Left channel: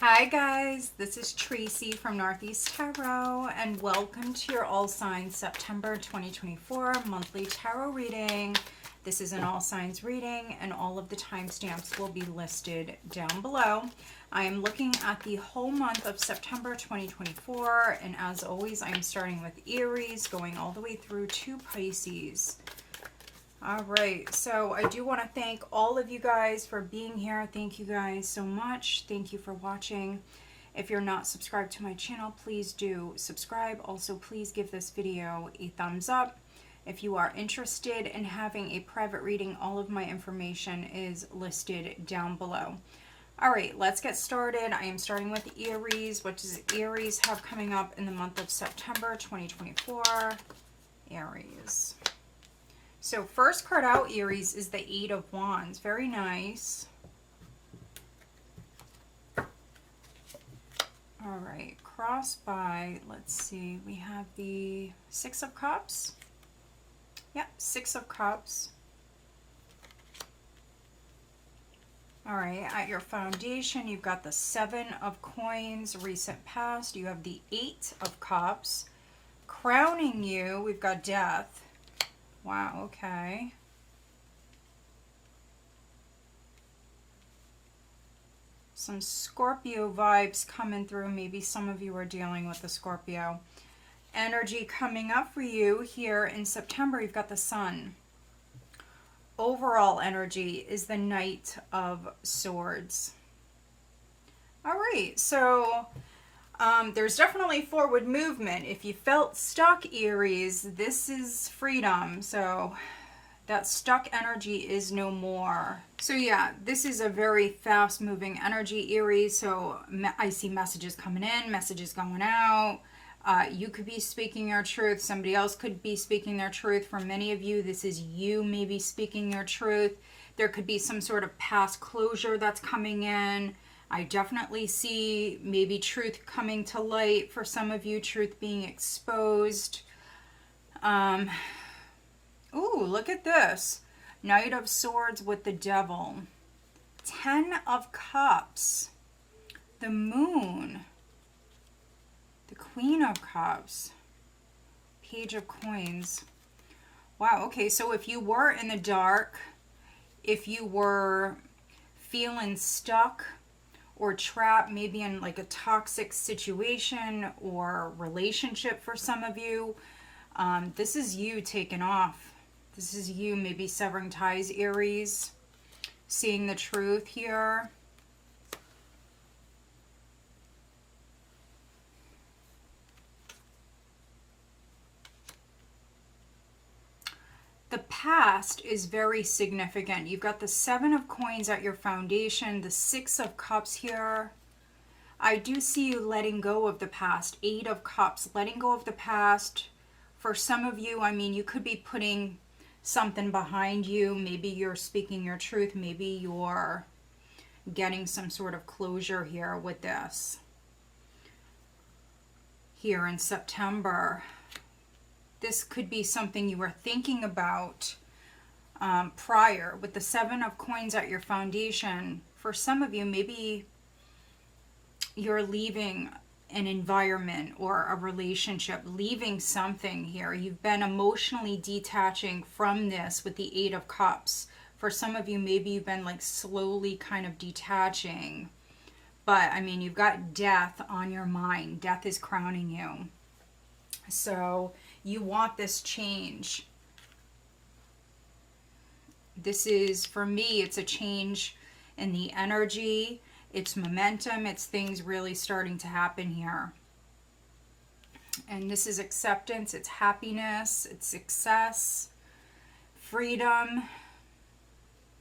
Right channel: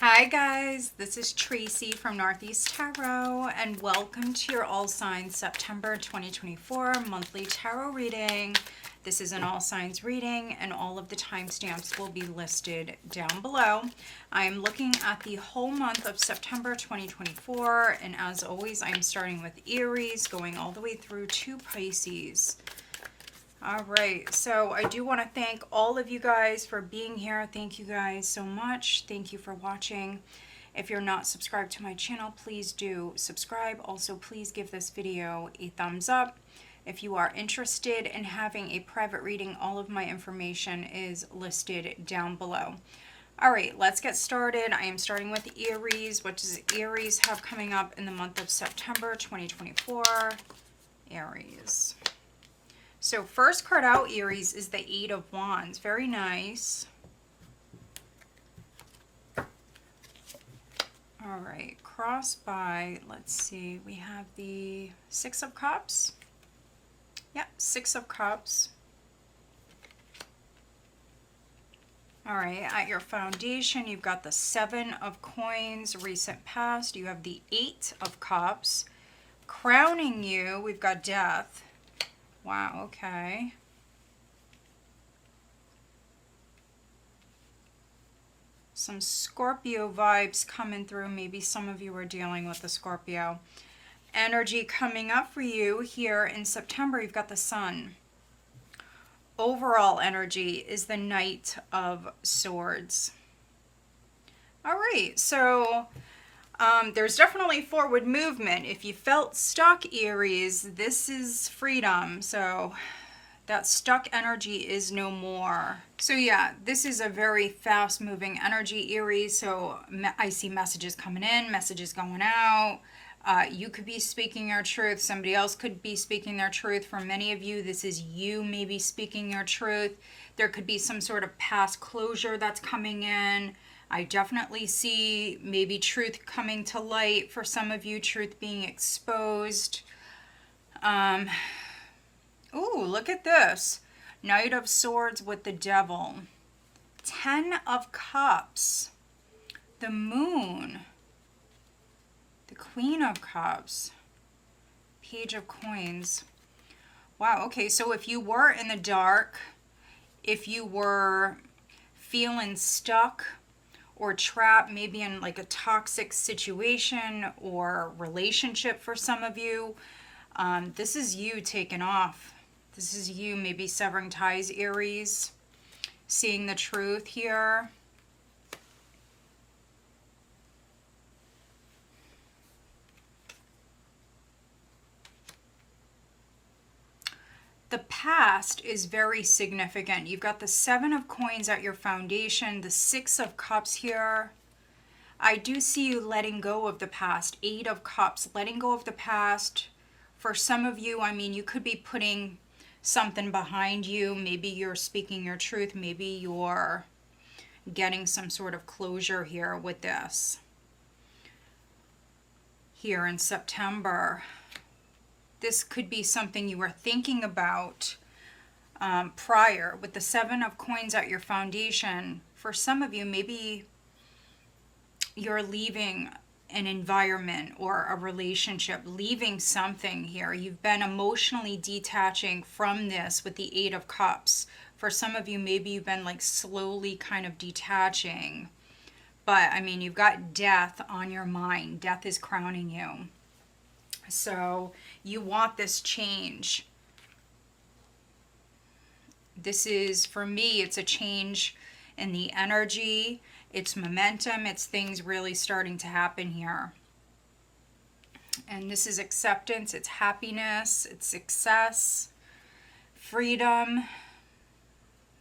Hi guys, this is Tracy from Northeast Tarot and welcome to your All Signs September 2024 monthly tarot reading. This is an all signs reading and all of the timestamps will be listed down below. I am looking at the whole month of September 2024 and as always I am starting with Aries going all the way through to Pisces. All right, so I do want to thank all of you guys for being here. Thank you guys so much. Thank you for watching. If you're not subscribed to my channel, please do subscribe. Also, please give this video a thumbs up. If you are interested in having a private reading, all of my information is listed down below. All right, let's get started. I am starting with Aries. What does Aries have coming up in the month of September 2024? Aries. So first card out, Aries, is the Eight of Wands. Very nice. All right, cross by, let's see, we have the Six of Cups. Yep, Six of Cups. All right, at your foundation, you've got the Seven of Coins, recent past. You have the Eight of Cups. Crowning you, we've got Death. Wow, okay. Some Scorpio vibes coming through. Maybe some of you are dealing with the Scorpio energy coming up for you here in September. You've got the Sun. Overall energy is the Knight of Swords. All right, so there's definitely forward movement. If you felt stuck, Aries, this is freedom. So that stuck energy is no more. So yeah, this is a very fast moving energy, Aries. So I see messages coming in, messages going out. You could be speaking your truth. Somebody else could be speaking their truth. For many of you, this is you maybe speaking your truth. There could be some sort of past closure that's coming in. I definitely see maybe truth coming to light for some of you, truth being exposed. Ooh, look at this. Knight of Swords with the Devil. 10 of Cups. The Moon. The Queen of Cups. Page of Coins. Wow, okay, so if you were in the dark, if you were feeling stuck, or trapped maybe in like a toxic situation or relationship for some of you, this is you taking off. This is you maybe severing ties, Aries, seeing the truth here. The past is very significant. You've got the Seven of Coins at your foundation, the Six of Cups here. I do see you letting go of the past. Eight of Cups, letting go of the past. For some of you, I mean, you could be putting something behind you. Maybe you're speaking your truth. Maybe you're getting some sort of closure here with this. Here in September. This could be something you were thinking about prior with the Seven of Coins at your foundation. For some of you, maybe you're leaving an environment or a relationship, leaving something here. You've been emotionally detaching from this with the Eight of Cups. For some of you, maybe you've been like slowly kind of detaching. But I mean, you've got death on your mind. Death is crowning you. So you want this change. This is, for me, it's a change in the energy. It's momentum. It's things really starting to happen here. And this is acceptance. It's happiness. It's success. Freedom.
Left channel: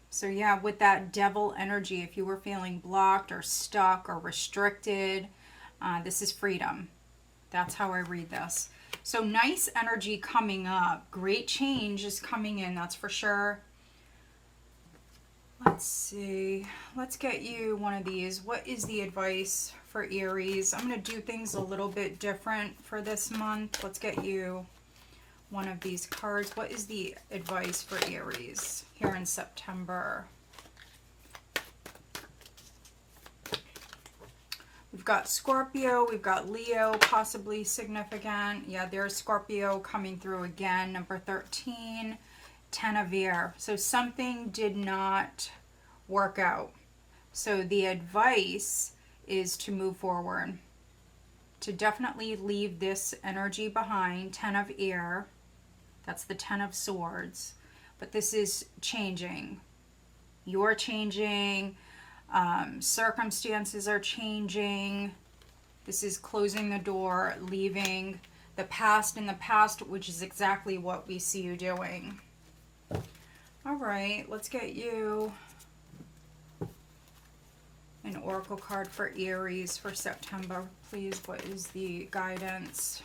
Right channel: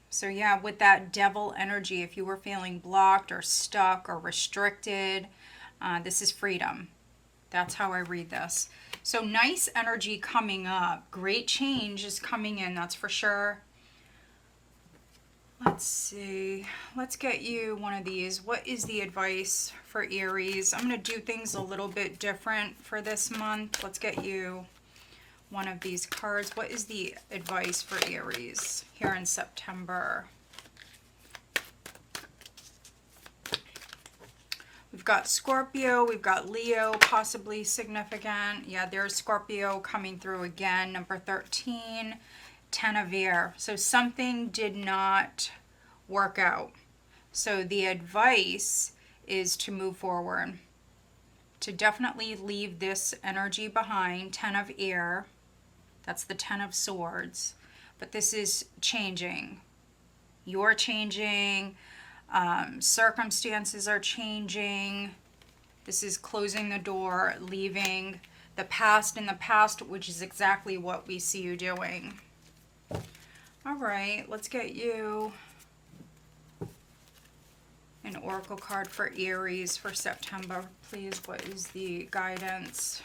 So yeah, with that Devil energy, if you were feeling blocked or stuck or restricted, this is freedom. That's how I read this. So nice energy coming up. Great change is coming in, that's for sure. Let's see. Let's get you one of these. What is the advice for Aries? I'm going to do things a little bit different for this month. Let's get you one of these cards. What is the advice for Aries here in September? got Scorpio, we've got Leo, possibly significant. Yeah, there's Scorpio coming through again, number 13, 10 of air. So something did not work out. So the advice is to move forward, to definitely leave this energy behind. 10 of air, that's the 10 of swords. But this is changing. You're changing. Circumstances are changing. This is closing the door, leaving the past in the past, which is exactly what we see you doing. All right, let's get you an oracle card for Aries for September, please. What is the guidance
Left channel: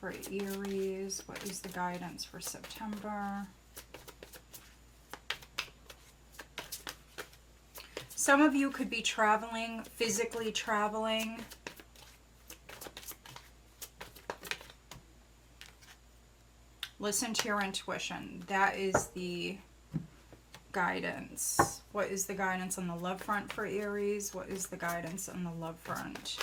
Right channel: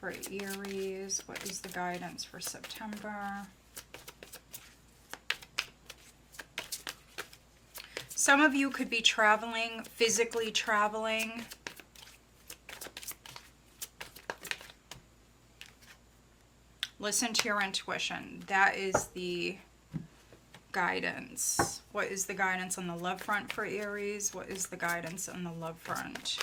for Aries? What is the guidance for September? Some of you could be traveling, physically traveling. Listen to your intuition. That is the guidance. What is the guidance on the love front for Aries? What is the guidance on the love front?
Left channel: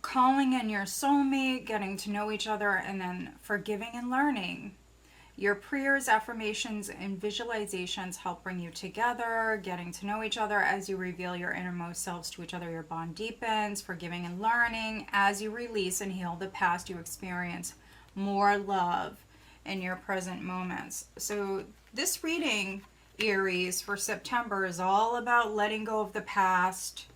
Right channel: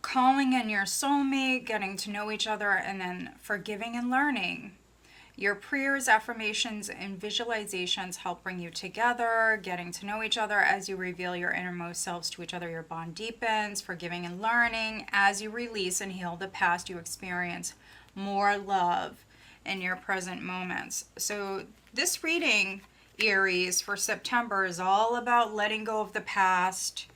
Calling in your soulmate, getting to know each other, and then forgiving and learning. Your prayers, affirmations, and visualizations help bring you together, getting to know each other as you reveal your innermost selves to each other. Your bond deepens, forgiving and learning. As you release and heal the past, you experience more love in your present moments. So this reading, Aries, for September is all about letting go of the past.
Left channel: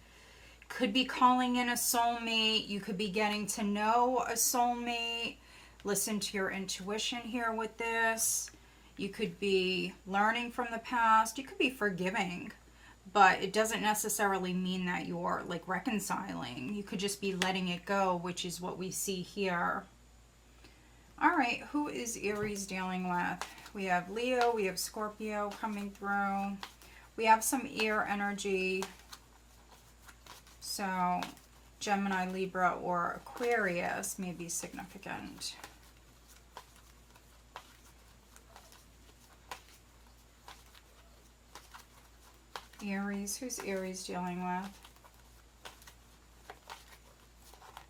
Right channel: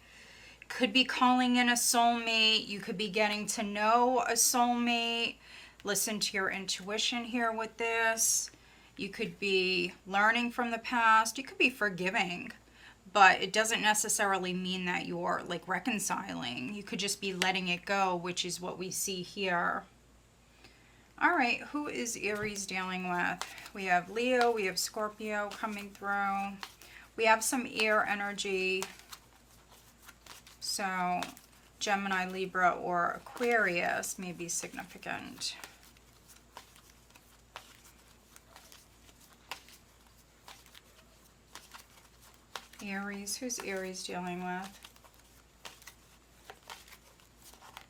Could be calling in a soulmate. You could be getting to know a soulmate. Listen to your intuition here with this. You could be learning from the past. You could be forgiving, but it doesn't necessarily mean that you're like reconciling. You could just be letting it go, which is what we see here. All right, who is Aries dealing with? We have Leo, we have Scorpio coming through. We have some air energy. So Gemini, Libra, or Aquarius may be significant. Aries, who's Aries dealing with?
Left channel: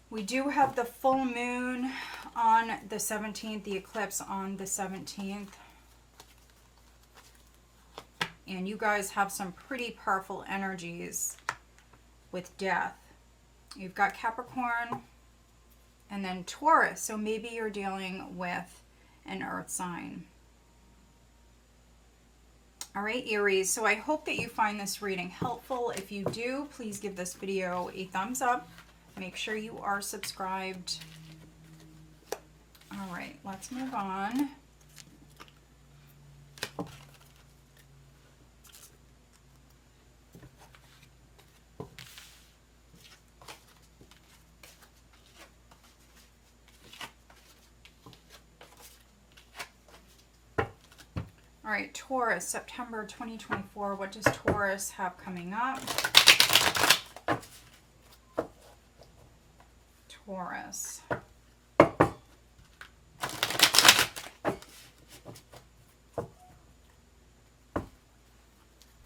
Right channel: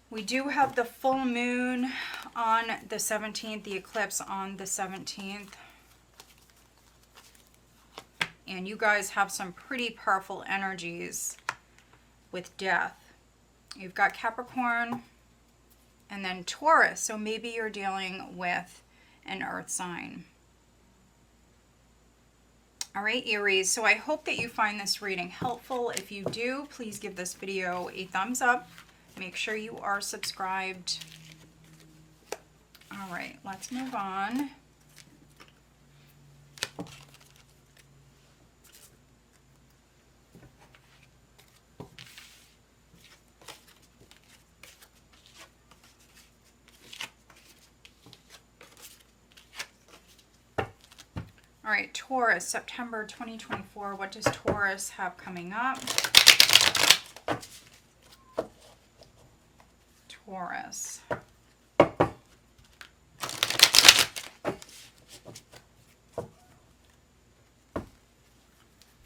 We do have the full moon on the 17th, the eclipse on the 17th. And you guys have some pretty powerful energies with death. You've got Capricorn and then Taurus. So maybe you're dealing with an earth sign. All right, Aries. So I hope that you find this reading helpful. If you do, please give this video a thumbs up. Make sure you are subscribed. All right, let's move on. All right, Taurus, September 2024. What does Taurus have coming up? Taurus.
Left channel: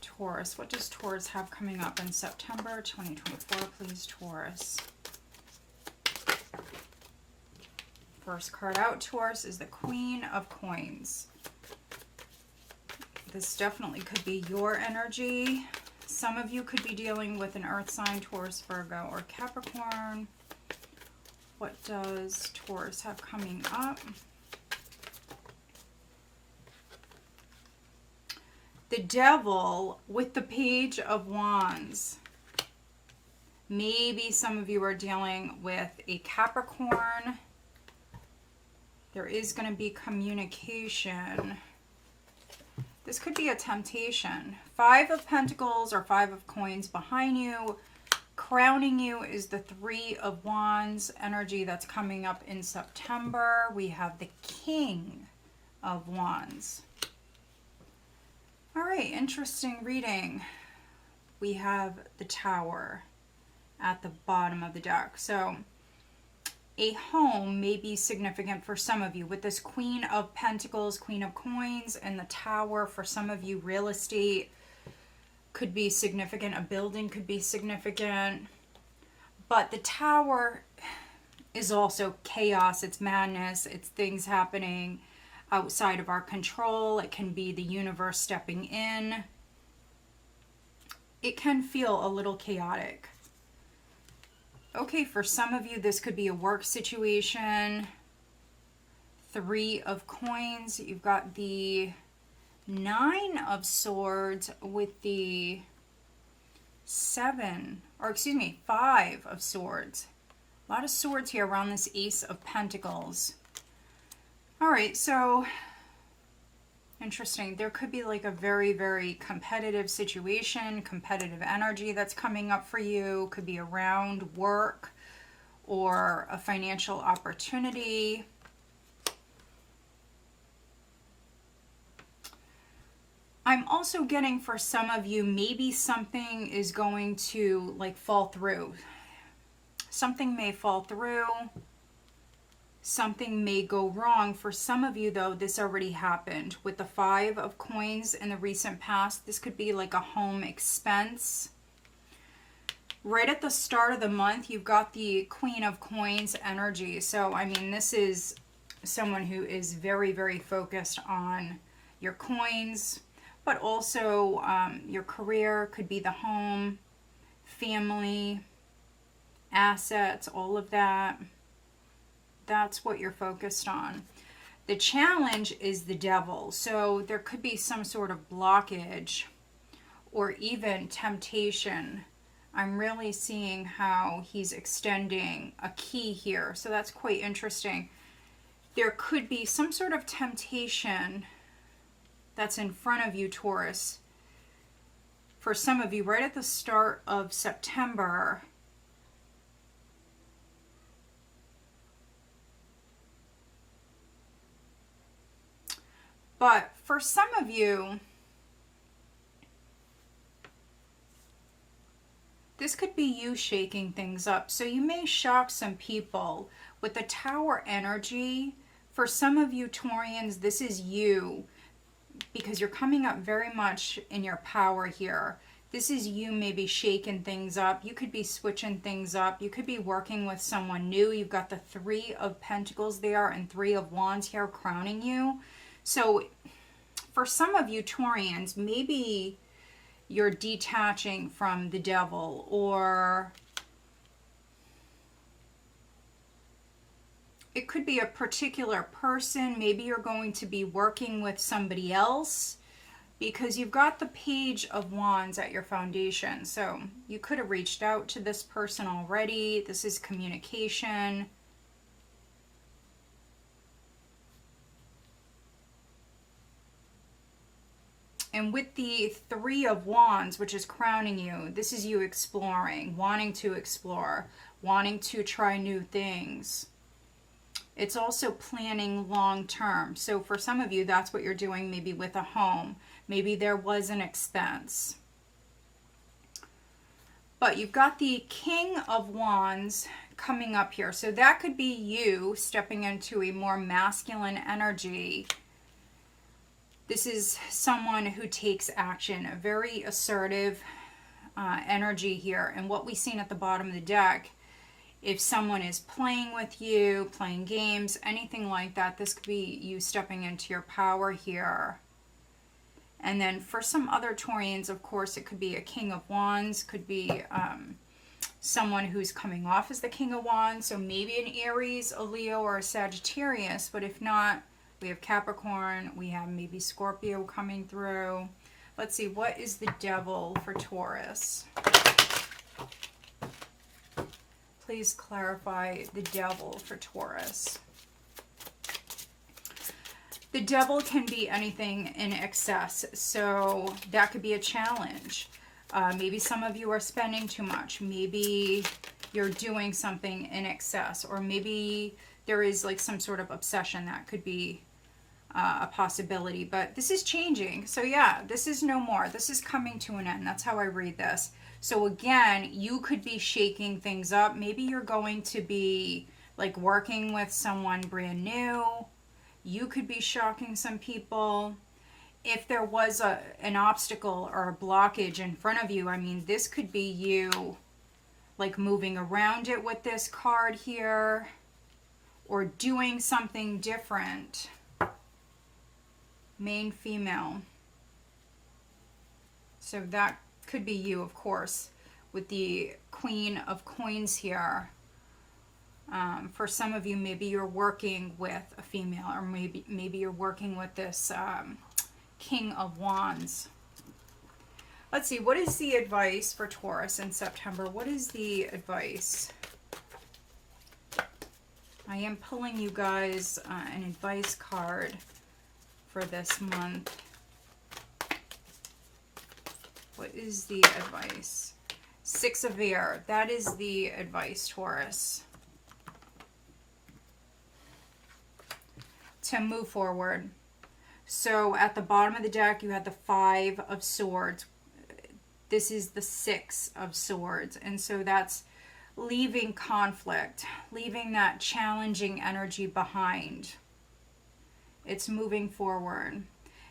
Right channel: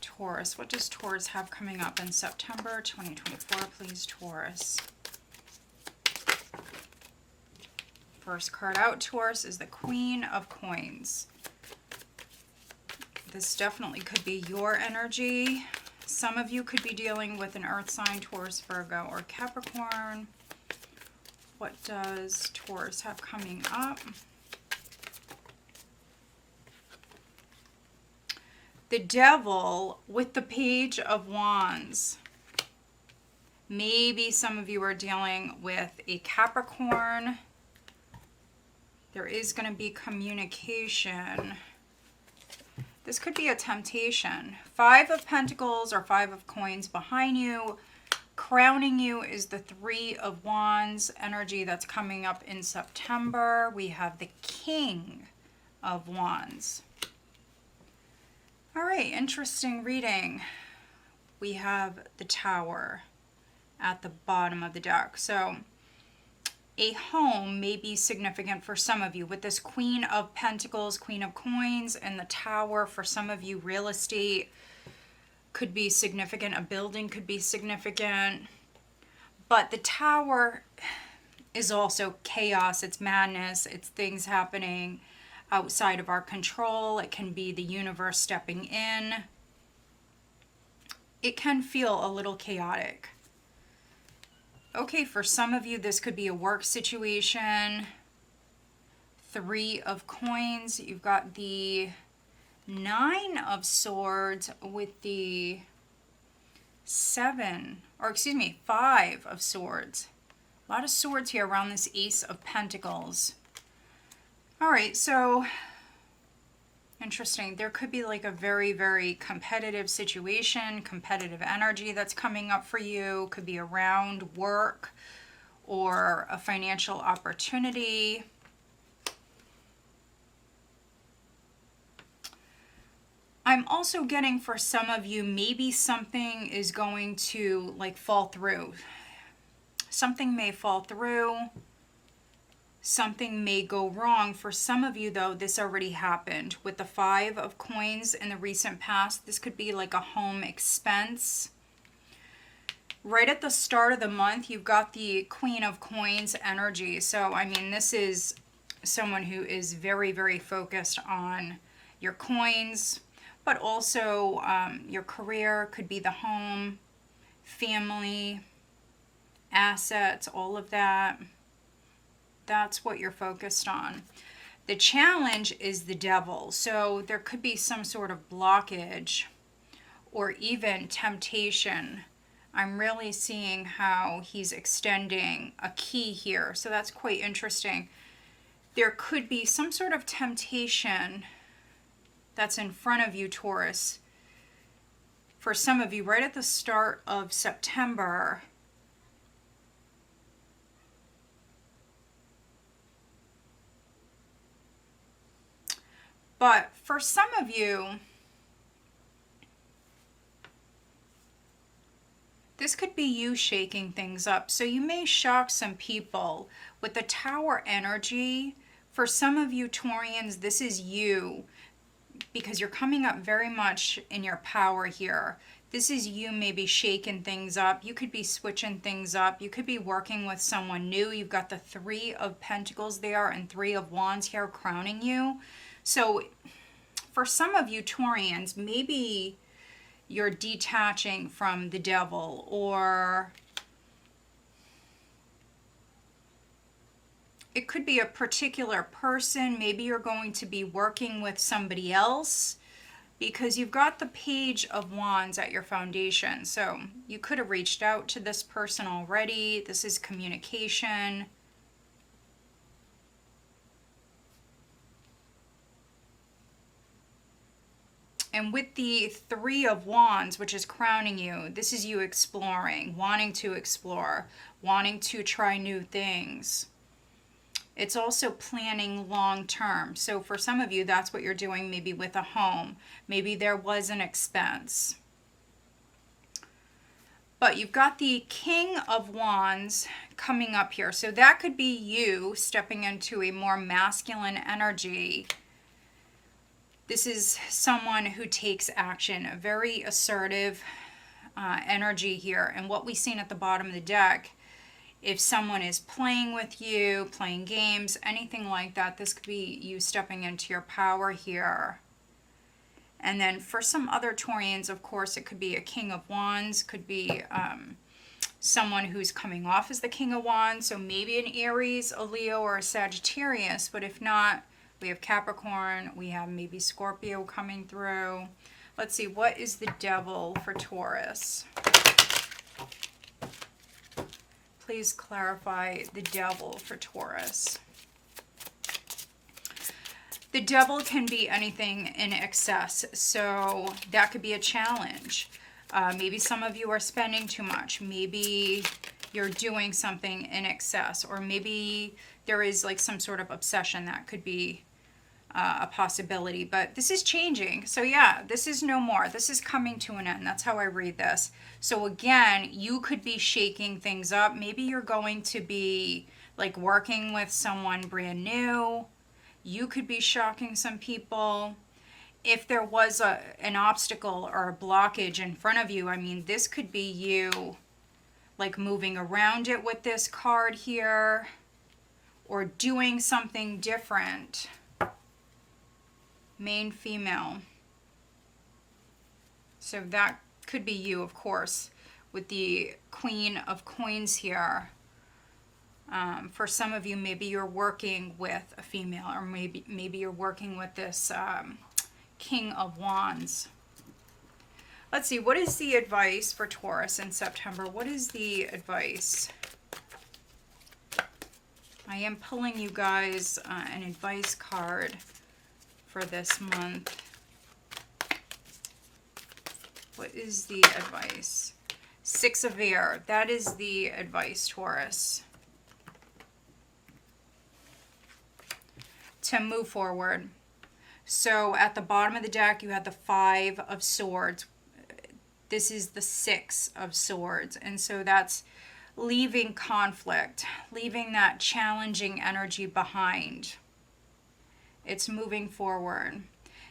Taurus. What does Taurus have coming up in September 2024? Please, Taurus. First card out, Taurus, is the Queen of Coins. This definitely could be your energy. Some of you could be dealing with an earth sign, Taurus, Virgo, or Capricorn. What does Taurus have coming up? The Devil with the Page of Wands. Maybe some of you are dealing with a Capricorn. There is going to be communication. This could be a temptation. 5 of Pentacles or 5 of Coins behind you. Crowning you is the 3 of Wands energy that's coming up in September. We have the King of Wands. All right, interesting reading. We have the Tower at the bottom of the deck. So a home may be significant for some of you. With this Queen of Pentacles, Queen of Coins, and the Tower, for some of you, real estate could be significant. A building could be significant. But the Tower is also chaos. It's madness. It's things happening outside of our control. It can be the universe stepping in. It can feel a little chaotic. Okay, for some of you, this could be a work situation. 3 of Coins. You've got the 9 of Swords with the 5 of Swords. A lot of swords here around this Ace of Pentacles. All right, so interesting. There could be like a very, very competitive situation, competitive energy that's coming up for you. Could be around work or a financial opportunity. I'm also getting, for some of you, maybe something is going to like fall through. Something may fall through. Something may go wrong. For some of you, though, this already happened. With the 5 of Coins in the recent past, this could be like a home expense. Right at the start of the month, you've got the Queen of Coins energy. So, I mean, this is someone who is very, very focused on your coins, but also your career. Could be the home, family, assets, all of that. That's what you're focused on. The challenge is the Devil. So there could be some sort of blockage or even temptation. I'm really seeing how he's extending a key here. So that's quite interesting. There could be some sort of temptation that's in front of you, Taurus. For some of you, right at the start of September, but for some of you, this could be you shaking things up. So you may shock some people with the Tower energy. For some of you Taurians, this is you, because you're coming up very much in your power here. This is you maybe shaking things up. You could be switching things up. You could be working with someone new. You've got the 3 of Pentacles there and 3 of Wands here crowning you. So for some of you Taurians, maybe you're detaching from the Devil, or it could be a particular person. Maybe you're going to be working with somebody else, because you've got the Page of Wands at your foundation. So you could have reached out to this person already. This is communication. And with the 3 of Wands, which is crowning you, this is you exploring, wanting to explore, wanting to try new things. It's also planning long term. So for some of you, that's what you're doing maybe with a home. Maybe there was an expense. But you've got the King of Wands coming up here. So that could be you stepping into a more masculine energy. This is someone who takes action, a very assertive energy here. And what we've seen at the bottom of the deck, if someone is playing with you, playing games, anything like that, this could be you stepping into your power here. And then for some other Taurians, of course, it could be a King of Wands, could be someone who's coming off as the King of Wands. So maybe an Aries, a Leo, or a Sagittarius. But if not, we have Capricorn, we have maybe Scorpio coming through. Let's see, what is the Devil for Taurus? Please clarify the Devil for Taurus. The Devil can be anything in excess, so that could be a challenge. Maybe some of you are spending too much. Maybe you're doing something in excess, or maybe there is like some sort of obsession. That could be a possibility, but this is changing. So yeah, this is no more. This is coming to an end. That's how I read this. So again, you could be shaking things up. Maybe you're going to be like working with someone brand new. You could be shocking some people. If there was an obstacle or a blockage in front of you, I mean, this could be you like moving around it with this card here or doing something different. Main female. So that could be you, of course, with the Queen of Coins here. For some of you, maybe you're working with a female, or maybe you're working with this King of Wands. Let's see, what is the advice for Taurus in September? What is the advice? I am pulling you guys an advice card for this month. What is the advice? Six of Air. That is the advice, Taurus. To move forward. So at the bottom of the deck, you had the Five of Swords. This is the Six of Swords. And so that's leaving conflict, leaving that challenging energy behind. It's moving forward.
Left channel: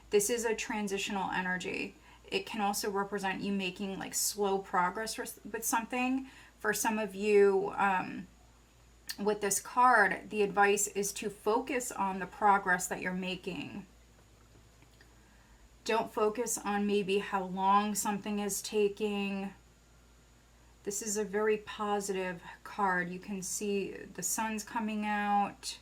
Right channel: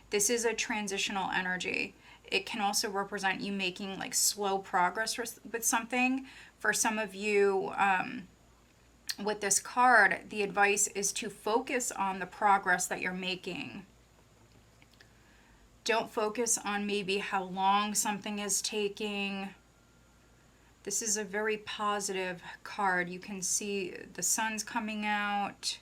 This is a transitional energy. It can also represent you making like slow progress with something. For some of you, with this card, the advice is to focus on the progress that you're making. Don't focus on maybe how long something is taking. This is a very positive card. You can see the sun's coming out.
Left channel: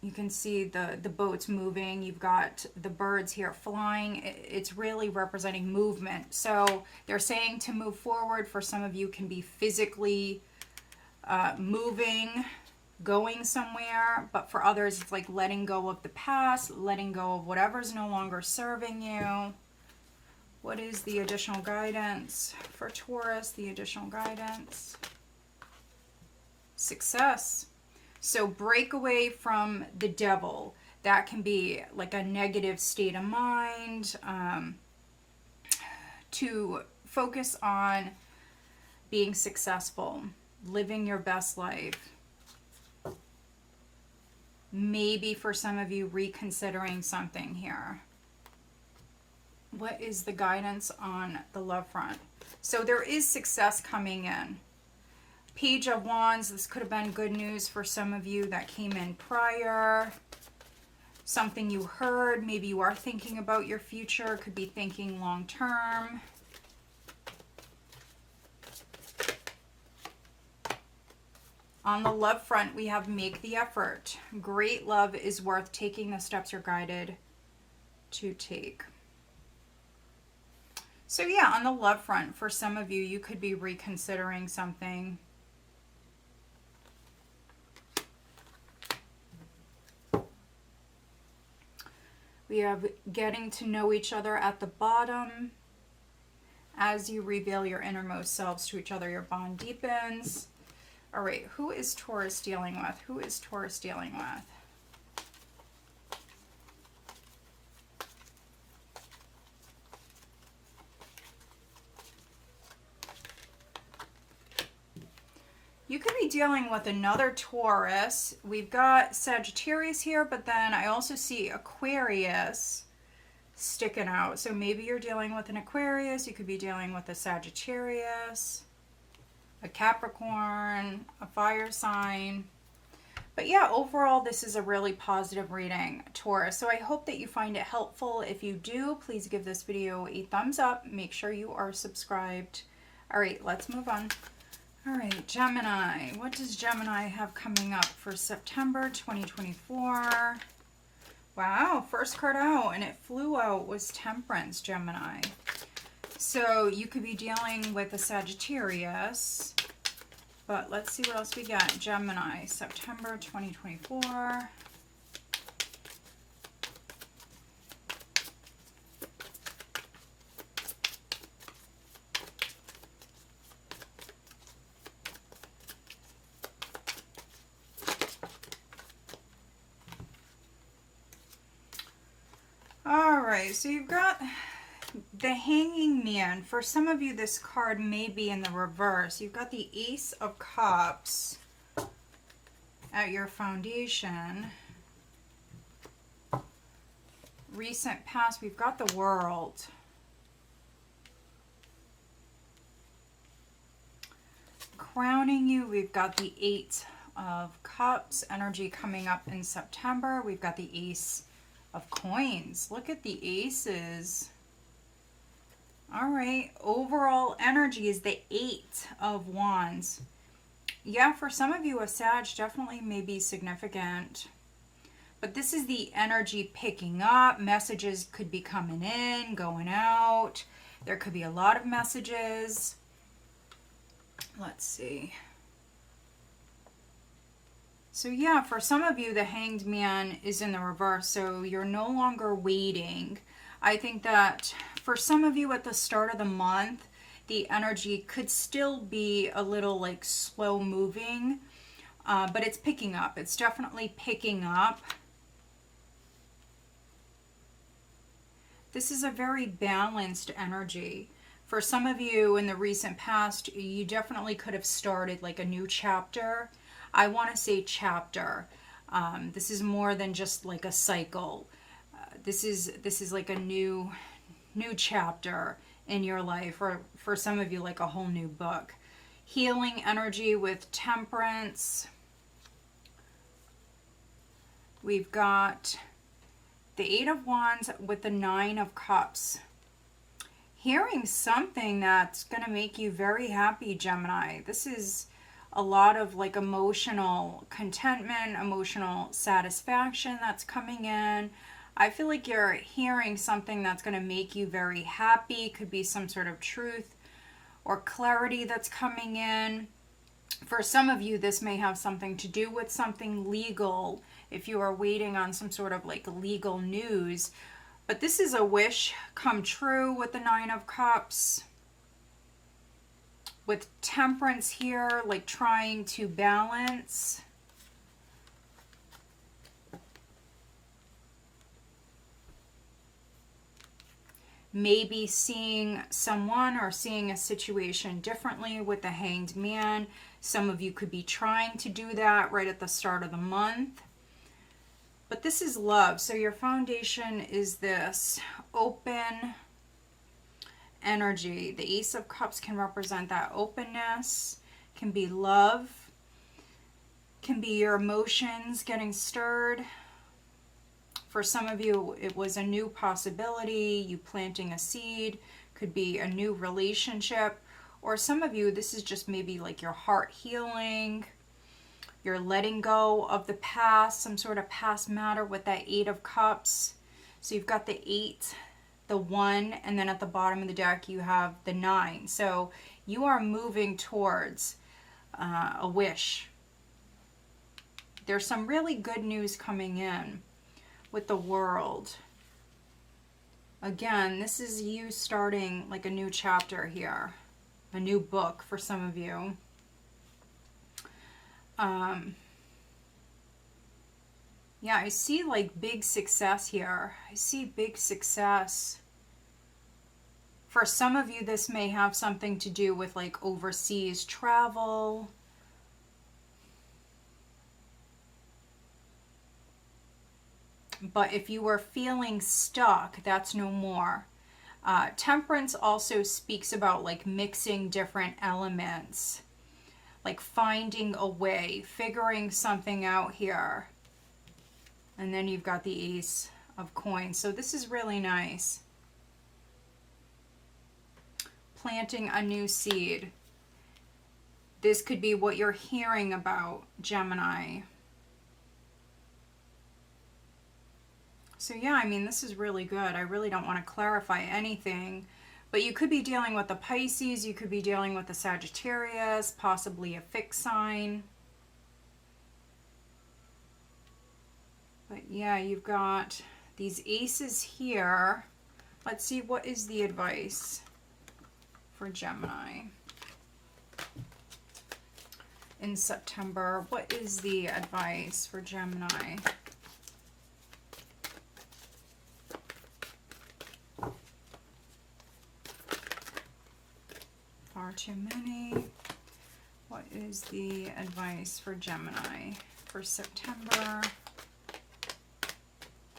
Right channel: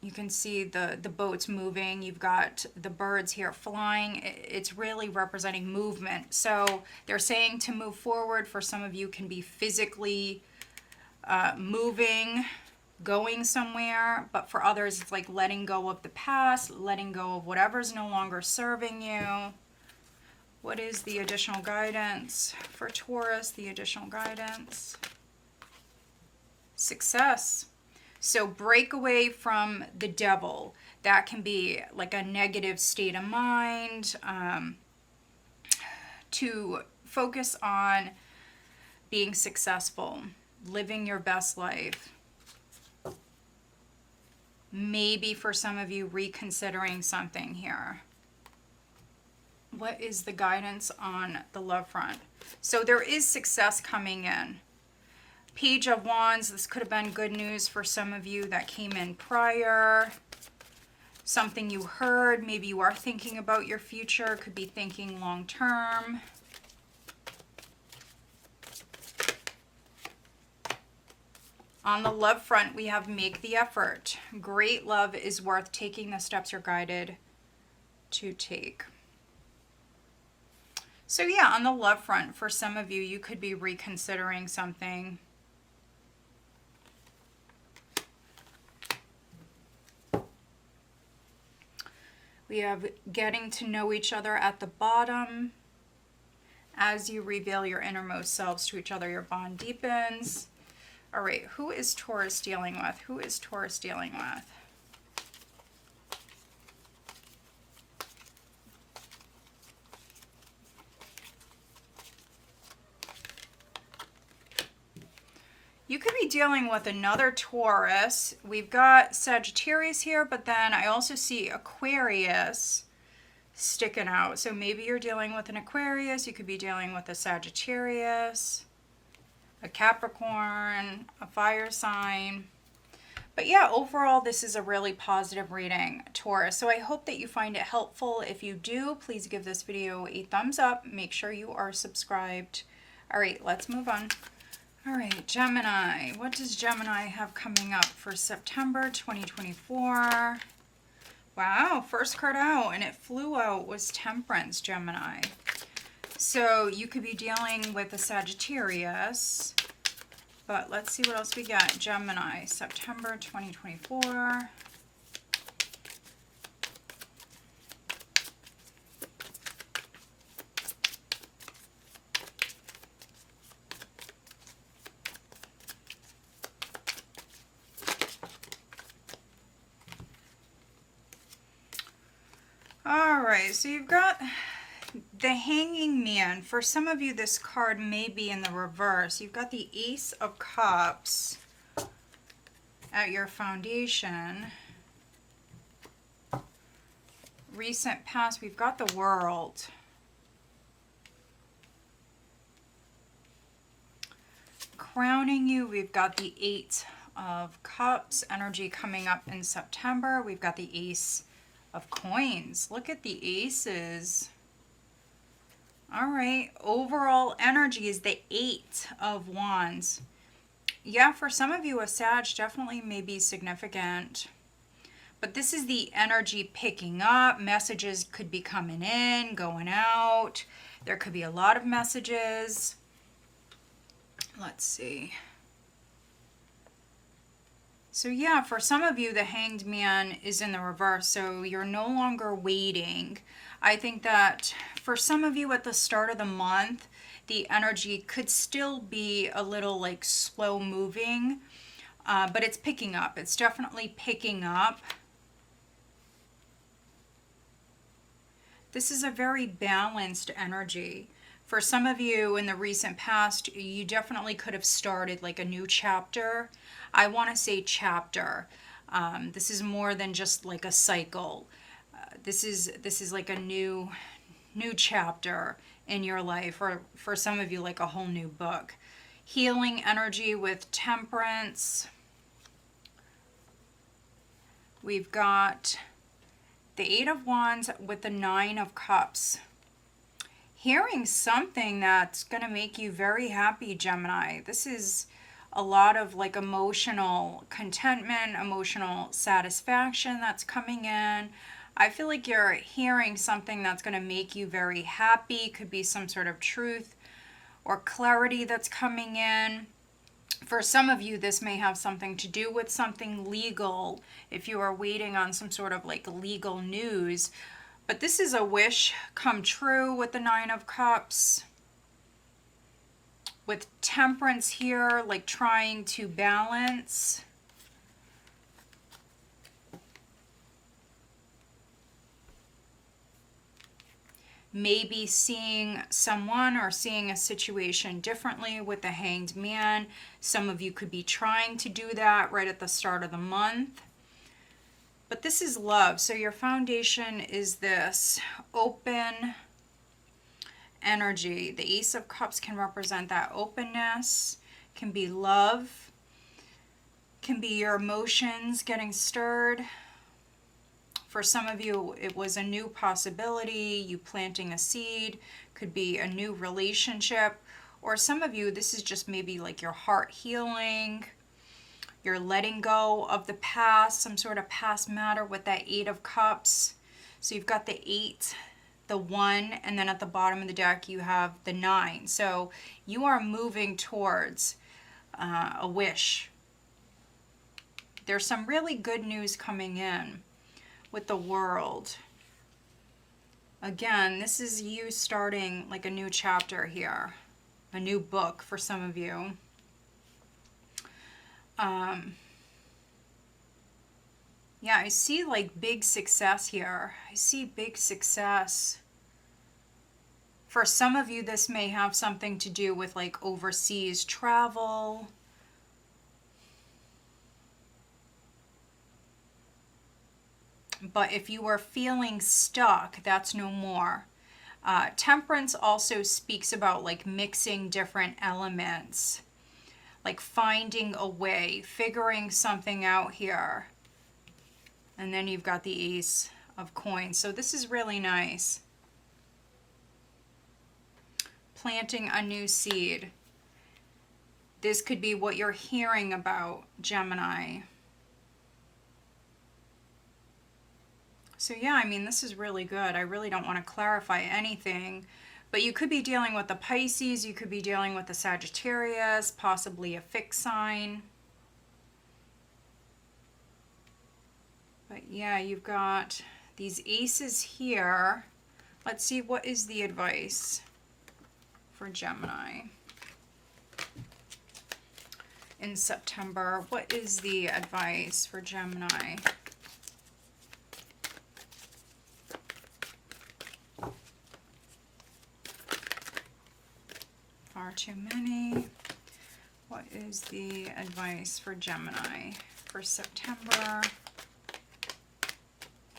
You can see the boats moving. You've got the birds here flying. It's really representing movement. So they're saying to move forward. For some of you, can be physically moving, going somewhere. But for others, it's like letting go of the past, letting go of whatever's no longer serving you. What is the additional guidance for Taurus? The additional guidance. Success. So break away from the devil. That can be like a negative state of mind. To focus on being successful, living your best life. Maybe for some of you, reconsidering something here. What is the guidance on the love front? So there is success coming in. Page of Wands, this could have been good news for some of you that came in prior. Something you heard, maybe you are thinking about your future, could be thinking long term. On the love front, we have make the effort. Great love is worth taking the steps you're guided to take. So yeah, on the love front, for some of you, you could be reconsidering something. We have getting to know each other at the bottom. As you reveal your innermost selves to each other, your bond deepens. All right, who is Taurus dealing with? Who is Taurus dealing with? You could be dealing with another Taurus. We've got Sagittarius here, but then I also see Aquarius sticking out. So maybe you're dealing with an Aquarius. You could be dealing with a Sagittarius, a Capricorn, a fire sign. But yeah, overall, this is a really positive reading, Taurus. So I hope that you find it helpful. If you do, please give this video a thumbs up. Make sure you are subscribed. All right, let's move on. All right, Gemini. What does Gemini have coming up for September 2024? Wow, first card out, and it flew out, was Temperance, Gemini. So you could be dealing with a Sagittarius, but let's see what else we got. Gemini, September 2024. All right, so you've got the Hanging Man. For some of you, this card may be in the reverse. You've got the Ace of Cups at your foundation. Recent past, we've got the World. Crowning you, we've got the Eight of Cups. Energy coming up in September. We've got the Ace of Coins. Look at the aces. All right, overall energy is the Eight of Wands. Yeah, for some of you, a Sag definitely may be significant. But this is the energy picking up. Messages could be coming in, going out. There could be a lot of messages. Let's see. So yeah, for some of you, the Hanged Man is in the reverse. So you're no longer waiting. I think that for some of you at the start of the month, the energy could still be a little like slow moving, but it's picking up. It's definitely picking up. This is a very balanced energy. For some of you in the recent past, you definitely could have started like a new chapter. I want to say chapter. This is more than just like a cycle. This is like a new chapter in your life, or for some of you like a whole new book. Healing energy with Temperance. We've got the Eight of Wands with the Nine of Cups. Hearing something that's going to make you very happy, Gemini. This is a lot of like emotional contentment, emotional satisfaction that's coming in. I feel like you're hearing something that's going to make you very happy. Could be some sort of truth or clarity that's coming in. For some of you, this may have something to do with something legal, if you are waiting on some sort of like legal news. But this is a wish come true with the Nine of Cups. With Temperance here, like trying to balance. Maybe seeing someone or seeing a situation differently with the Hanged Man. Some of you could be trying to do that right at the start of the month. But this is love. So your foundation is this open energy. The Ace of Cups can represent that openness, can be love, can be your emotions getting stirred. For some of you, it was a new possibility, you planting a seed, could be a new relationship. Or some of you, this is just maybe like your heart healing, you're letting go of the past, some sort of past matter with that Eight of Cups. So you've got the 8, the 1, and then at the bottom of the deck you have the 9. So you are moving towards a wish. There's some really good news coming in with the World. Again, this is you starting like a new chapter here, a new book for some of you. Yeah, I see like big success here. I see big success. For some of you, this may have something to do with like overseas travel. But if you were feeling stuck, that's no more. Temperance also speaks about like mixing different elements, like finding a way, figuring something out here. And then you've got the Ace of Coins. So this is really nice. Planting a new seed. This could be what you're hearing about, Gemini. So yeah, I mean, this is really good. I really don't want to clarify anything, but you could be dealing with the Pisces, you could be dealing with the Sagittarius, possibly a fixed sign. But yeah, you've got these aces here. Let's see, what is the advice for Gemini in September? What is the advice for Gemini? far too many. What is the advice for Gemini for September?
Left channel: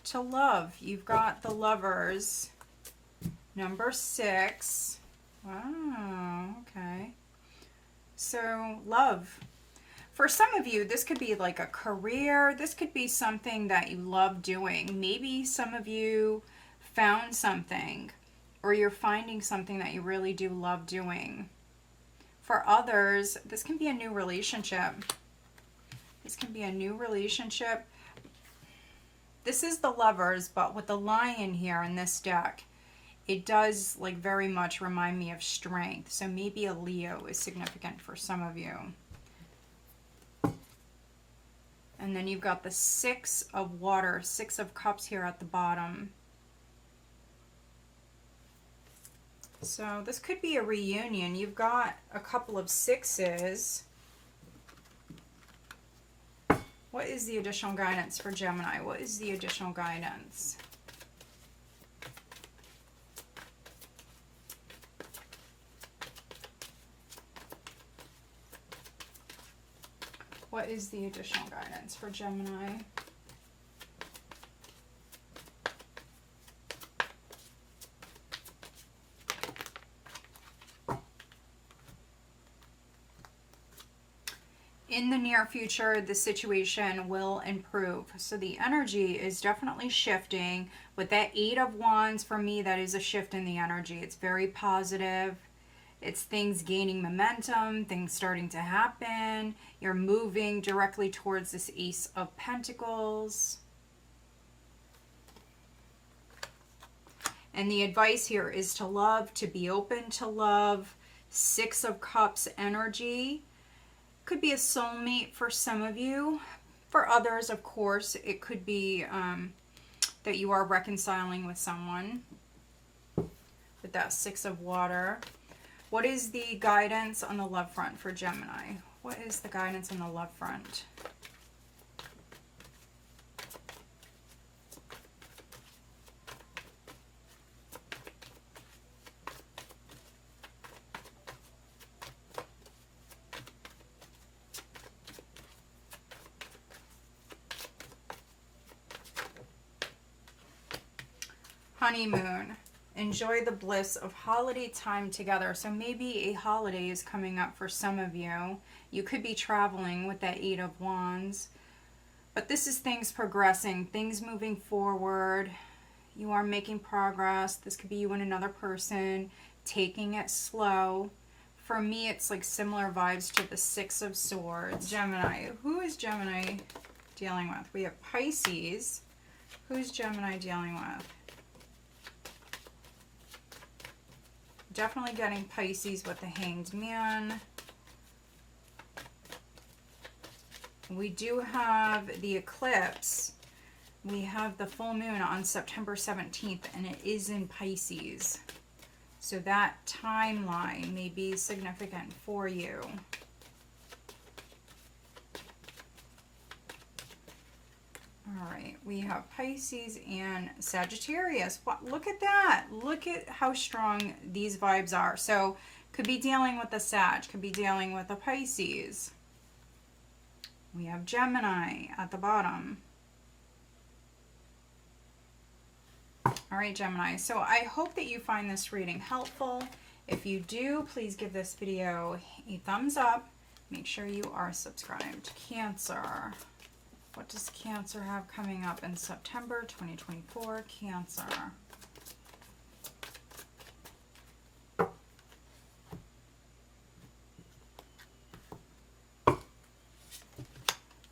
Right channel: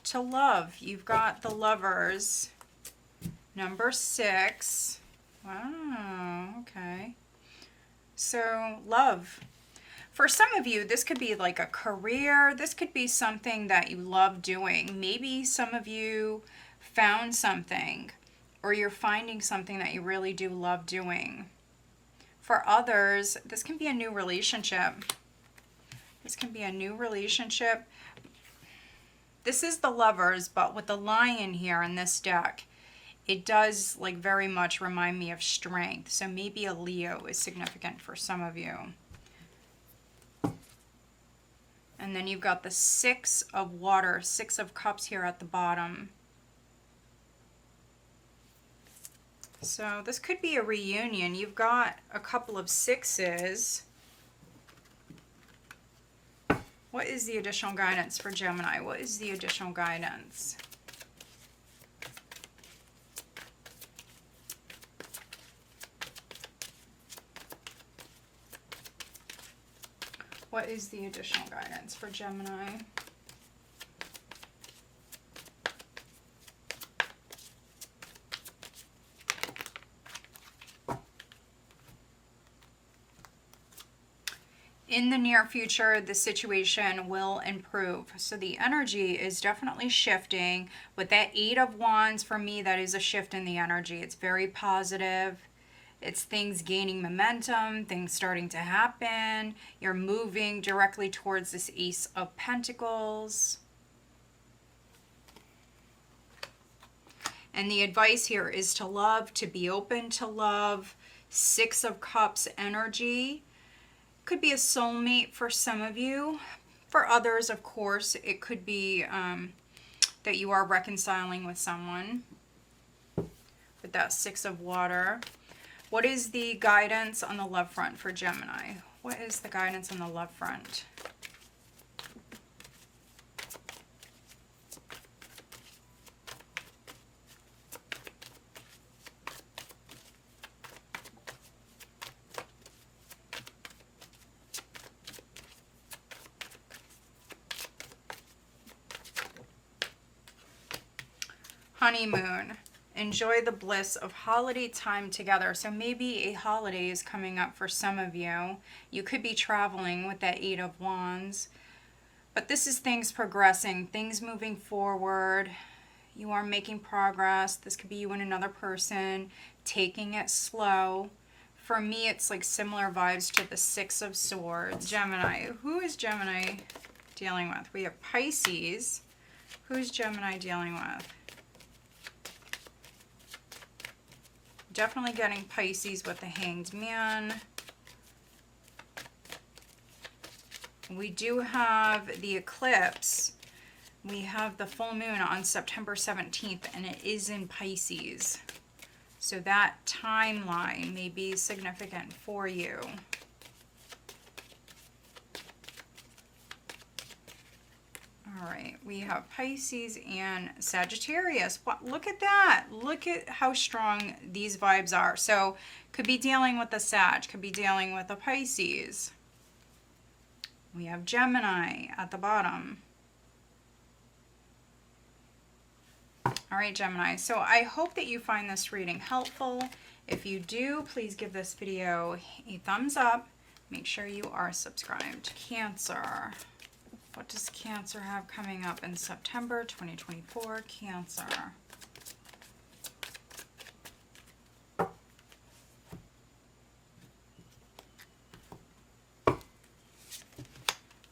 To love. You've got the Lovers. Number 6. Wow, okay. So, love. For some of you, this could be like a career. This could be something that you love doing. Maybe some of you found something, or you're finding something that you really do love doing. For others, this can be a new relationship. This can be a new relationship. This is the Lovers, but with the Lion here in this deck, it does like very much remind me of strength. So maybe a Leo is significant for some of you. And then you've got the 6 of water, 6 of cups here at the bottom. So this could be a reunion. You've got a couple of 6s. What is the additional guidance for Gemini? What is the additional guidance? What is the additional guidance for Gemini? In the near future, the situation will improve. So the energy is definitely shifting. With that 8 of Wands, for me, that is a shift in the energy. It's very positive. It's things gaining momentum, things starting to happen. You're moving directly towards this Ace of Pentacles. And the advice here is to love, to be open to love. 6 of Cups energy. Could be a soulmate for some of you. For others, of course, it could be that you are reconciling with someone. With that 6 of water. What is the guidance on the love front for Gemini? What is the guidance on the love front? Honeymoon. Enjoy the bliss of holiday time together. So maybe a holiday is coming up for some of you. You could be traveling with that 8 of Wands. But this is things progressing, things moving forward. You are making progress. This could be you and another person taking it slow. For me, it's like similar vibes to the 6 of Swords. Gemini. Who is Gemini dealing with? We have Pisces. Who's Gemini dealing with? Definitely getting Pisces with the Hanged Man. We do have the eclipse. We have the full moon on September 17th, and it is in Pisces. So that timeline may be significant for you. All right, we have Pisces and Sagittarius. Look at that. Look at how strong these vibes are. So could be dealing with a Sag, could be dealing with a Pisces. We have Gemini at the bottom. All right, Gemini. So I hope that you find this reading helpful. If you do, please give this video a thumbs up. Make sure you are subscribed. Cancer. What does Cancer have coming up in September 2024? Cancer.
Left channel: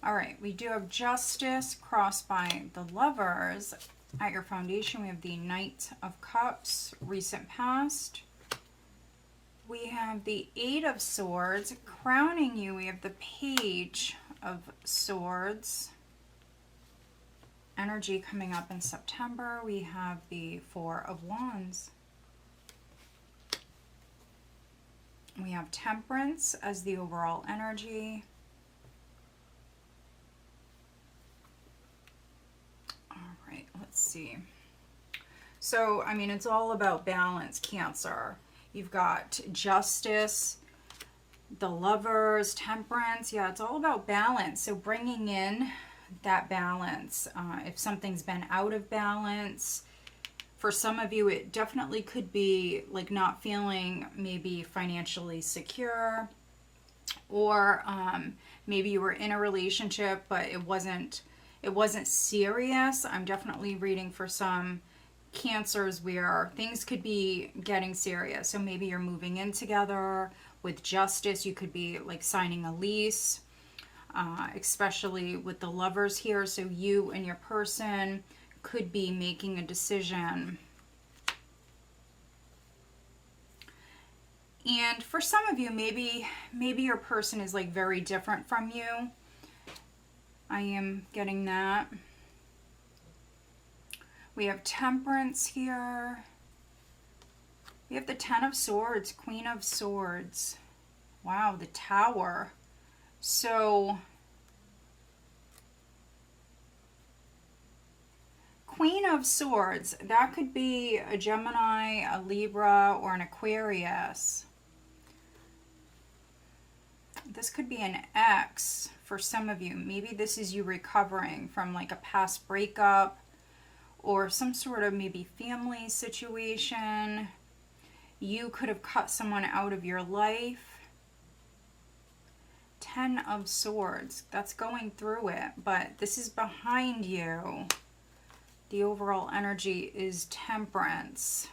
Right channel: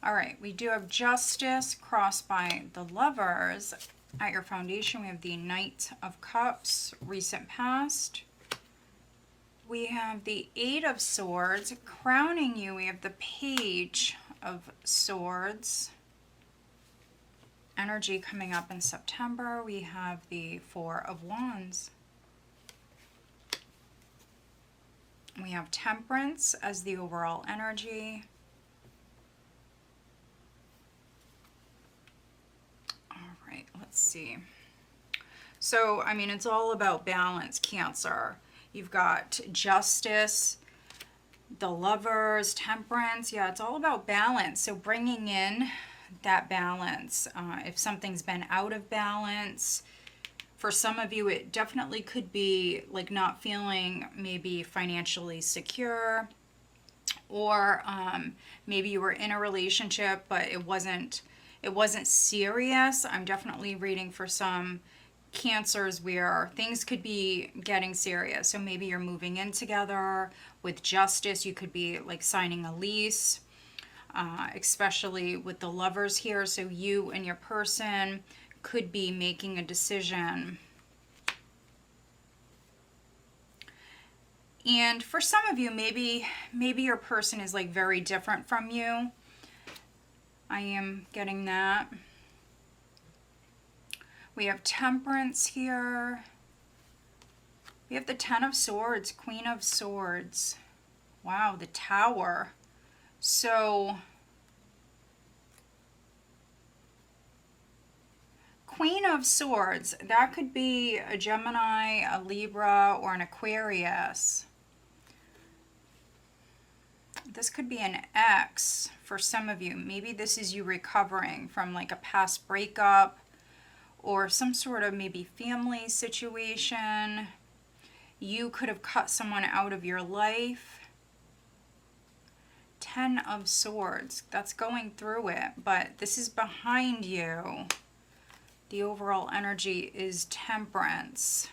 All right, we do have Justice crossed by the Lovers. At your foundation, we have the Knight of Cups, recent past. We have the 8 of Swords. Crowning you, we have the Page of Swords. Energy coming up in September. We have the 4 of Wands. We have Temperance as the overall energy. All right, let's see. So, I mean, it's all about balance, Cancer. You've got Justice, the Lovers, Temperance. Yeah, it's all about balance. So bringing in that balance. If something's been out of balance, for some of you, it definitely could be like not feeling maybe financially secure, or maybe you were in a relationship but it wasn't serious. I'm definitely reading for some Cancers where things could be getting serious. So maybe you're moving in together. With Justice, you could be like signing a lease, especially with the Lovers here. So you and your person could be making a decision. And for some of you, maybe your person is like very different from you. I am getting that. We have Temperance here. We have the Ten of Swords, Queen of Swords. Wow, the Tower. So Queen of Swords, that could be a Gemini, a Libra, or an Aquarius. This could be an ex for some of you. Maybe this is you recovering from like a past breakup or some sort of maybe family situation. You could have cut someone out of your life. Ten of Swords, that's going through it, but this is behind you. The overall energy is Temperance.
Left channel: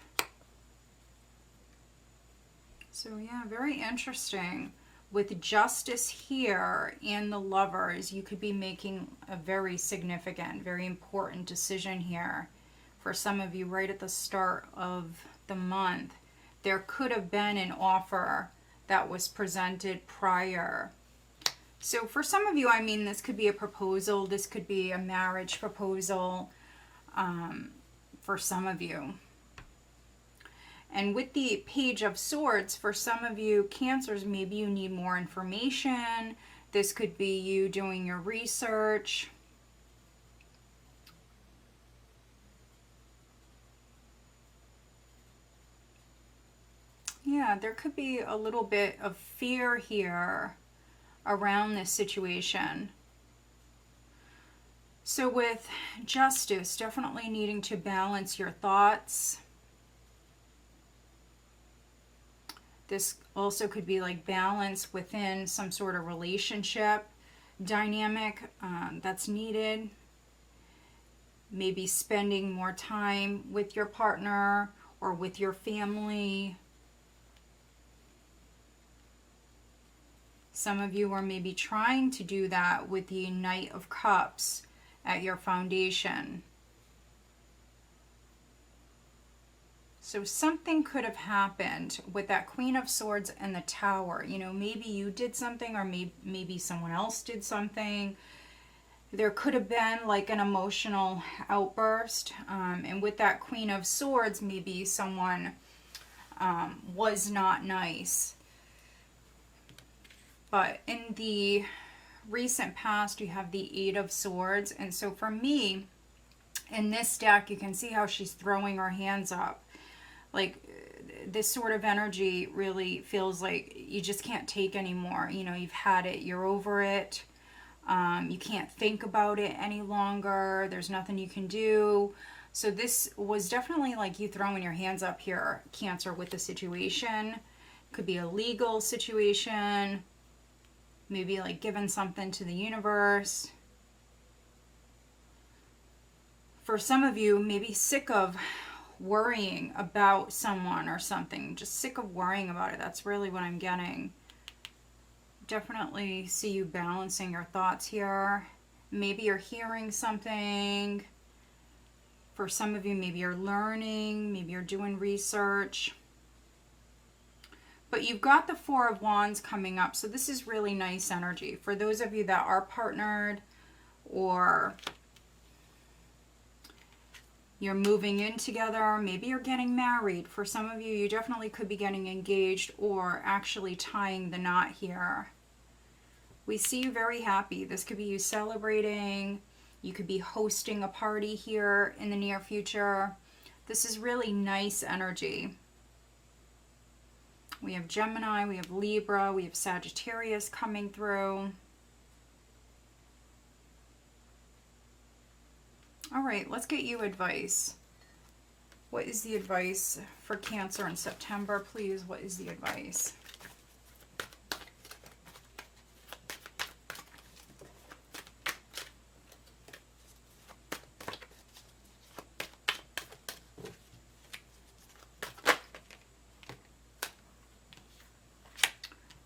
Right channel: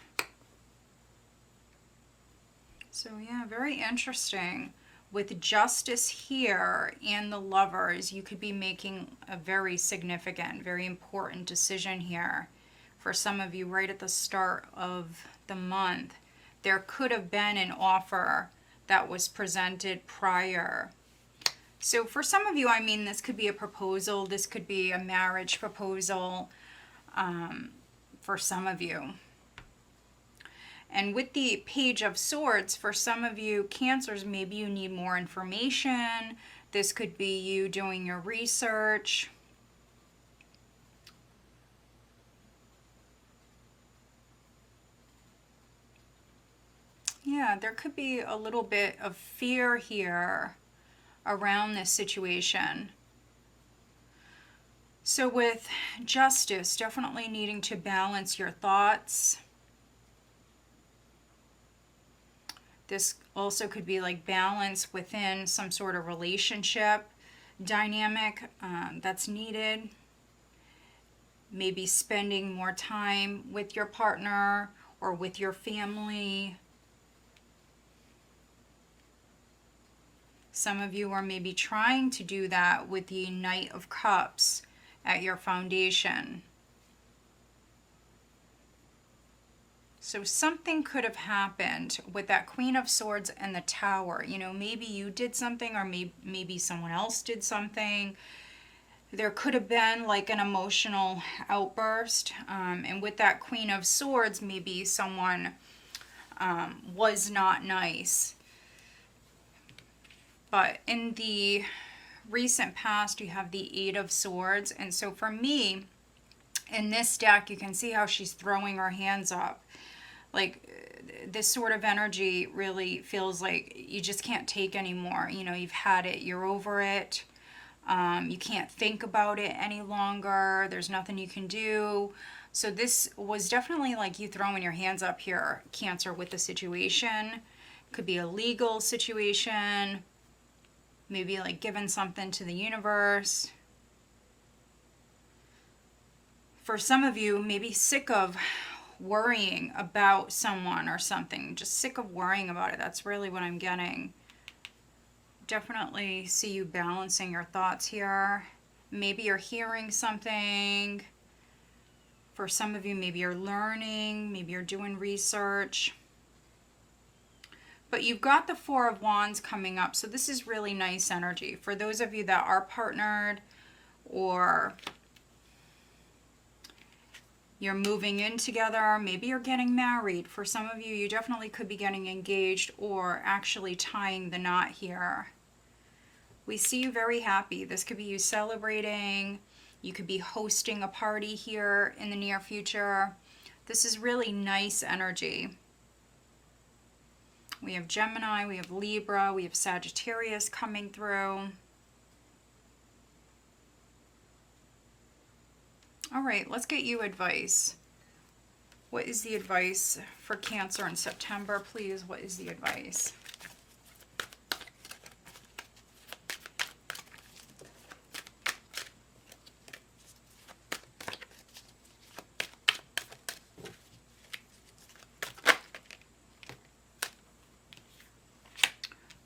So yeah, very interesting. With Justice here and the Lovers, you could be making a very significant, very important decision here. For some of you, right at the start of the month, there could have been an offer that was presented prior. So for some of you, I mean, this could be a proposal. This could be a marriage proposal for some of you. And with the Page of Swords, for some of you Cancers, maybe you need more information. This could be you doing your research. Yeah, there could be a little bit of fear here around this situation. So with Justice, definitely needing to balance your thoughts. This also could be like balance within some sort of relationship dynamic that's needed. Maybe spending more time with your partner or with your family. Some of you are maybe trying to do that with the Knight of Cups at your foundation. So something could have happened with that Queen of Swords and the Tower. You know, maybe you did something, or maybe someone else did something. There could have been like an emotional outburst. And with that Queen of Swords, maybe someone was not nice. But in the recent past, you have the Eight of Swords. And so for me, in this deck, you can see how she's throwing her hands up. Like, this sort of energy really feels like you just can't take anymore. You know, you've had it. You're over it. You can't think about it any longer. There's nothing you can do. So this was definitely like you throwing your hands up here, Cancer, with the situation. Could be a legal situation. Maybe like giving something to the universe. For some of you, maybe sick of worrying about someone or something. Just sick of worrying about it. That's really what I'm getting. Definitely see you balancing your thoughts here. Maybe you're hearing something. For some of you, maybe you're learning. Maybe you're doing research. But you've got the Four of Wands coming up. So this is really nice energy. For those of you that are partnered, or you're moving in together, maybe you're getting married. For some of you, you definitely could be getting engaged or actually tying the knot here. We see you very happy. This could be you celebrating. You could be hosting a party here in the near future. This is really nice energy. We have Gemini, we have Libra, we have Sagittarius coming through. All right, let's get you advice. What is the advice for Cancer in September, please? What is the advice?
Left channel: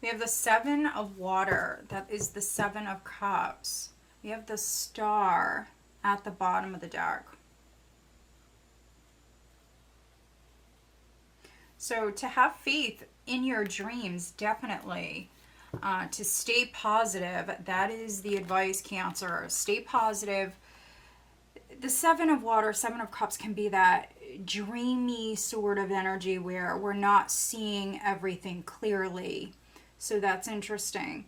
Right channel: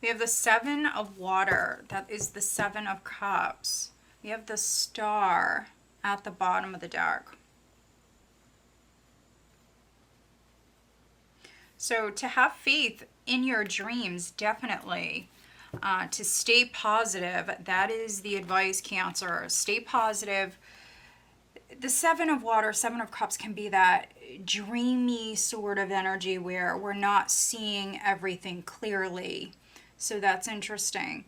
We have the Seven of Water. That is the Seven of Cups. We have the Star at the bottom of the deck. So to have faith in your dreams, definitely. To stay positive, that is the advice, Cancer. Stay positive. The Seven of Water, Seven of Cups can be that dreamy sort of energy where we're not seeing everything clearly. So that's interesting.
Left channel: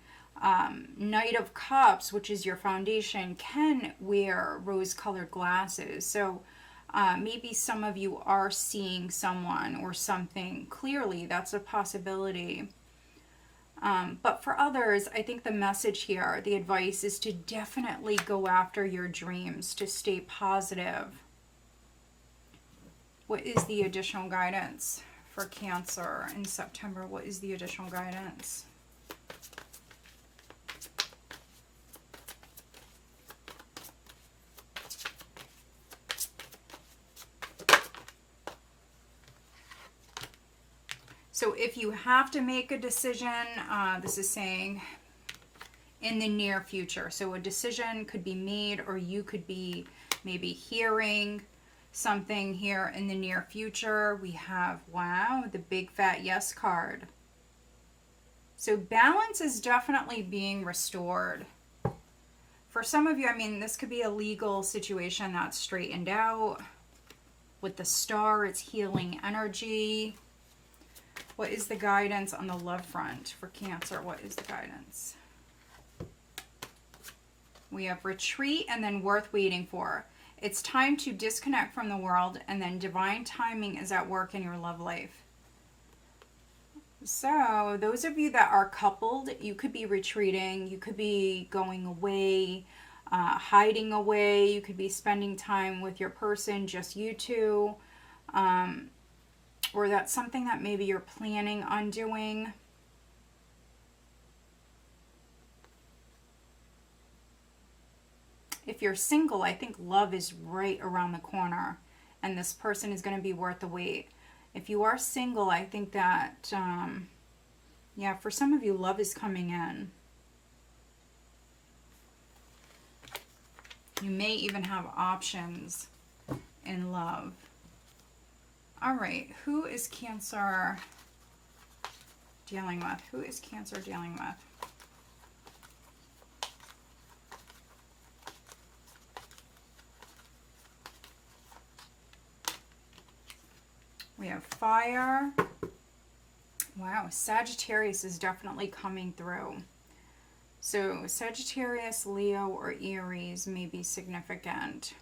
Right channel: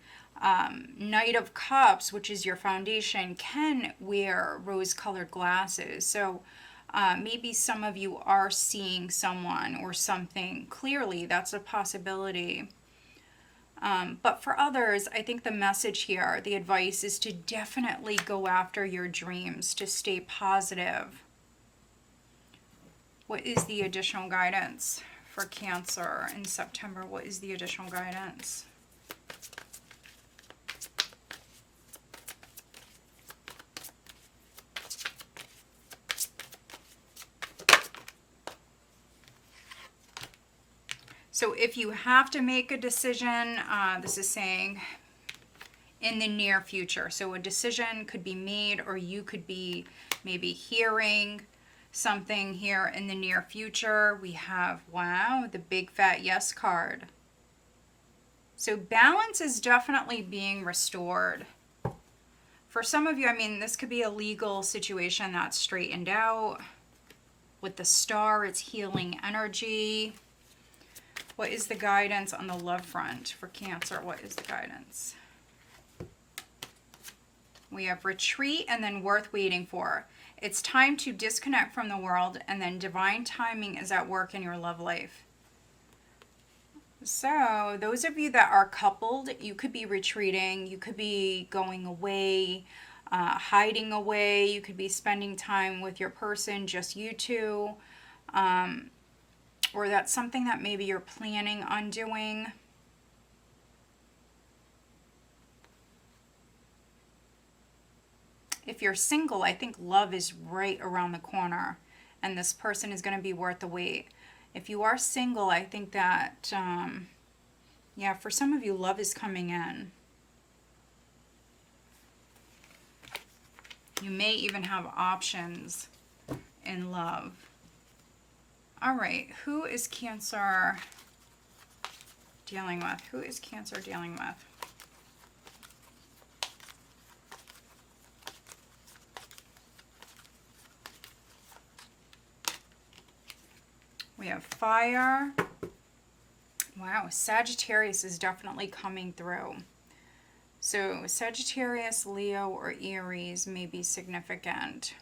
Knight of Cups, which is your foundation, can wear rose-colored glasses. So maybe some of you are seeing someone or something clearly. That's a possibility. But for others, I think the message here, the advice is to definitely go after your dreams, to stay positive. What is the additional guidance for Cancer in September? What is the additional guidance? So if you have to make a decision, this is saying in the near future. So a decision could be made, or you could be maybe hearing something here in the near future. We have, wow, the big fat yes card. So balance is definitely being restored. For some of you, I mean, this could be a legal situation that's straightened out. With the Star, it's healing energy. What is the guidance on the love front for Cancer? What is the guidance? We have retreat and then worth waiting for. It's time to disconnect from the world, and then divine timing is at work in your love life. So those of you that are coupled, you could be retreating. You could be going away, hiding away. You could be spending time with your person, just you two. Or that's something that maybe you're planning on doing. If you're single, I think love is right around the corner, and this person is going to be worth the wait. If you are single, I think that, yeah, for some of you, love is coming in. You may even have options in love. All right, who is Cancer dealing with? Who is Cancer dealing with? We have fire. Wow, Sagittarius is definitely coming through. So Sagittarius, Leo, or Aries may be significant.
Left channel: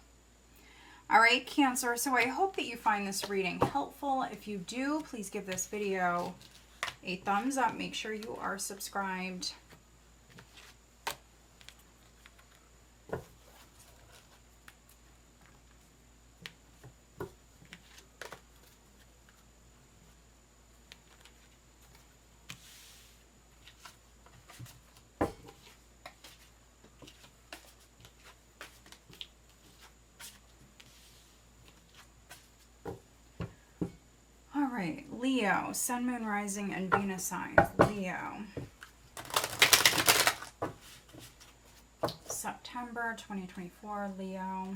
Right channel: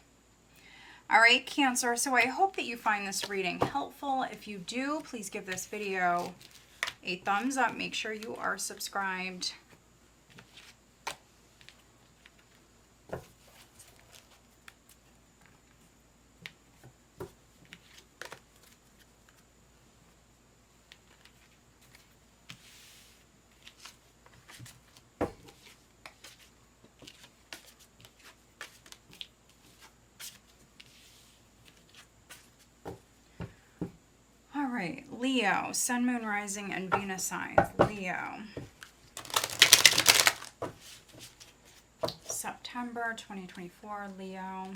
All right, Cancer, so I hope that you find this reading helpful. If you do, please give this video a thumbs up. Make sure you are subscribed. Leo, Sun, Moon, Rising, and Venus signs. Leo. September 2024, Leo.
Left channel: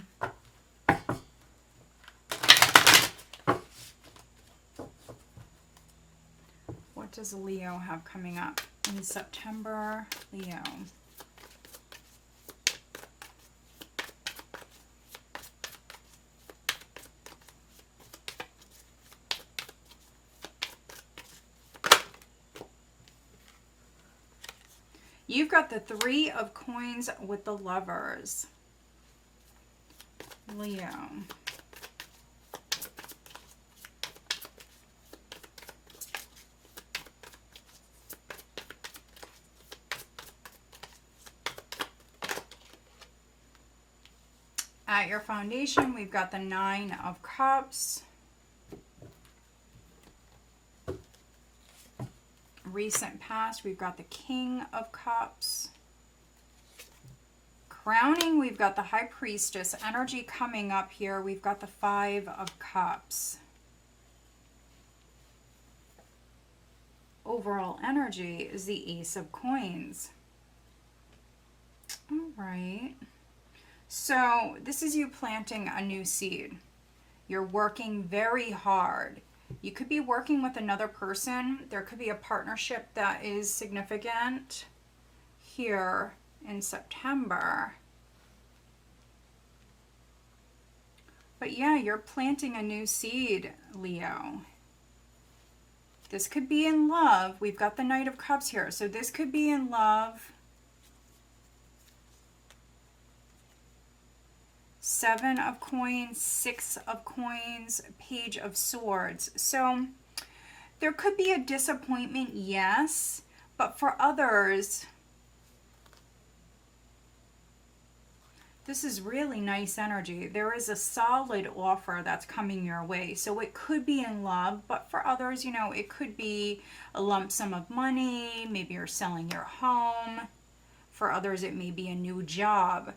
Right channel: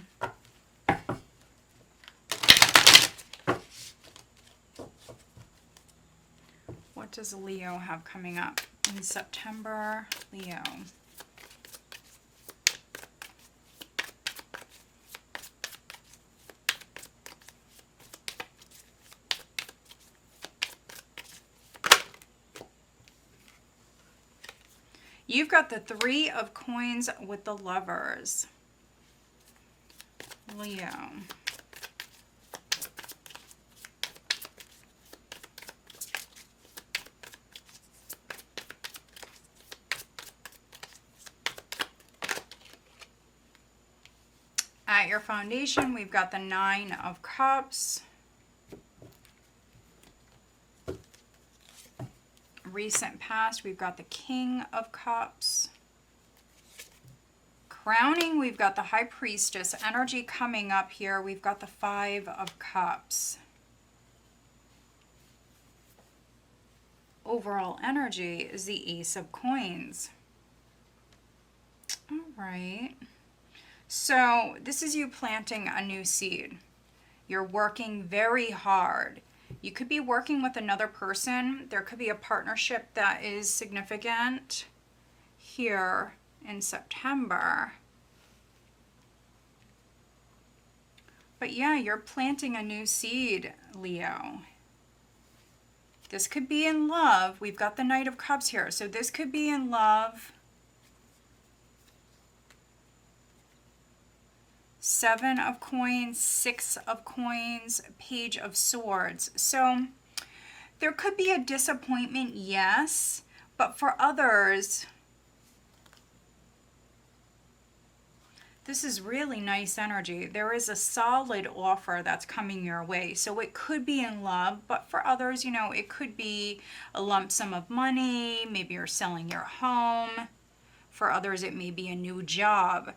What does Leo have coming up in September? Leo. You've got the Three of Coins with the Lovers. Leo. At your foundation, we've got the Nine of Cups. Recent past, we've got the King of Cups. Crowning, we've got the High Priestess. Energy coming up here, we've got the Five of Cups. Overall energy is the Ace of Coins. All right. So this is you planting a new seed. You're working very hard. You could be working with another person. There could be a partnership that is significant here in September. But yeah, you're planting a new seed, Leo. This could be in love. We've got the Knight of Cups here. So this could be in love. Seven of Coins, Six of Coins, Page of Swords. So there could be a disappointment, yes, but for others, this is really nice energy. There is a solid offer that's coming your way. So it could be in love, but for others, you know, it could be a lump sum of money. Maybe you're selling your home. For others, it may be a new job.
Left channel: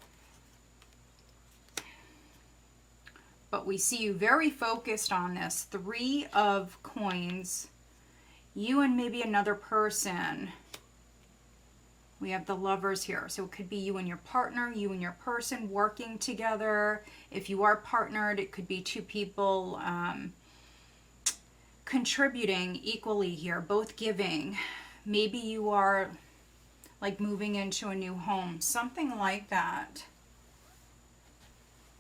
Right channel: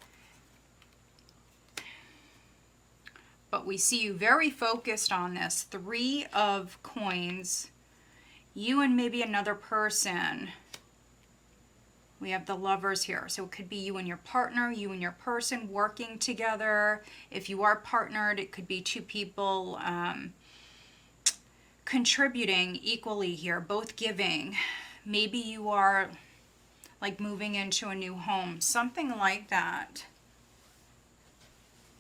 But we see you very focused on this. Three of Coins. You and maybe another person. We have the Lovers here. So it could be you and your partner, you and your person working together. If you are partnered, it could be two people contributing equally here, both giving. Maybe you are like moving into a new home, something like that.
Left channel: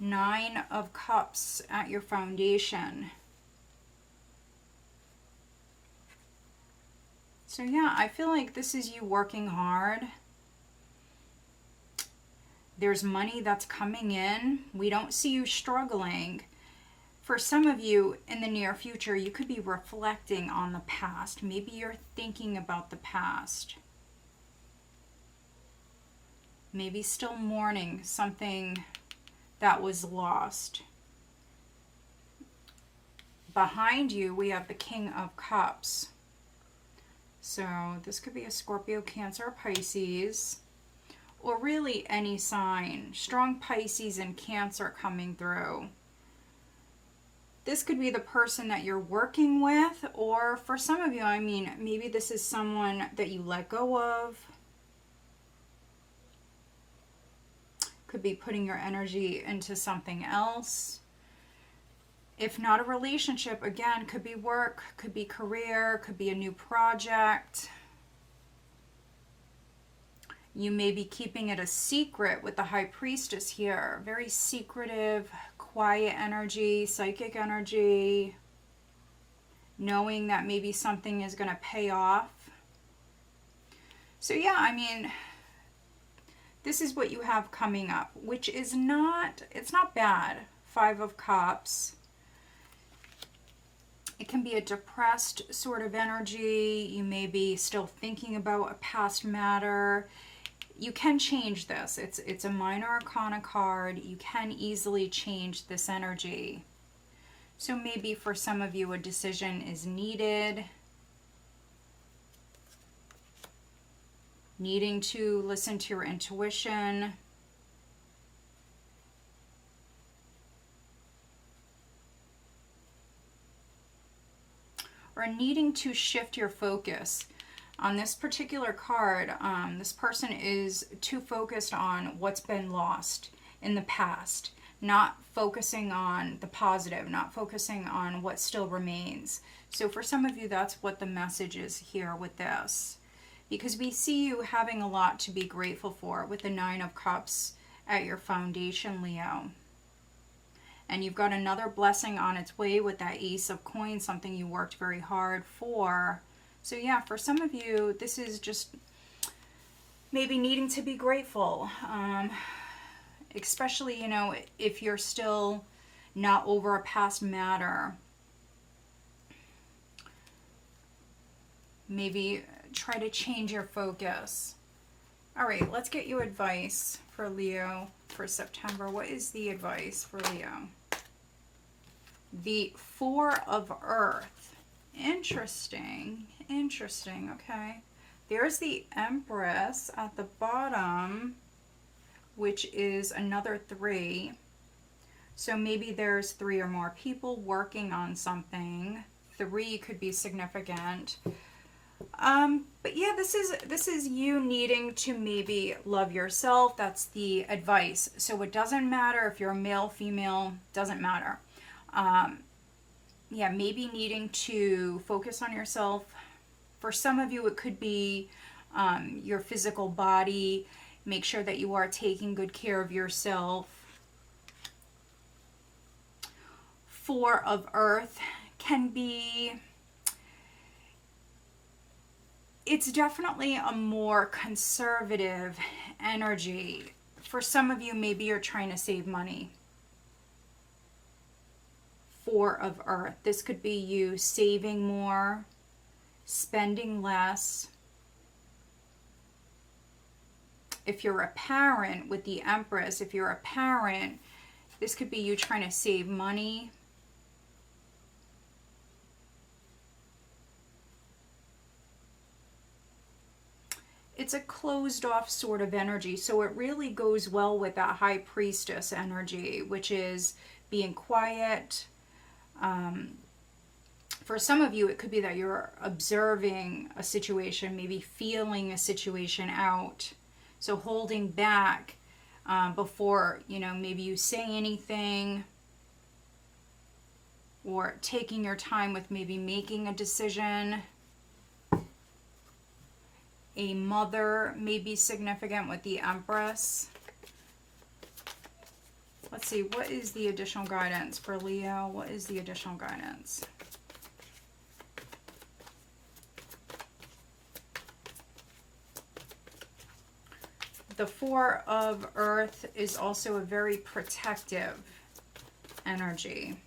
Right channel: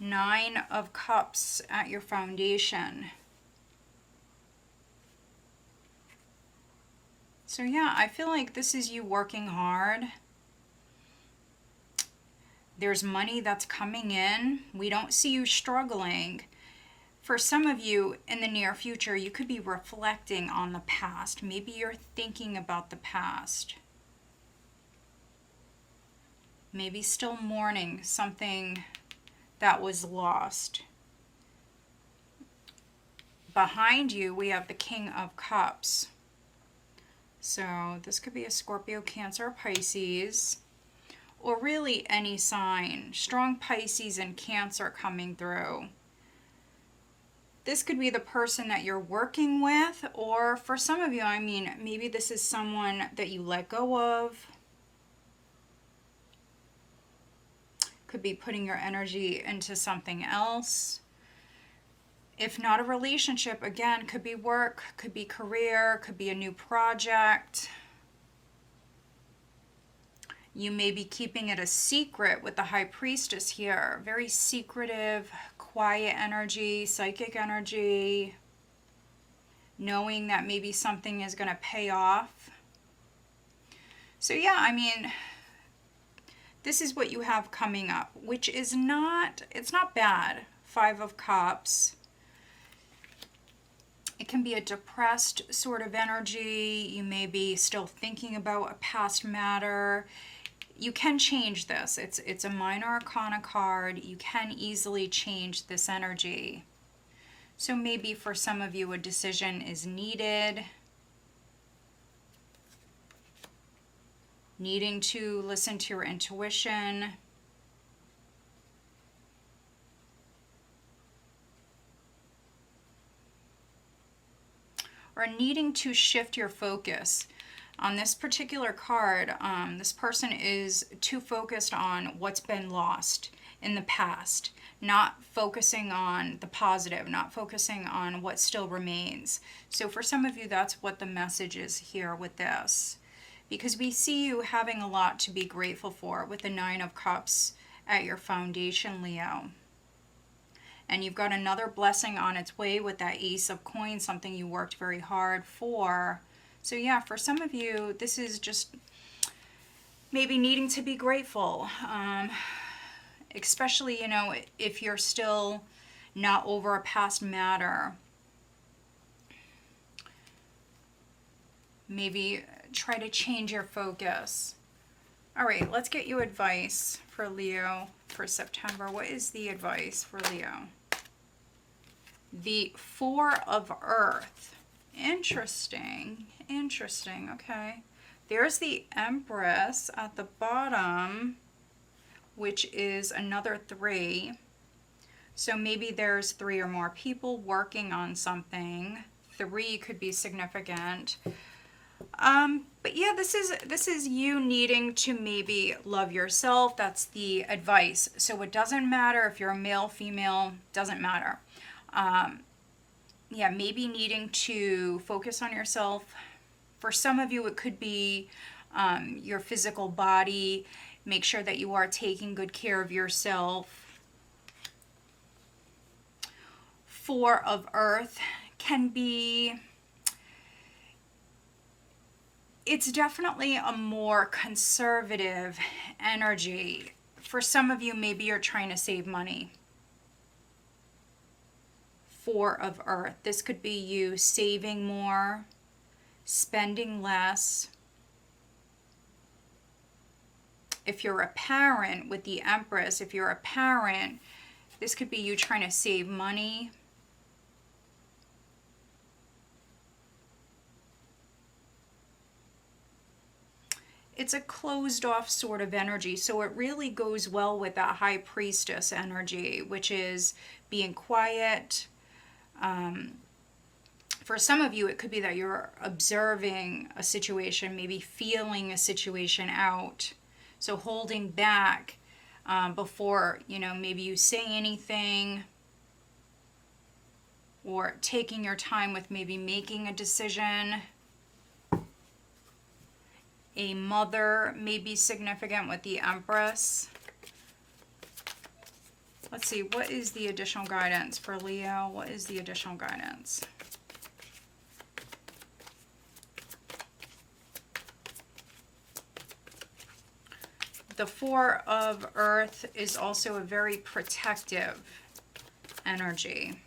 Nine of Cups at your foundation. So yeah, I feel like this is you working hard. There's money that's coming in. We don't see you struggling. For some of you in the near future, you could be reflecting on the past. Maybe you're thinking about the past. Maybe still mourning something that was lost. Behind you, we have the King of Cups. So this could be a Scorpio, Cancer, Pisces, or really any sign. Strong Pisces and Cancer coming through. This could be the person that you're working with, or for some of you, I mean, maybe this is someone that you let go of. Could be putting your energy into something else. If not a relationship, again, could be work, could be career, could be a new project. You may be keeping it a secret with the High Priestess here. Very secretive, quiet energy, psychic energy. Knowing that maybe something is going to pay off. So yeah, I mean, this is what you have coming up, which is not, it's not bad. Five of Cups. It can be a depressed sort of energy. You may be still thinking about a past matter. You can change this. It's a minor arcana card. You can easily change this energy. So maybe for some of you a decision is needed. Needing to listen to your intuition. Or needing to shift your focus. On this particular card, this person is too focused on what's been lost in the past, not focusing on the positive, not focusing on what still remains. So for some of you, that's what the message is here with this. Because we see you having a lot to be grateful for with the Nine of Cups at your foundation, Leo. And you've got another blessing on its way with that Ace of Coins, something you worked very hard for. So yeah, for some of you, this is just maybe needing to be grateful. Especially, you know, if you're still not over a past matter. Maybe try to change your focus. All right, let's get you advice for Leo for September? What is the advice for Leo? The Four of Earth. Interesting. Interesting. Okay. There's the Empress at the bottom, which is another 3. So maybe there's 3 or more people working on something. 3 could be significant. But yeah, this is you needing to maybe love yourself. That's the advice. So it doesn't matter if you're a male, female, doesn't matter. Yeah, maybe needing to focus on yourself. For some of you, it could be your physical body. Make sure that you are taking good care of yourself. Four of Earth can be, it's definitely a more conservative energy. For some of you, maybe you're trying to save money. Four of Earth. This could be you saving more, spending less. If you're a parent with the Empress, if you're a parent, this could be you trying to save money. It's a closed off sort of energy, so it really goes well with that High Priestess energy, which is being quiet. For some of you, it could be that you're observing a situation, maybe feeling a situation out. So holding back before, maybe you say anything, or taking your time with maybe making a decision. A mother may be significant with the Empress. Let's see, what is the additional guidance for Leo? What is the additional guidance? The Four of Earth is also a very protective energy.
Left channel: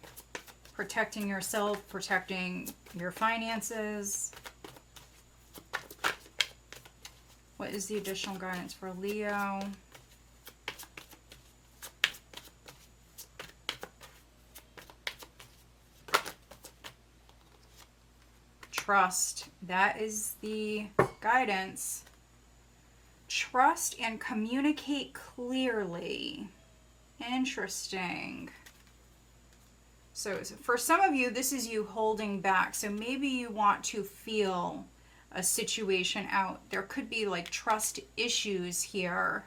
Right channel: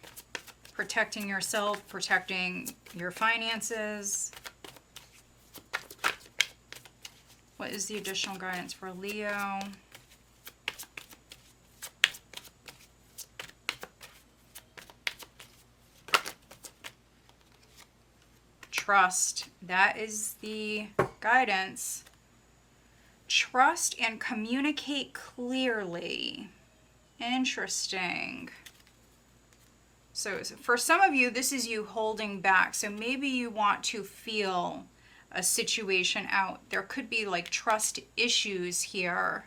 Protecting yourself, protecting your finances. What is the additional guidance for Leo? Trust. That is the guidance. Trust and communicate clearly. Interesting. So for some of you, this is you holding back. So maybe you want to feel a situation out. There could be like trust issues here.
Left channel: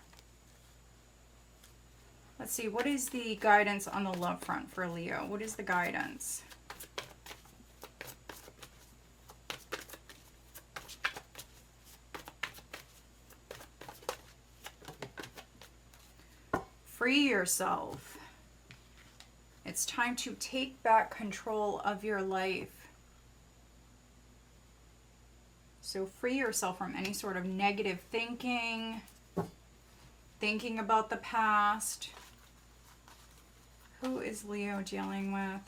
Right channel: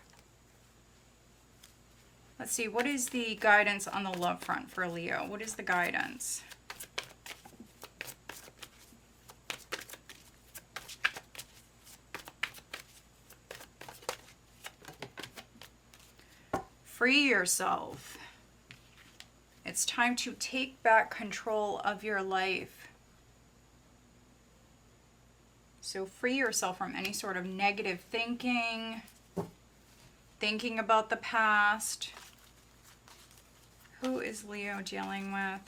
Let's see, what is the guidance on the love front for Leo? What is the guidance? Free yourself. It's time to take back control of your life. So free yourself from any sort of negative thinking, thinking about the past. Who is Leo dealing with?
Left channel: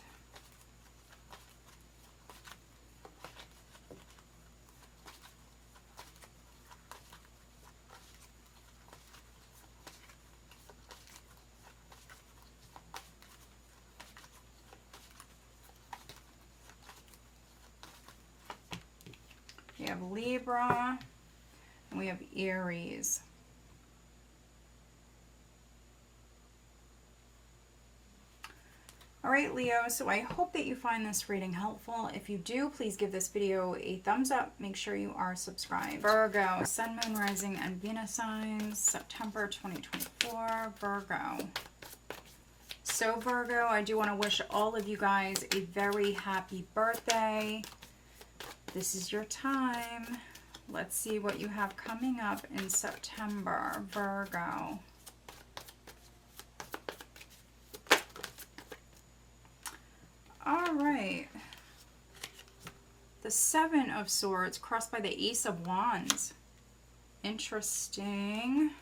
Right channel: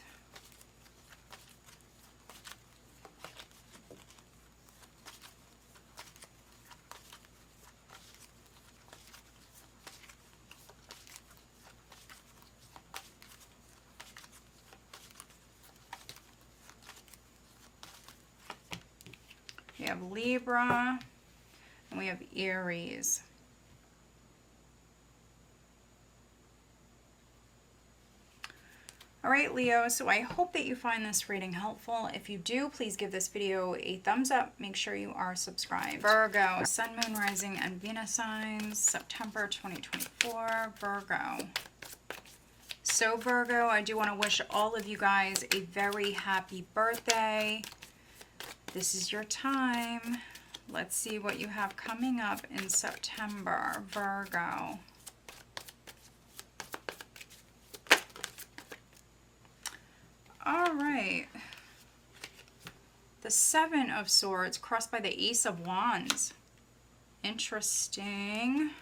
We have Libra, and we have Aries. All right, Leo, so I hope that you find this reading helpful. If you do, please give this video a thumbs up. Make sure you are subscribed. Virgo, Sun, Moon, Rising, and Venus signs, September 2024, Virgo. So Virgo, I do want to wish all of you guys a very happy birthday. This is your time. Let's see what you have coming up in September, Virgo. All right. The Seven of Swords crossed by the Ace of Wands. Interesting.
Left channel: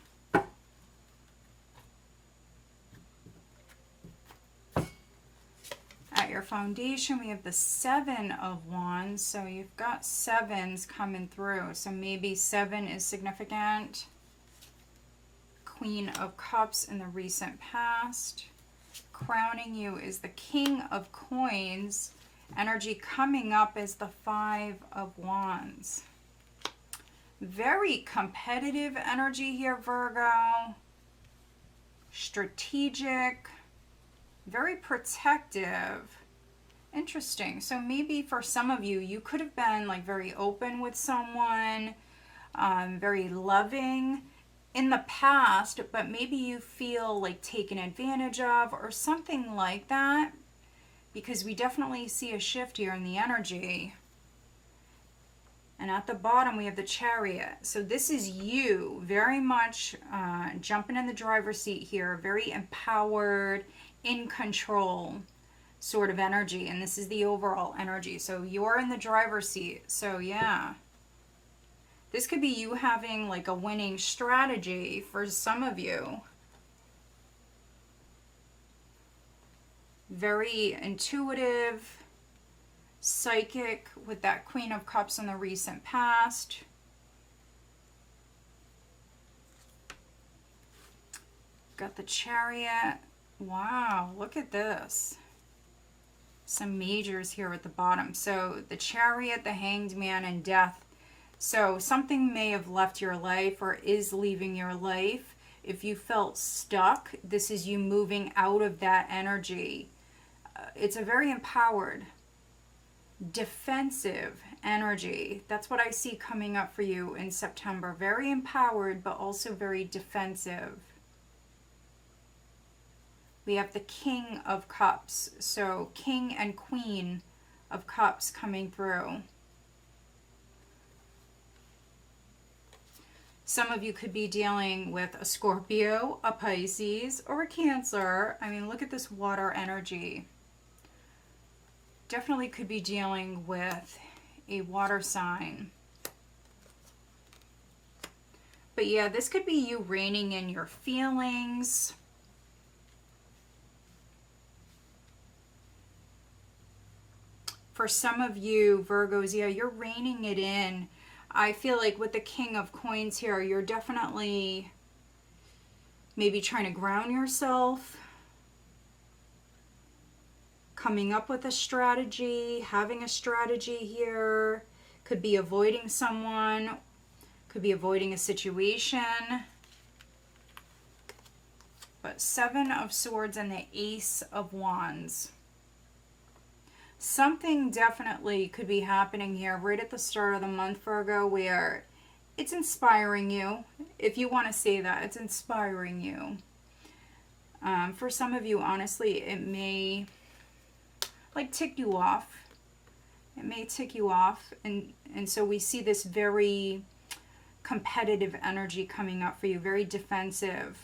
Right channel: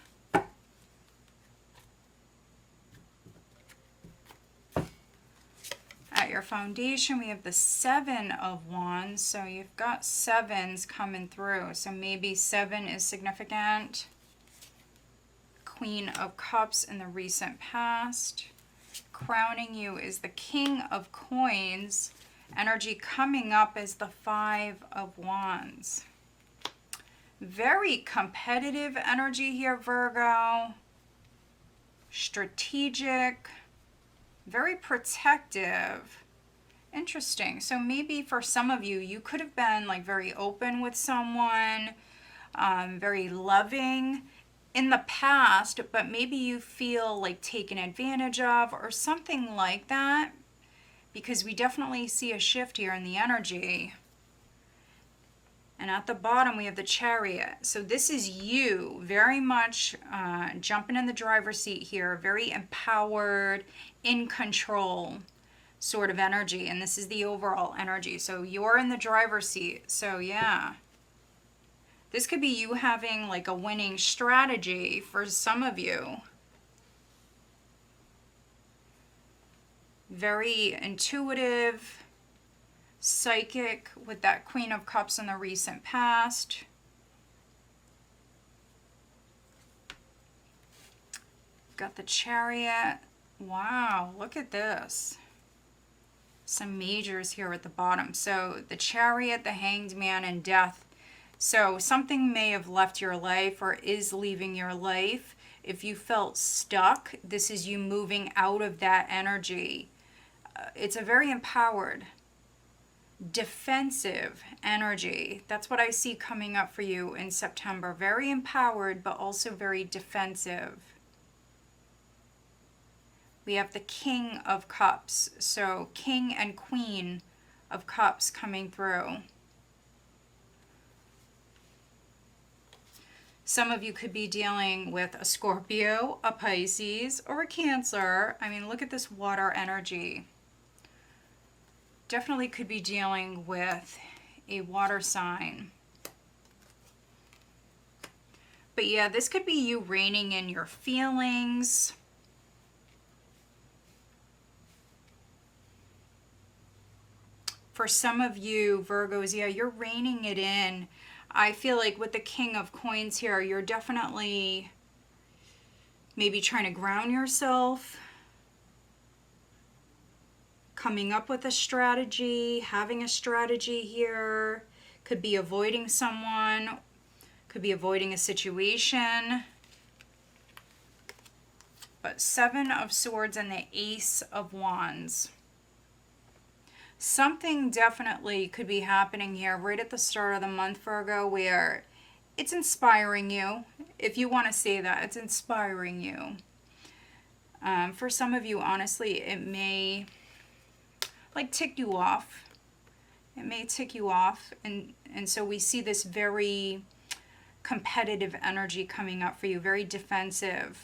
At your foundation, we have the Seven of Wands. So you've got sevens coming through. So maybe 7 is significant. Queen of Cups in the recent past. Crowning you is the King of Coins. Energy coming up is the Five of Wands. Very competitive energy here, Virgo. Strategic. Very protective. Interesting. So maybe for some of you, you could have been like very open with someone, very loving in the past, but maybe you feel like taken advantage of or something like that, because we definitely see a shift here in the energy. And at the bottom, we have the Chariot. So this is you very much jumping in the driver's seat here, very empowered, in control sort of energy. And this is the overall energy. So you're in the driver's seat. So yeah. This could be you having like a winning strategy for some of you. Very intuitive, psychic with that Queen of Cups in the recent past. Got the Chariot. Wow, look at this. Some majors here at the bottom. So the Chariot, the Hanged Man, and Death. So something may have left your life or is leaving your life. If you felt stuck, this is you moving out of that energy. It's a very empowered, defensive energy. That's what I see coming up for you in September. Very empowered, but also very defensive. We have the King of Cups. So King and Queen of Cups coming through. Some of you could be dealing with a Scorpio, a Pisces, or a Cancer. I mean, look at this water energy. Definitely could be dealing with a water sign. But yeah, this could be you reining in your feelings. For some of you, Virgos, yeah, you're reining it in. I feel like with the King of Coins here, you're definitely maybe trying to ground yourself, coming up with a strategy, having a strategy here. Could be avoiding someone, could be avoiding a situation. But Seven of Swords and the Ace of Wands. Something definitely could be happening here right at the start of the month, Virgo, where it's inspiring you. If you want to say that, it's inspiring you. For some of you, honestly, it may like tick you off. It may tick you off. And so we see this very competitive energy coming up for you, very defensive.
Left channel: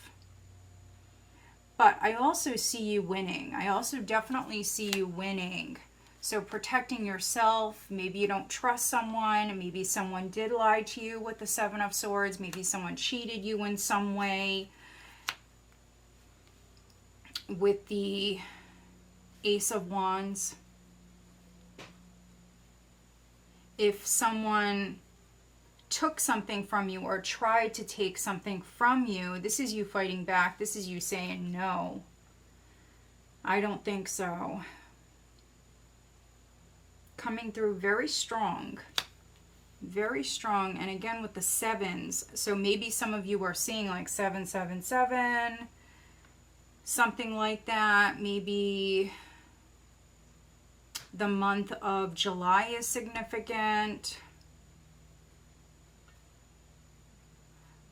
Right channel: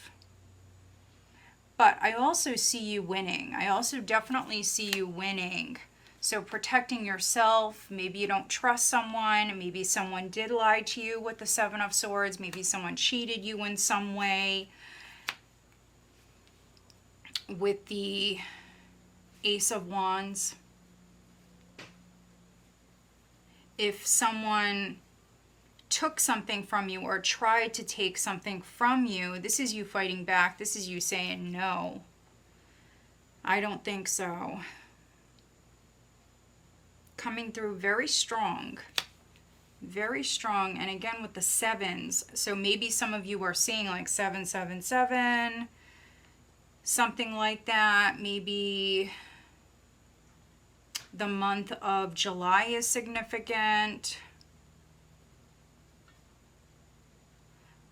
But I also see you winning. I also definitely see you winning. So protecting yourself, maybe you don't trust someone, maybe someone did lie to you with the Seven of Swords, maybe someone cheated you in some way. With the Ace of Wands, if someone took something from you or tried to take something from you, this is you fighting back. This is you saying, no, I don't think so. Coming through very strong. Very strong. And again with the sevens. So maybe some of you are seeing like 777. Something like that. Maybe the month of July is significant.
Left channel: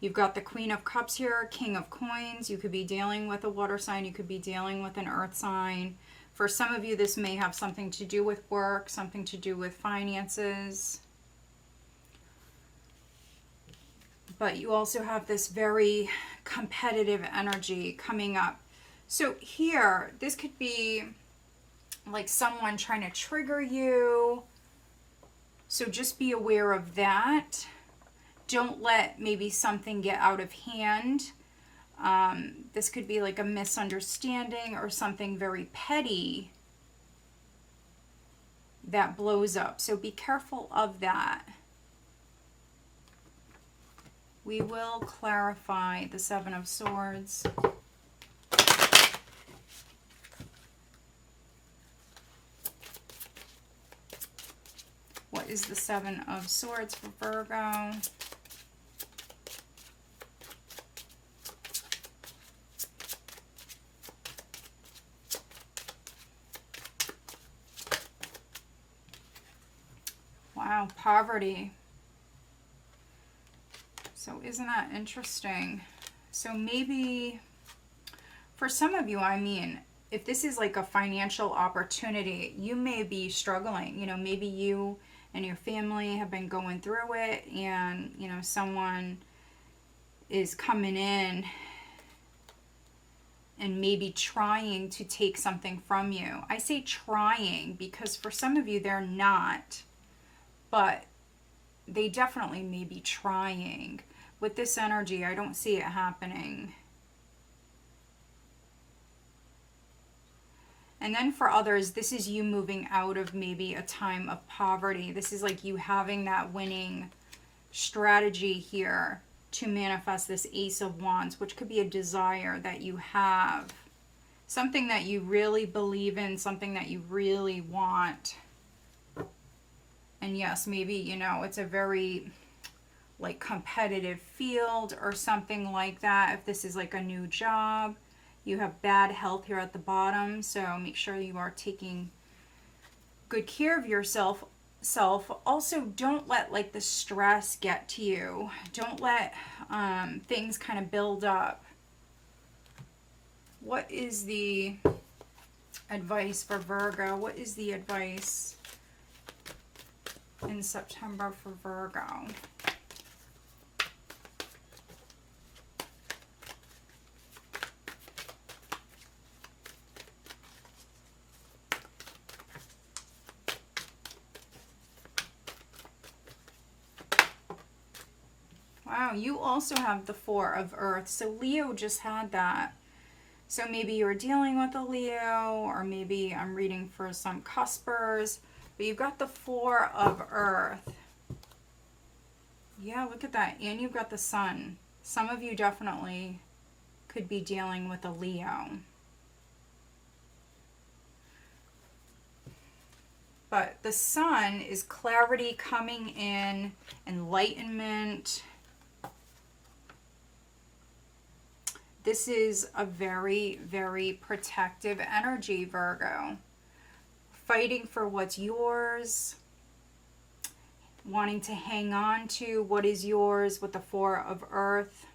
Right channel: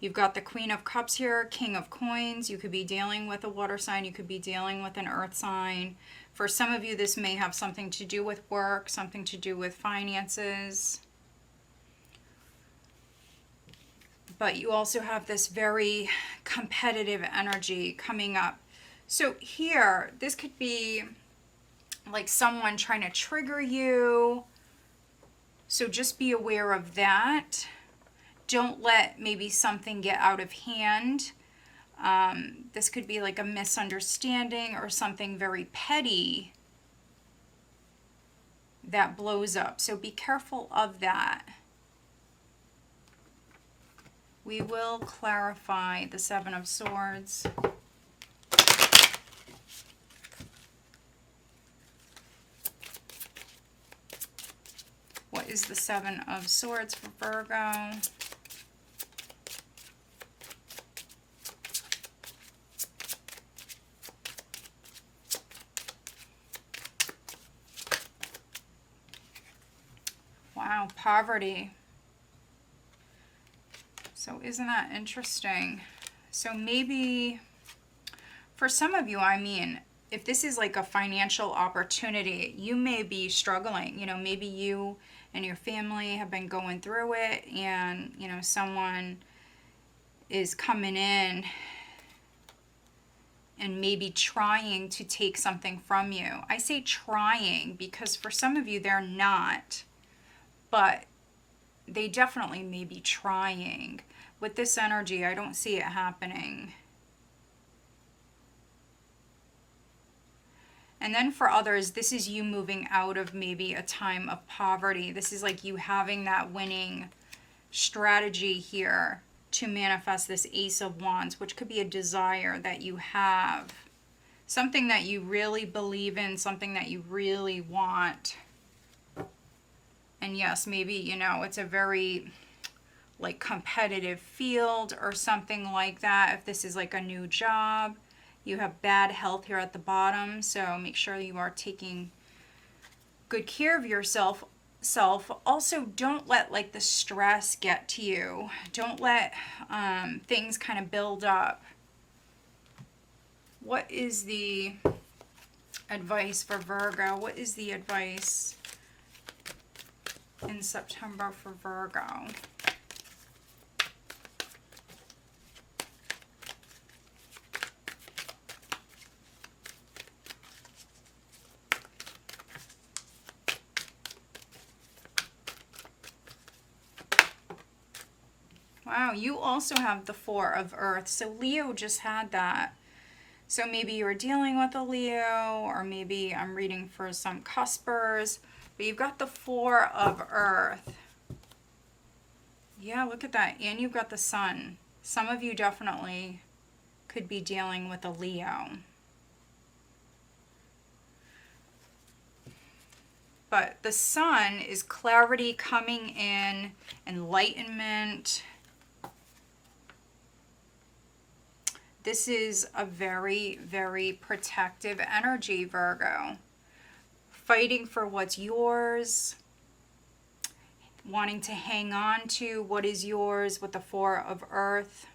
You've got the Queen of Cups here, King of Coins. You could be dealing with a water sign. You could be dealing with an earth sign. For some of you, this may have something to do with work, something to do with finances. But you also have this very competitive energy coming up. So here, this could be like someone trying to trigger you. So just be aware of that. Don't let maybe something get out of hand. This could be like a misunderstanding or something very petty that blows up. So be careful of that. We will clarify the Seven of Swords. What is the Seven of Swords for Virgo? Wow, poverty. So isn't that interesting? So maybe for some of you, I mean, if this is like a financial opportunity, you may be struggling. You know, maybe you and your family have been going through it, and, you know, someone is coming in and maybe trying to take something from you. I say trying because for some of you, they're not, but they definitely may be trying. With this energy, I don't see it happening. And then for others, this is you moving out of maybe a time of poverty. This is like you having that winning strategy here to manifest this Ace of Wands, which could be a desire that you have. Something that you really believe in, something that you really want. And yes, maybe, you know, it's a very like competitive field or something like that. If this is like a new job, you have bad health here at the bottom, so make sure you are taking good care of yourself. Also, don't let like the stress get to you. Don't let things kind of build up. What is the advice for Virgo? What is the advice in September for Virgo? Wow, you also have the Four of Earth. So Leo just had that. So maybe you're dealing with a Leo, or maybe I'm reading for some cuspers. But you've got the Four of Earth. Yeah, look at that. And you've got the Sun. Some of you definitely could be dealing with a Leo. But the Sun is clarity coming in, enlightenment. This is a very, very protective energy, Virgo. Fighting for what's yours. Wanting to hang on to what is yours with the Four of Earth.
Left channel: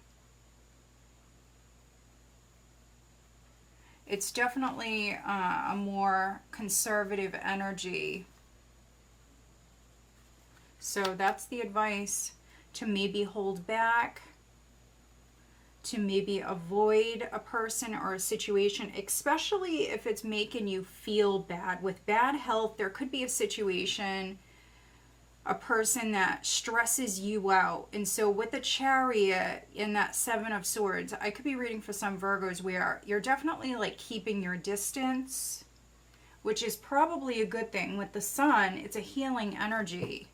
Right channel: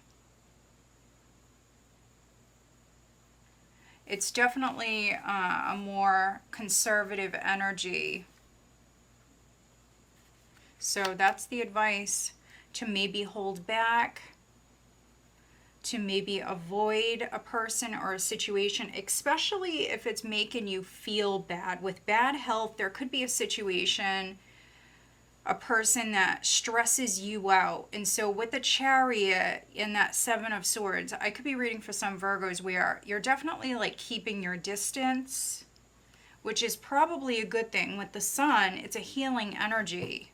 It's definitely a more conservative energy. So that's the advice, to maybe hold back, to maybe avoid a person or a situation, especially if it's making you feel bad. With bad health, there could be a situation, a person that stresses you out. And so with the Chariot in that Seven of Swords, I could be reading for some Virgos where you're definitely like keeping your distance, which is probably a good thing. With the Sun, it's a healing energy.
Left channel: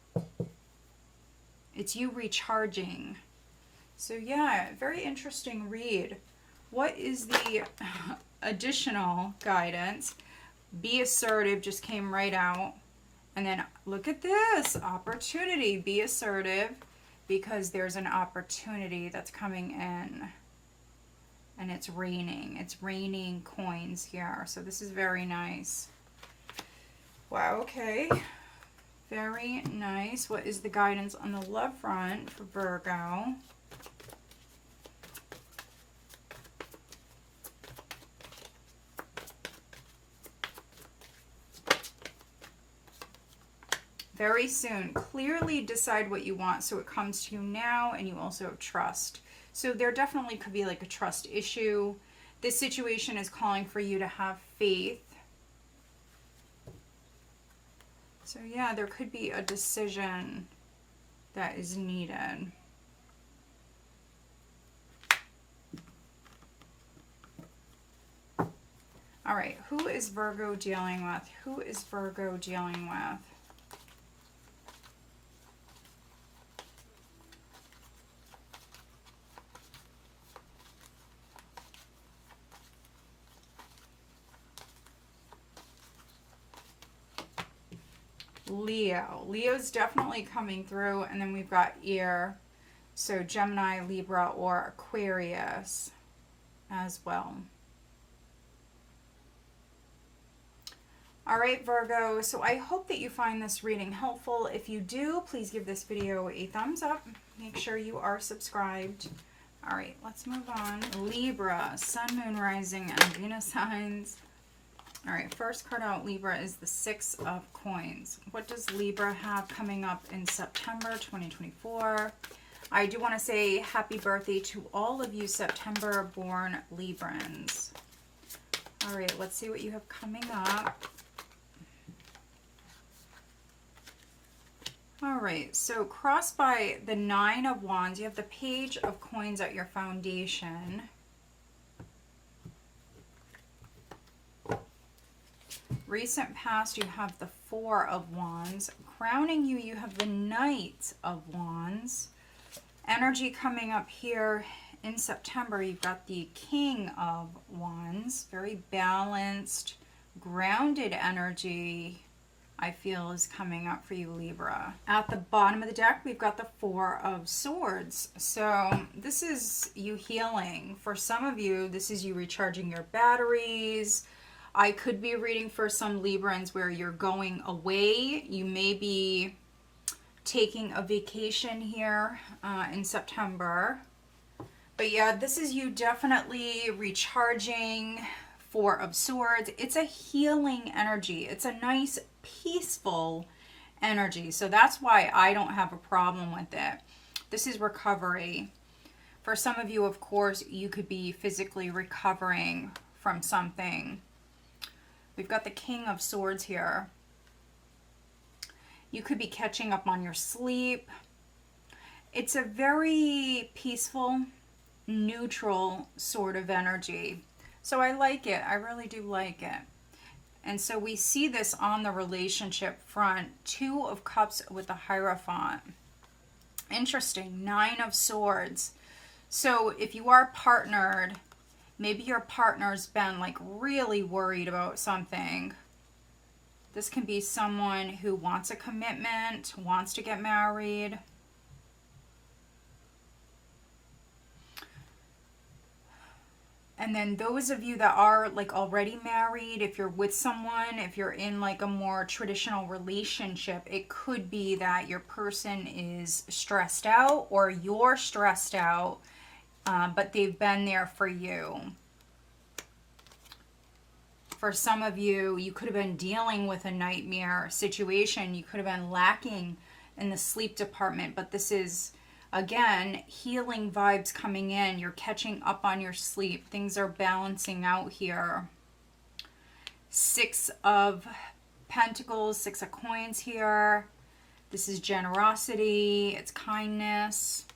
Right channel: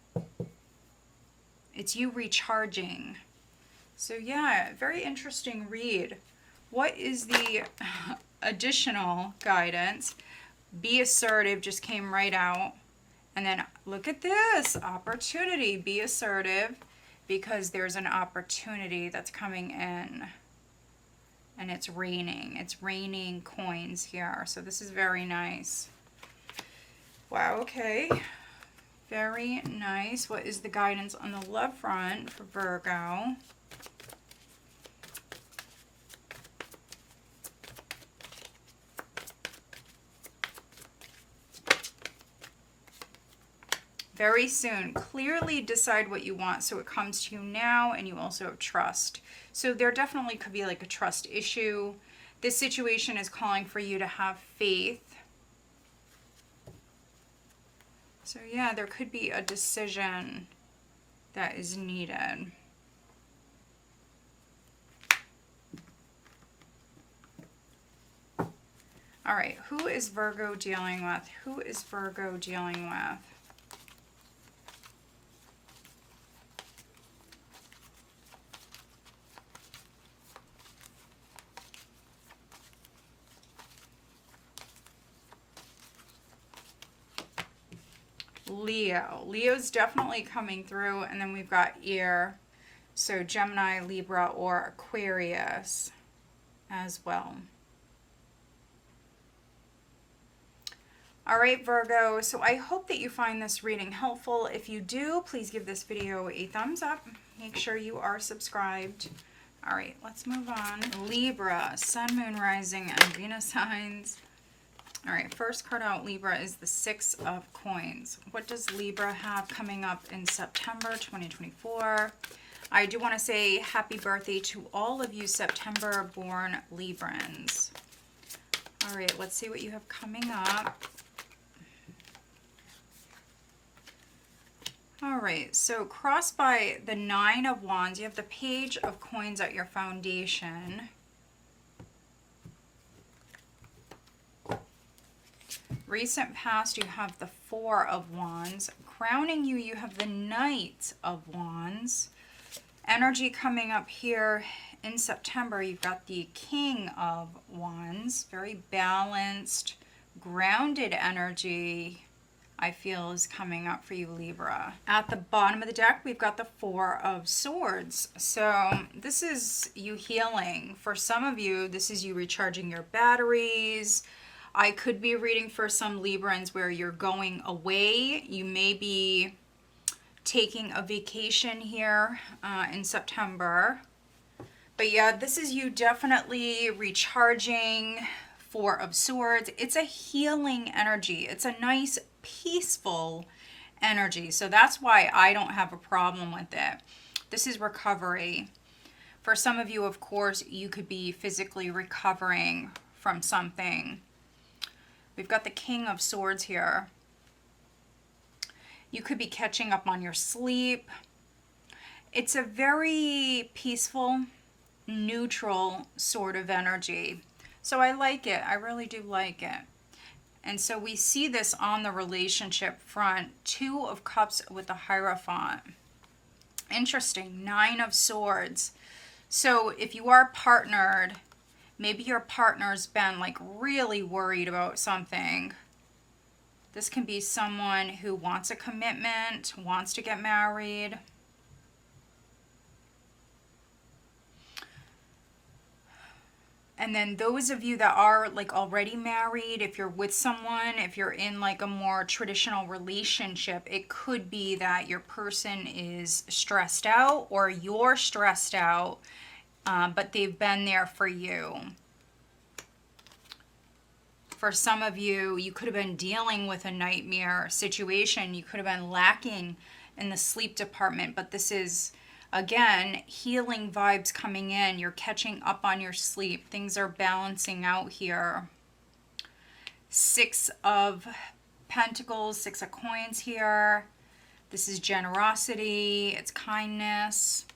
It's you recharging. So yeah, very interesting read. What is the additional guidance? Be assertive just came right out. And then look at this, opportunity. Be assertive because there's an opportunity that's coming in. And it's raining. It's raining coins here. So this is very nice. Wow, okay. Very nice. What is the guidance on the love front for Virgo? Very soon. Clearly decide what you want so it comes to you now, and you also have trust. So there definitely could be like a trust issue. This situation is calling for you to have faith. So yeah, there could be a decision that is needed. All right, who is Virgo dealing with? Who is Virgo dealing with? Leo. Leo's definitely coming through. And then we've got air. So Gemini, Libra, or Aquarius as well. All right, Virgo, so I hope that you find this reading helpful. If you do, please give this video a thumbs up. Make sure you are subscribed. All right, let's move on. Libra, Sun, Moon, Rising, and Venus signs. All right, first card out, Libra, is the Six of Coins. What does Libra have coming up in September 2024? I do want to say happy birthday to all of you September-born Librans. All right, let's see what you have coming up. All right, so crossed by the Nine of Wands, you have the Page of Coins at your foundation. Recent past, you have the Four of Wands. Crowning you, you have the Knight of Wands. Energy coming up here in September, you've got the King of Wands. Very balanced, grounded energy, I feel, is coming up for you, Libra. At the bottom of the deck, we've got the Four of Swords. So this is you healing. For some of you, this is you recharging your batteries. I could be reading for some Librans where you're going away. You may be taking a vacation here in September. But yeah, this is you definitely recharging. Four of Swords. It's a healing energy. It's a nice, peaceful energy. So that's why I don't have a problem with it. This is recovery. For some of you, of course, you could be physically recovering from something. We've got the King of Swords here. You could be catching up on your sleep. It's a very peaceful, neutral sort of energy. So I like it. I really do like it. And so we see this on the relationship front. Two of Cups with the Hierophant. Interesting. Nine of Swords. So if you are partnered, maybe your partner's been like really worried about something. This can be someone who wants a commitment, wants to get married. And then those of you that are like already married, if you're with someone, if you're in like a more traditional relationship, it could be that your person is stressed out or you're stressed out, but they've been there for you. For some of you, you could have been dealing with a nightmare situation. You could have been lacking in the sleep department, but this is, again, healing vibes coming in. You're catching up on your sleep. Things are balancing out here. Six of Pentacles, Six of Coins here. This is generosity. It's kindness.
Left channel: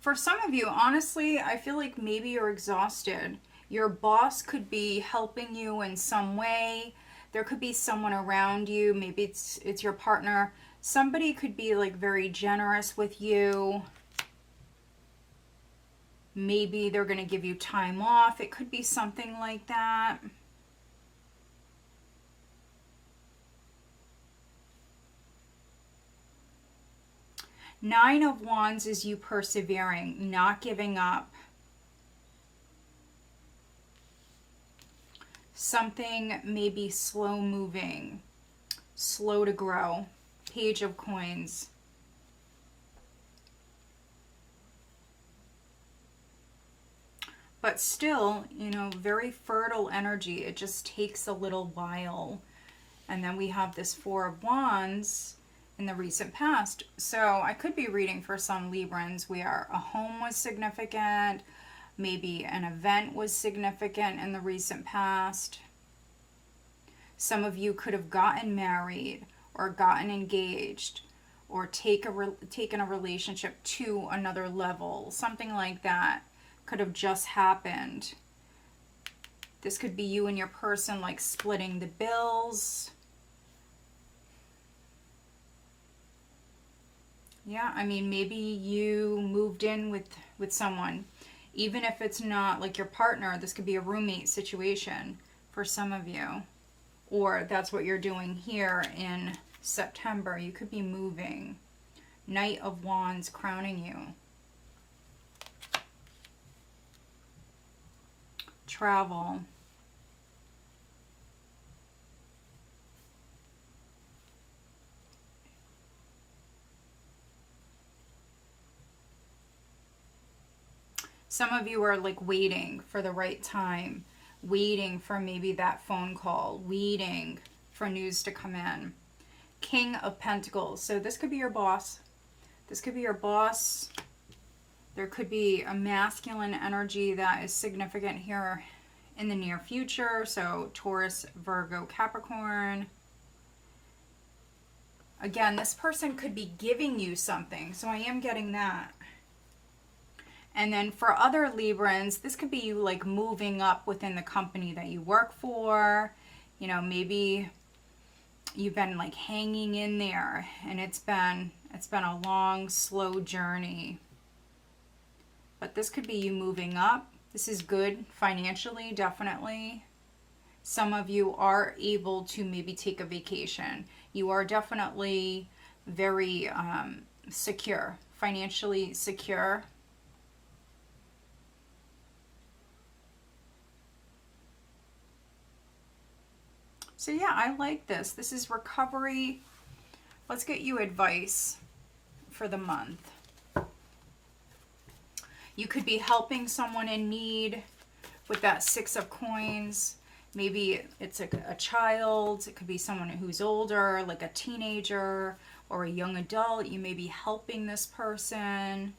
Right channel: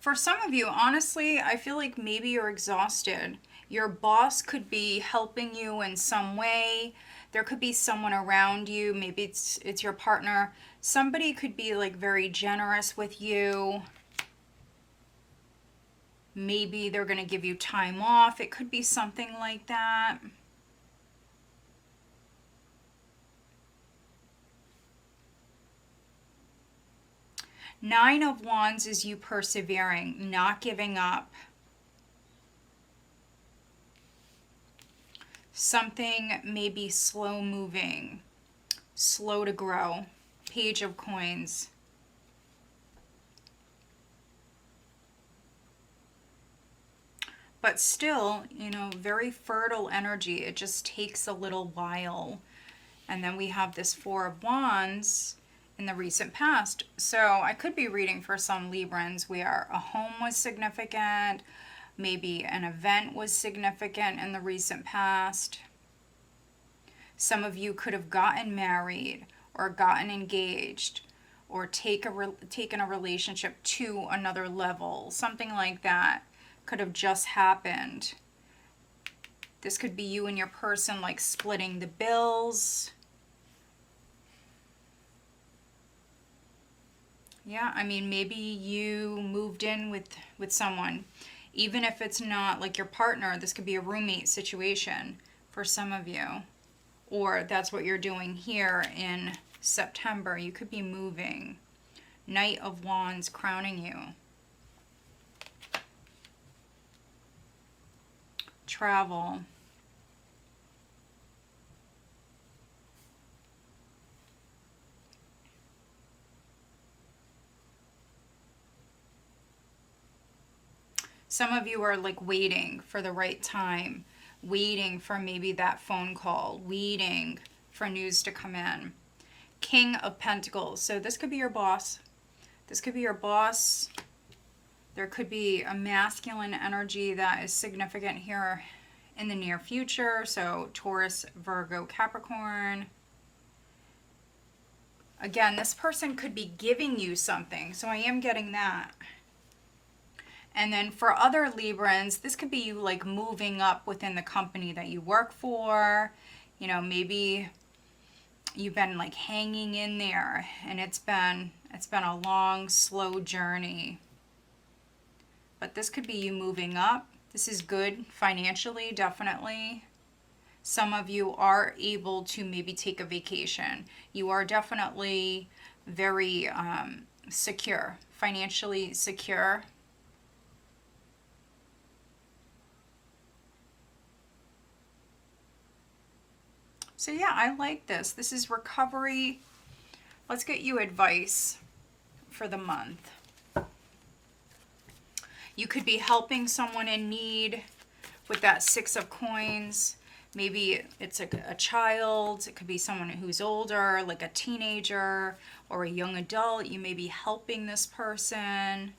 For some of you, honestly, I feel like maybe you're exhausted. Your boss could be helping you in some way. There could be someone around you. Maybe it's your partner. Somebody could be like very generous with you. Maybe they're going to give you time off. It could be something like that. Nine of Wands is you persevering, not giving up. Something may be slow moving, slow to grow. Page of Coins. But still, you know, very fertile energy. It just takes a little while. And then we have this Four of Wands in the recent past. So I could be reading for some Librans where a home was significant, maybe an event was significant in the recent past. Some of you could have gotten married or gotten engaged or taken a relationship to another level. Something like that could have just happened. This could be you and your person like splitting the bills. Yeah, I mean, maybe you moved in with someone. Even if it's not like your partner, this could be a roommate situation. for some of you. Or that's what you're doing here in September. You could be moving. Knight of Wands crowning you. Travel. Some of you are like waiting for the right time, waiting for maybe that phone call, waiting for news to come in. King of Pentacles. So this could be your boss. This could be your boss. There could be a masculine energy that is significant here in the near future. So Taurus, Virgo, Capricorn. Again, this person could be giving you something. So I am getting that. And then for other Librans, this could be you like moving up within the company that you work for. You know, maybe you've been like hanging in there and it's been a long, slow journey. But this could be you moving up. This is good financially, definitely. Some of you are able to maybe take a vacation. You are definitely very secure, financially secure. So yeah, I like this. This is recovery. Let's get you advice for the month. You could be helping someone in need with that 6 of coins. Maybe it's a child. It could be someone who's older, like a teenager or a young adult. You may be helping this person.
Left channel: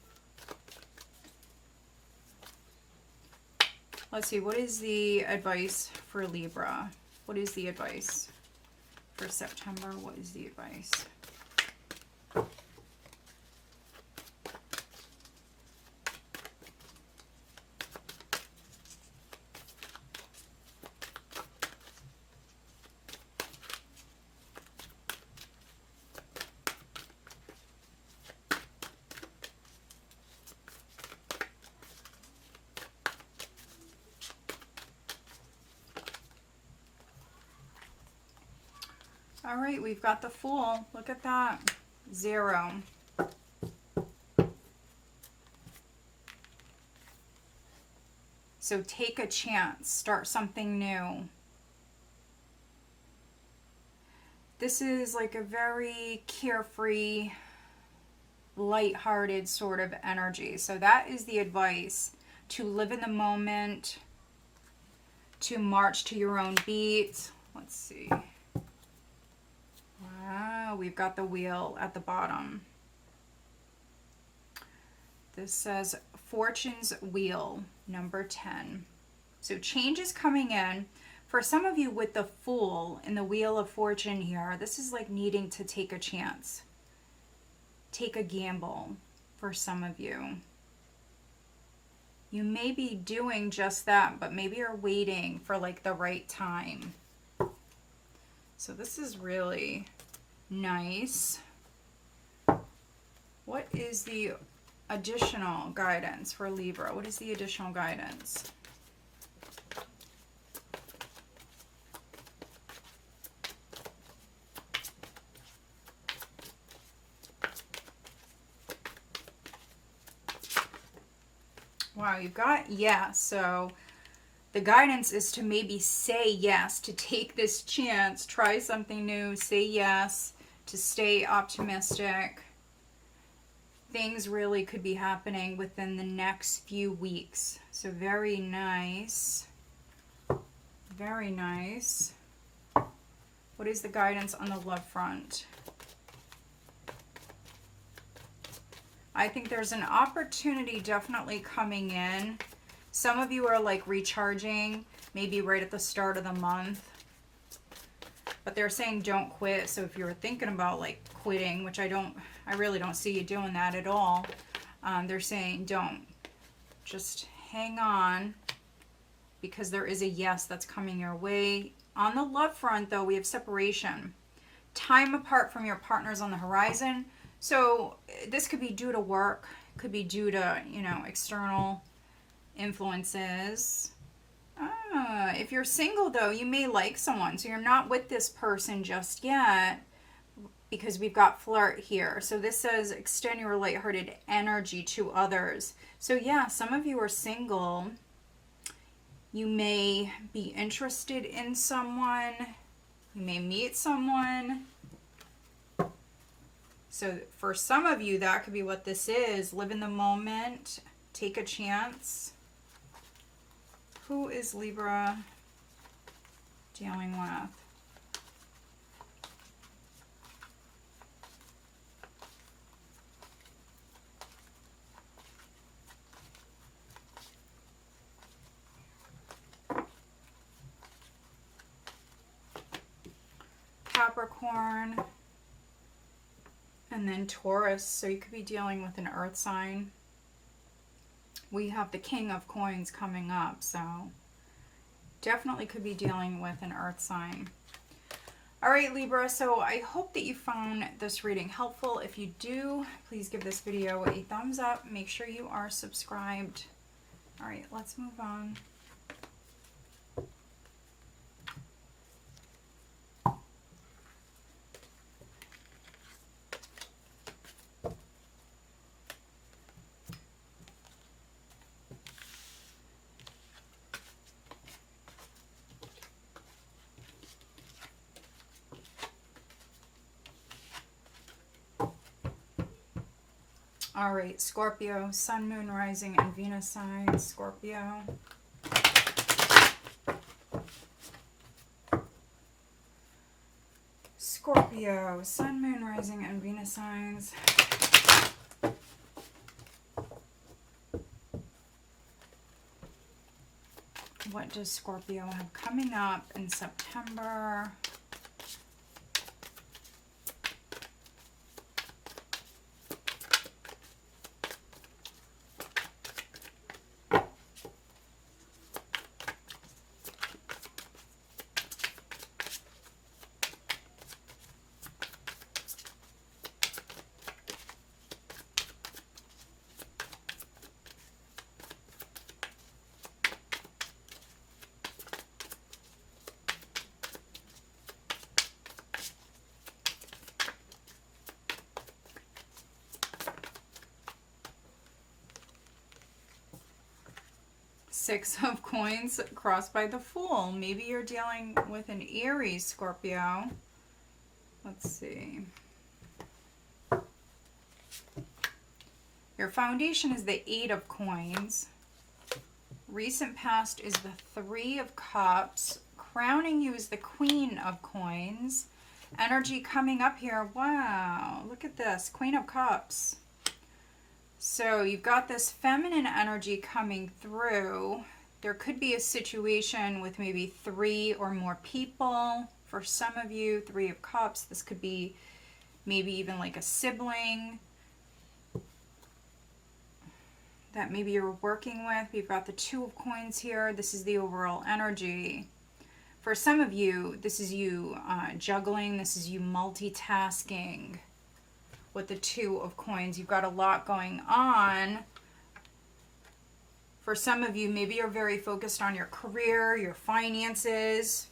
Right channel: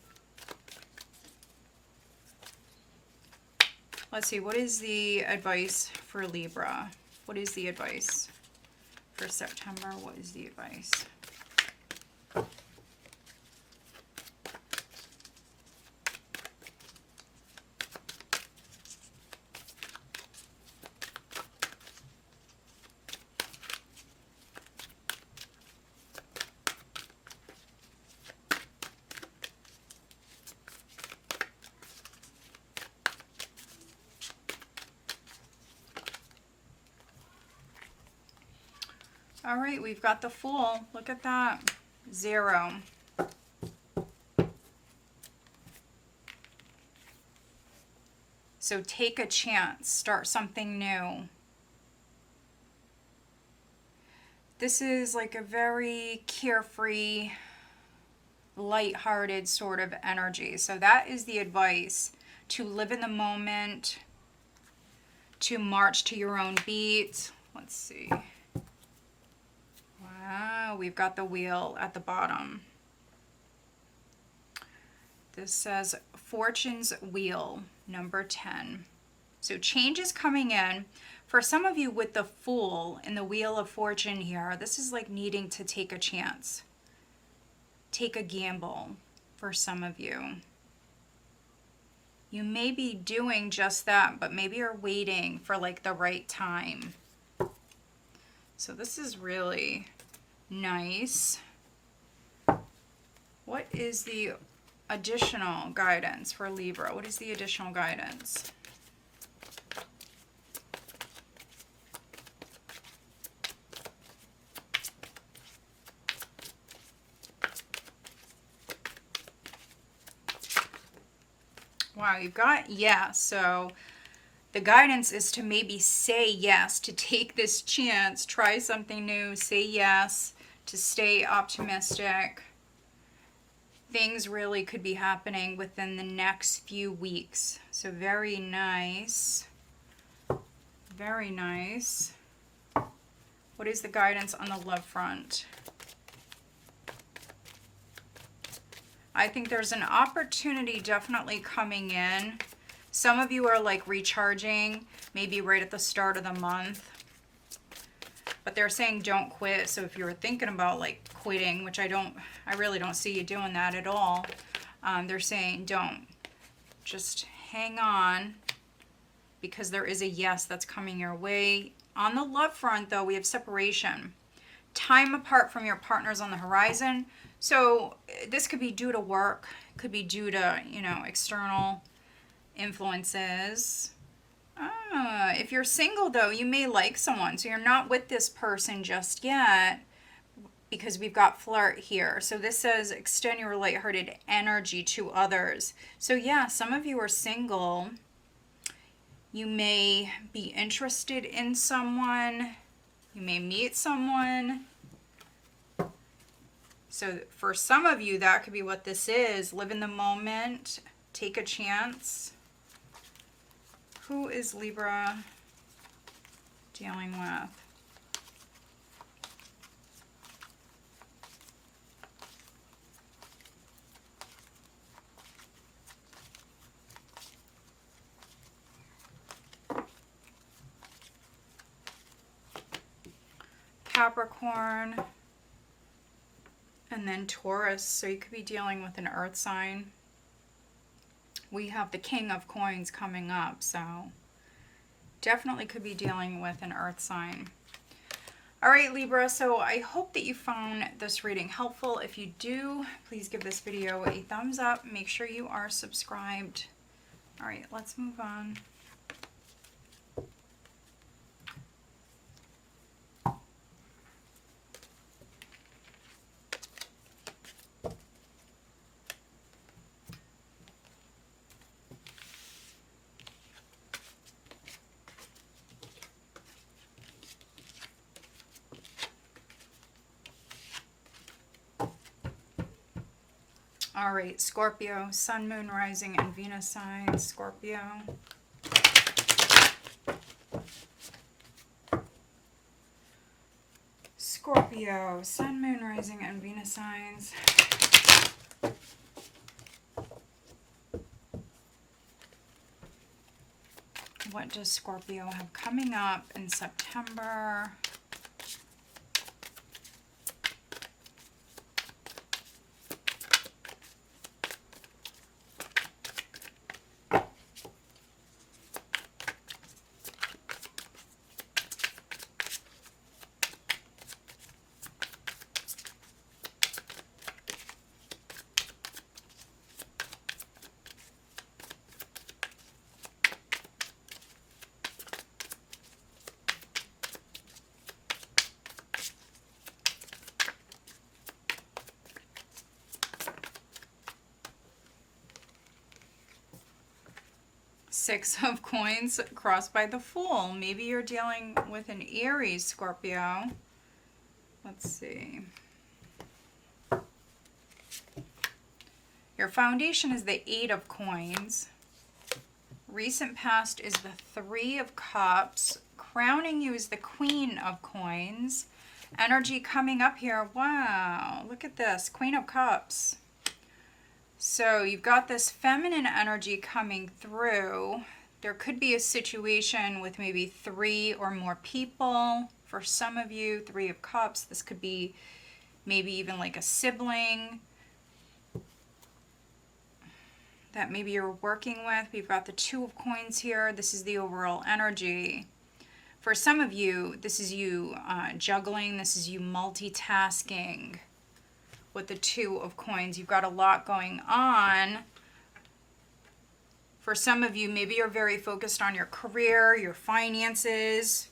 Let's see, what is the advice for Libra? What is the advice for September? What is the advice? All right, we've got the Fool. Look at that. 0. So take a chance. Start something new. This is like a very carefree, lighthearted sort of energy. So that is the advice. To live in the moment. To march to your own beat. Let's see. Wow, we've got the Wheel at the bottom. This says Fortune's Wheel, number 10. So change is coming in. For some of you with the Fool in the Wheel of Fortune here, this is like needing to take a chance. Take a gamble for some of you. You may be doing just that, but maybe you're waiting for like the right time. So this is really nice. What is the additional guidance for Libra? What is the additional guidance? Wow, you've got yes. So the guidance is to maybe say yes, to take this chance, try something new, say yes, to stay optimistic. Things really could be happening within the next few weeks. So very nice. Very nice. What is the guidance on the love front? I think there's an opportunity definitely coming in. Some of you are like recharging, maybe right at the start of the month. But they're saying don't quit. So if you're thinking about like quitting, which I really don't see you doing that at all. They're saying don't. Just hang on, because there is a yes that's coming your way. On the love front though, we have separation. Time apart from your partners on the horizon. So this could be due to work, could be due to, you know, external influences. If you're single, though, you may like someone. So you're not with this person just yet because we've got flirt here. So this says extend your lighthearted energy to others. So yeah, some of you are single. You may be interested in someone. You may meet someone. So for some of you, that could be what this is. Live in the moment. Take a chance. Who is Libra dealing with? Capricorn. And then Taurus. So you could be dealing with an earth sign. We have the King of Coins coming up, so definitely could be dealing with an earth sign. All right, Libra, so I hope that you found this reading helpful. If you do, please give this video a thumbs up. Make sure you are subscribed. All right, let's move on. All right, Scorpio, Sun, Moon, Rising, and Venus signs. Scorpio. Scorpio, Sun, Moon, Rising, and Venus signs. What does Scorpio have coming up in September? Six of Coins crossed by the Fool. Maybe you're dealing with an Aries, Scorpio. Let's see. Your foundation is the Eight of Coins. Recent past is the Three of Cups. Crowning you is the Queen of Coins. Energy coming up here. Wow, look at this. Queen of Cups. So you've got this feminine energy coming through. There could be a situation with maybe 3 or more people. For some of you, Three of Cups. This could be maybe even like a sibling that maybe you're working with. We've got the Two of Coins here. This is the overall energy. For some of you, this is you juggling. This is you multitasking. With the Two of Coins, you've got a lot going on. For some of you, maybe you're very focused on your career, your finances,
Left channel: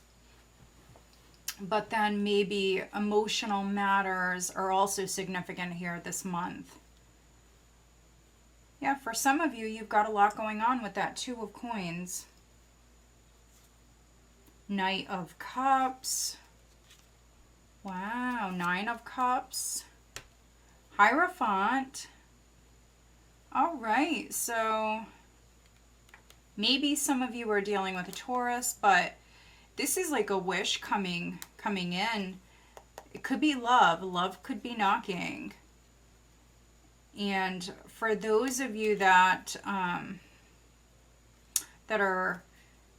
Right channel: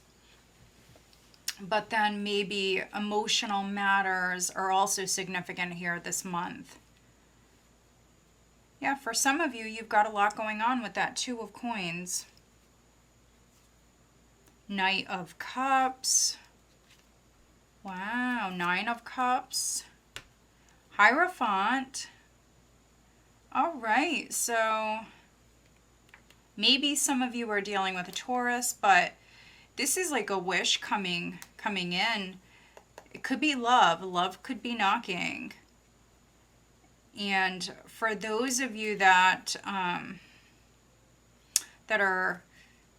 but then maybe emotional matters are also significant here this month. Yeah, for some of you, you've got a lot going on with that Two of Coins. Knight of Cups. Wow, Nine of Cups. Hierophant. All right, so maybe some of you are dealing with a Taurus, but this is like a wish coming in. It could be love. Love could be knocking. And for those of you that that are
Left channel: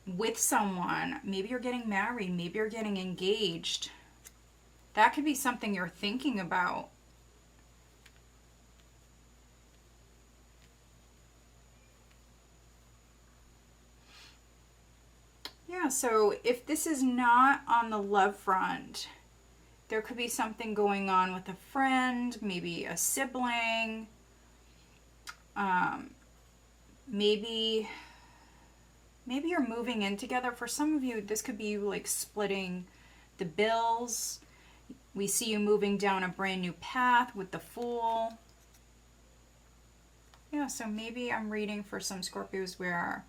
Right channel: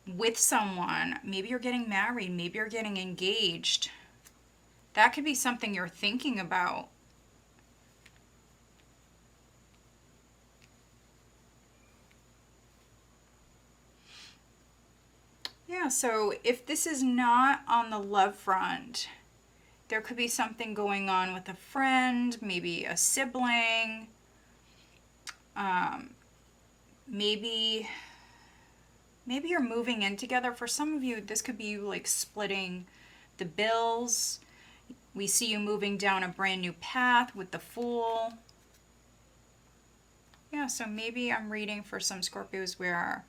with someone, maybe you're getting married, maybe you're getting engaged. That could be something you're thinking about. Yeah, so if this is not on the love front, there could be something going on with a friend, maybe a sibling, maybe Maybe you're moving in together. For some of you, this could be you like splitting the bills. We see you moving down a brand new path with the Fool. Yeah, so maybe I'm reading for some Scorpios where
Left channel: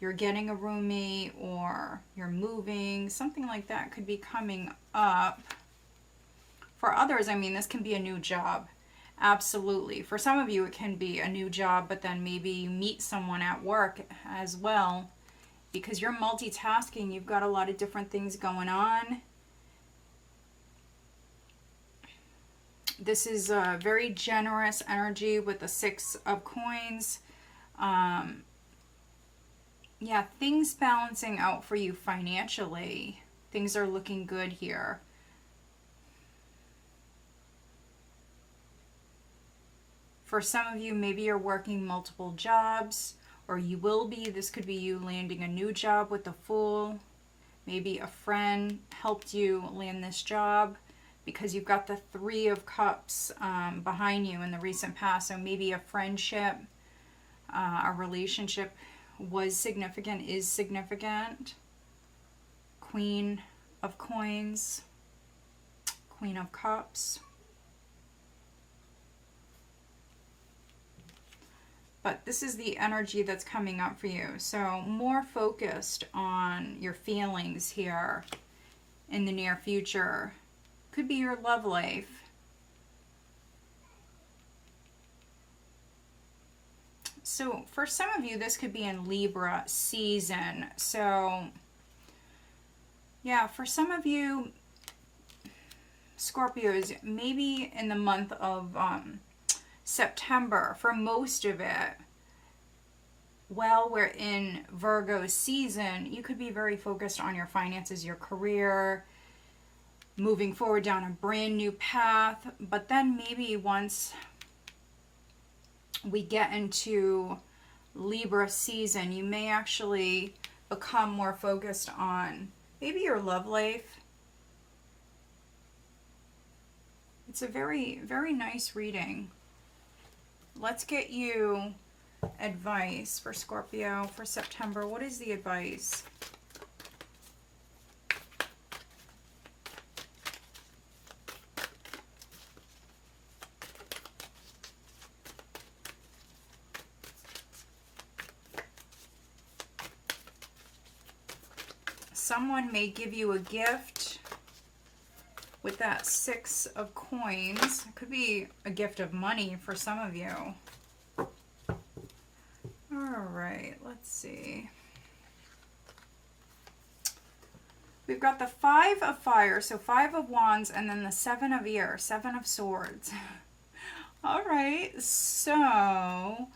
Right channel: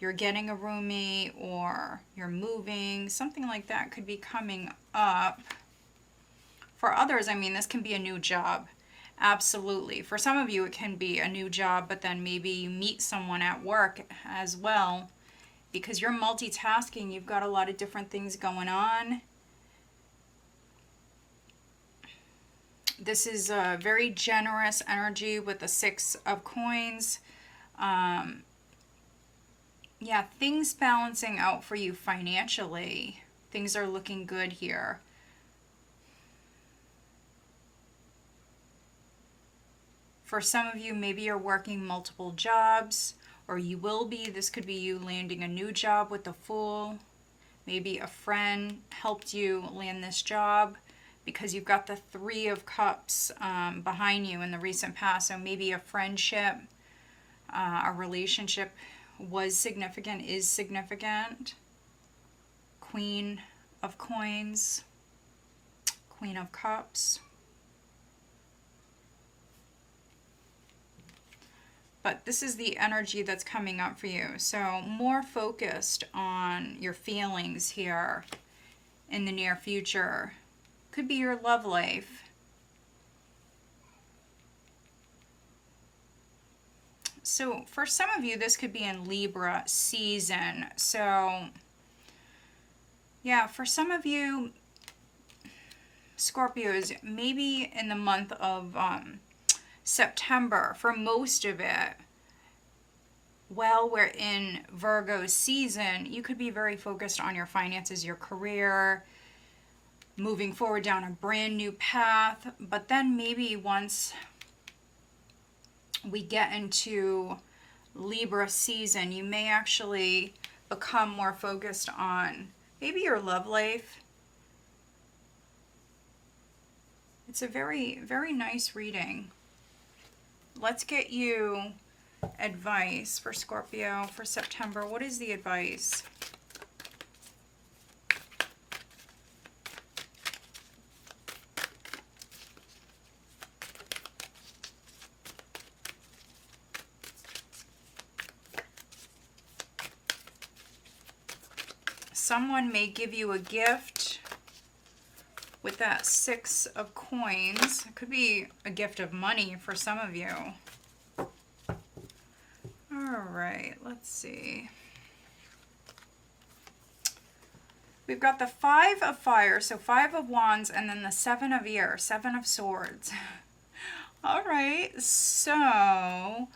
you're getting a roommate or you're moving. Something like that could be coming up. For others, I mean, this can be a new job. Absolutely. For some of you, it can be a new job, but then maybe you meet someone at work as well. Because you're multitasking, you've got a lot of different things going on. This is a very generous energy with the 6 of Coins. Yeah, things balancing out for you financially. Things are looking good here. For some of you, maybe you're working multiple jobs, or you will be. This could be you landing a new job with the Fool. Maybe a friend helped you land this job because you've got the 3 of Cups behind you in the recent past. So maybe a friendship, a relationship was significant, is significant. Queen of Coins, Queen of Cups. But this is the energy that's coming up for you. So more focused on your feelings here in the near future. Could be your love life. So for some of you, this could be in Libra season. So yeah, for some of you, Scorpios, maybe in the month of September, for most of it, while we're in Virgo season, you could be very focused on your finances, your career, moving forward down a brand new path. But then maybe once we get into Libra season, you may actually become more focused on maybe your love life. It's a very, very nice reading. Let's get you advice for Scorpio for September. What is the advice? Someone may give you a gift with that 6 of Coins. It could be a gift of money for some of you. All right, let's see. We've got the 5 of Fire, so 5 of Wands, and then the 7 of Ear, 7 of Swords. All right, so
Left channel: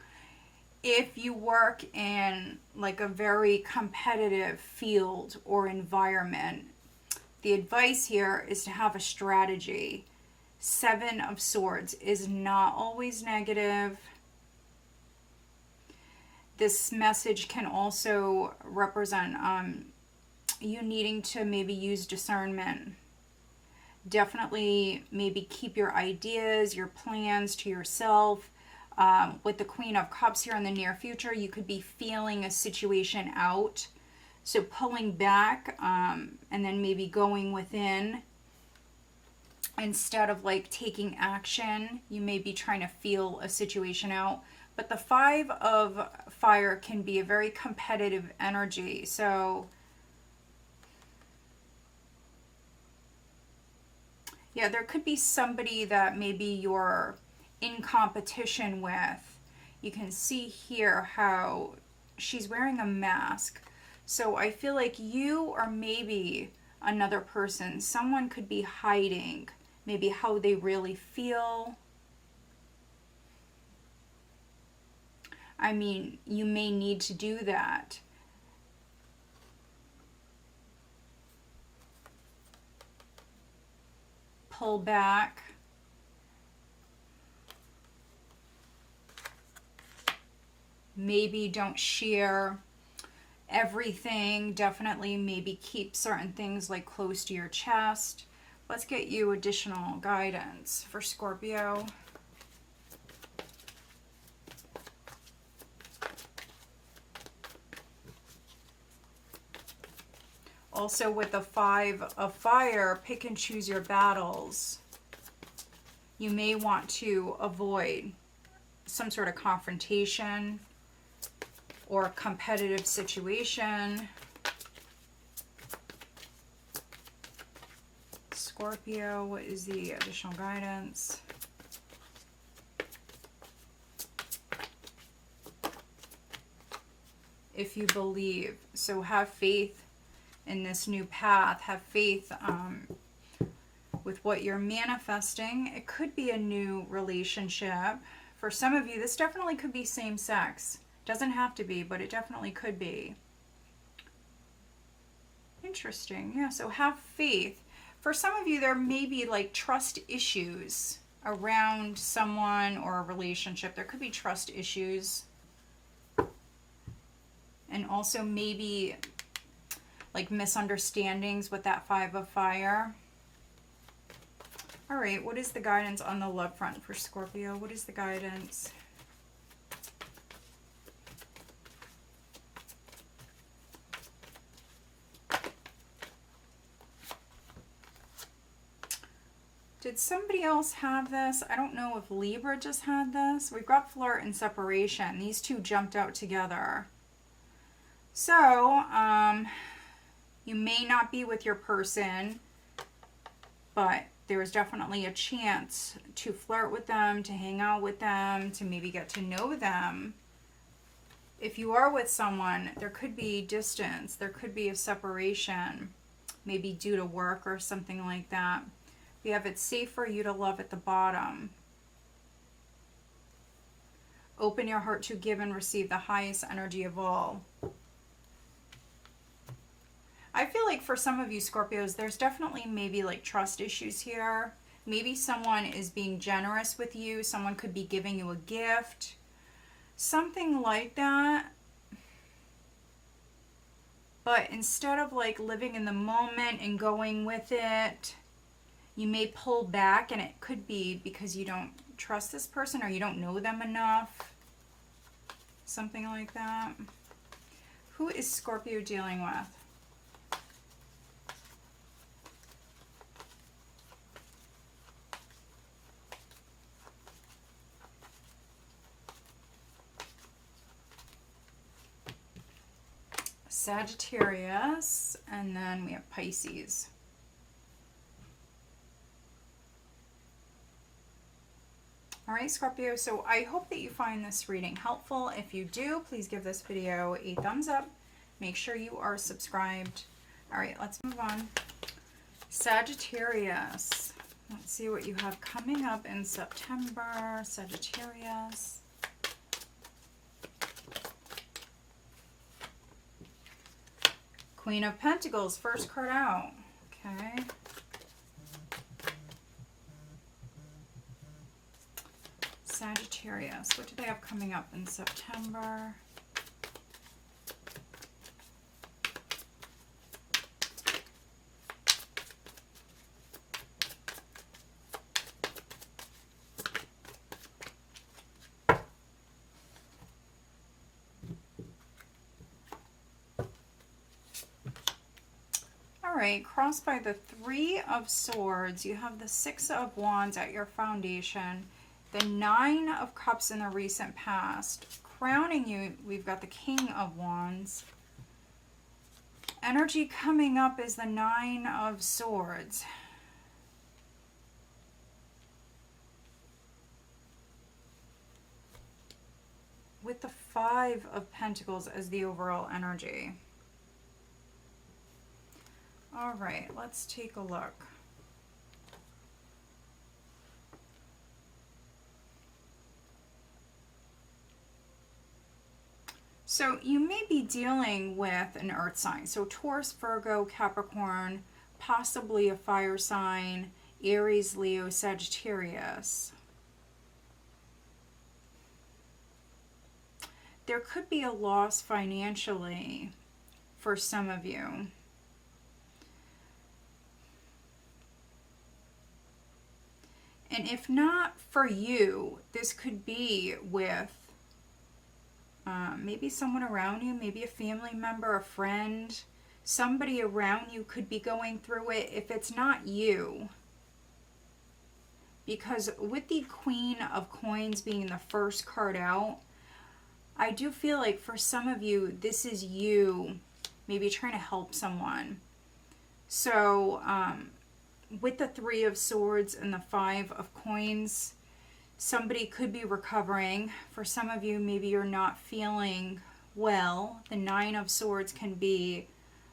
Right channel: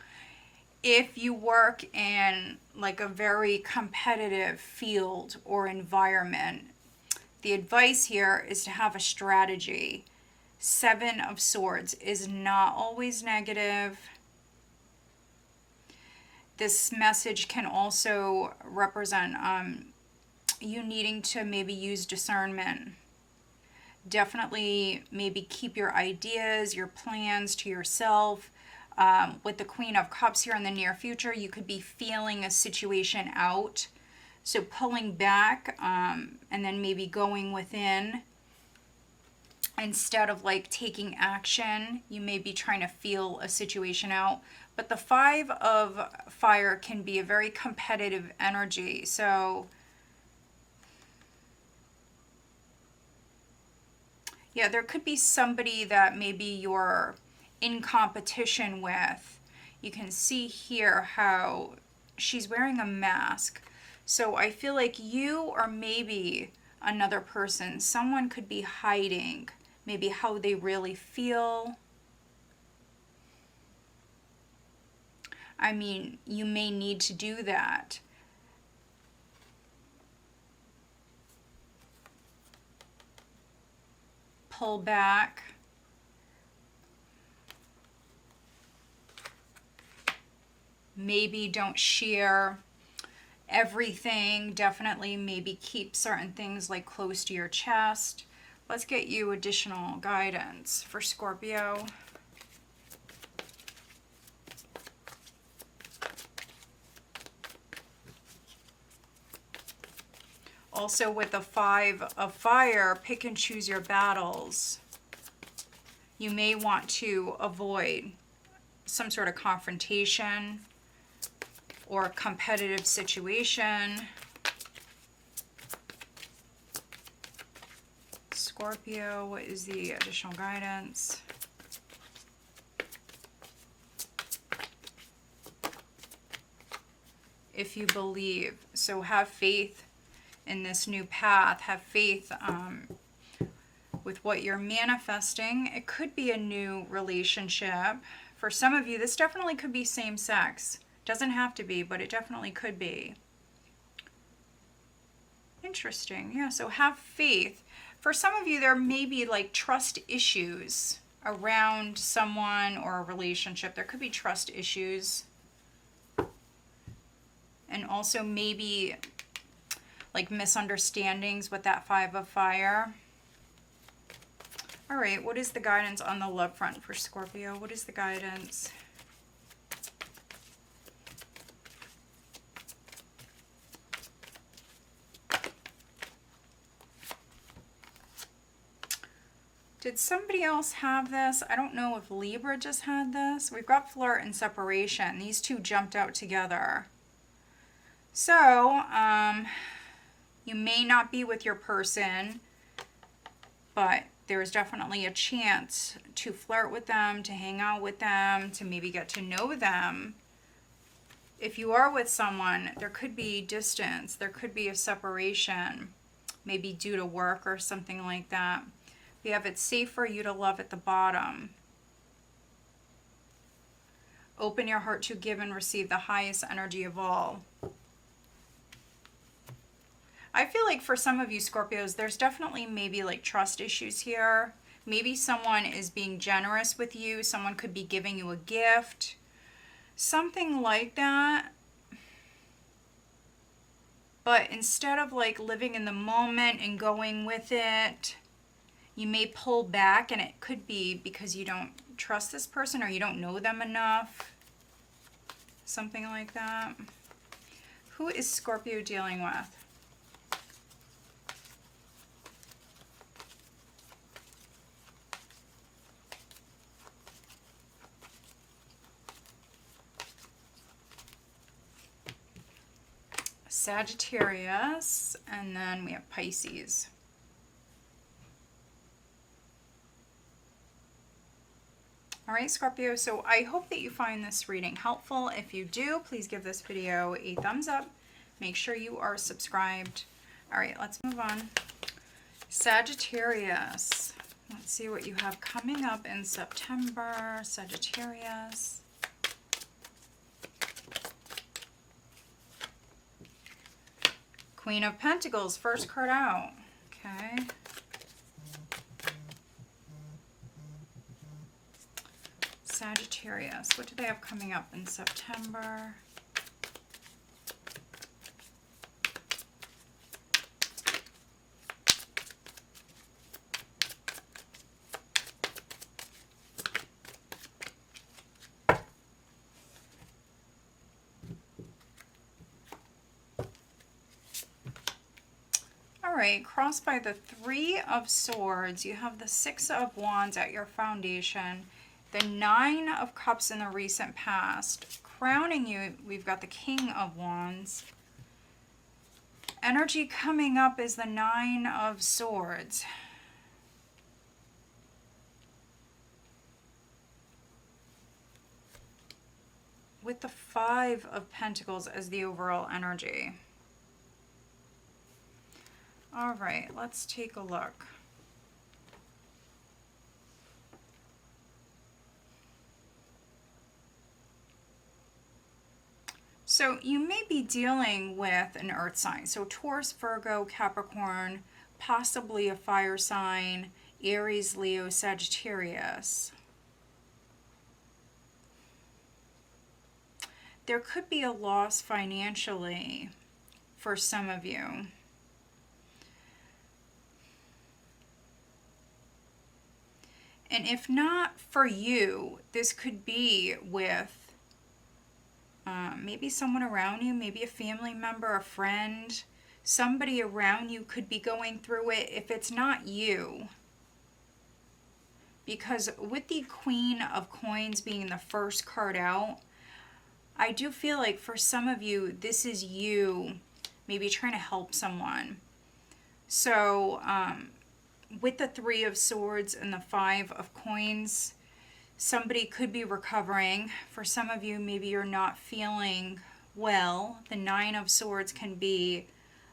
if you work in like a very competitive field or environment, the advice here is to have a strategy. 7 of Swords is not always negative. This message can also represent you needing to maybe use discernment. Definitely maybe keep your ideas, your plans to yourself. With the Queen of Cups here in the near future, you could be feeling a situation out. So pulling back and then maybe going within instead of like taking action. You may be trying to feel a situation out. But the 5 of Fire can be a very competitive energy. So yeah, there could be somebody that maybe you're in competition with. You can see here how she's wearing a mask. So I feel like you or maybe another person, someone could be hiding maybe how they really feel. I mean, you may need to do that. Pull back. Maybe don't share everything. Definitely maybe keep certain things like close to your chest. Let's get you additional guidance for Scorpio. Also with the 5 of fire, pick and choose your battles. You may want to avoid some sort of confrontation or a competitive situation. Scorpio, what is the additional guidance? If you believe. So have faith in this new path. Have faith with what you're manifesting. It could be a new relationship. For some of you, this definitely could be same sex. Doesn't have to be, but it definitely could be. Interesting. Yeah, so have faith. For some of you, there may be like trust issues around someone or a relationship. There could be trust issues. And also maybe like misunderstandings with that 5 of fire. All right, what is the guidance on the love front for Scorpio? What is the guidance? Did somebody else have this? I don't know if Libra just had this. We've got flirt and separation. These two jumped out together. So, you may not be with your person, but there's definitely a chance to flirt with them, to hang out with them, to maybe get to know them. If you are with someone, there could be distance. There could be a separation, maybe due to work or something like that. We have it's safe for you to love at the bottom. Open your heart to give and receive the highest energy of all. I feel like for some of you Scorpios, there's definitely maybe like trust issues here. Maybe someone is being generous with you. Someone could be giving you a gift. Something like that. But instead of like living in the moment and going with it, you may pull back, and it could be because you don't trust this person or you don't know them enough. Something like that. Who is Scorpio dealing with? Sagittarius, and then we have Pisces. All right, Scorpio, so I hope that you find this reading helpful. If you do, please give this video a thumbs up. Make sure you are subscribed. All right, let's move on. Sagittarius. Let's see what you have coming up in September. Sagittarius. Queen of Pentacles, first card out. Okay. Sagittarius, what do they have coming up in September? Alright, crossed by the 3 of Swords, you have the 6 of Wands at your foundation, the 9 of Cups in the recent past. Crowning you, we've got the King of Wands. Energy coming up is the 9 of Swords. With the 5 of Pentacles as the overall energy. All right, let's take a look. So you may be dealing with an earth sign. So Taurus, Virgo, Capricorn, possibly a fire sign, Aries, Leo, Sagittarius. There could be a loss financially for some of you. And if not for you, this could be with maybe someone around you, maybe a family member, a friend, Somebody around you could be going through it if it's not you. Because with the Queen of Coins being the first card out, I do feel like for some of you, this is you maybe trying to help someone. So with the Three of Swords and the Five of Coins, somebody could be recovering. For some of you, maybe you're not feeling well. The Nine of Swords can be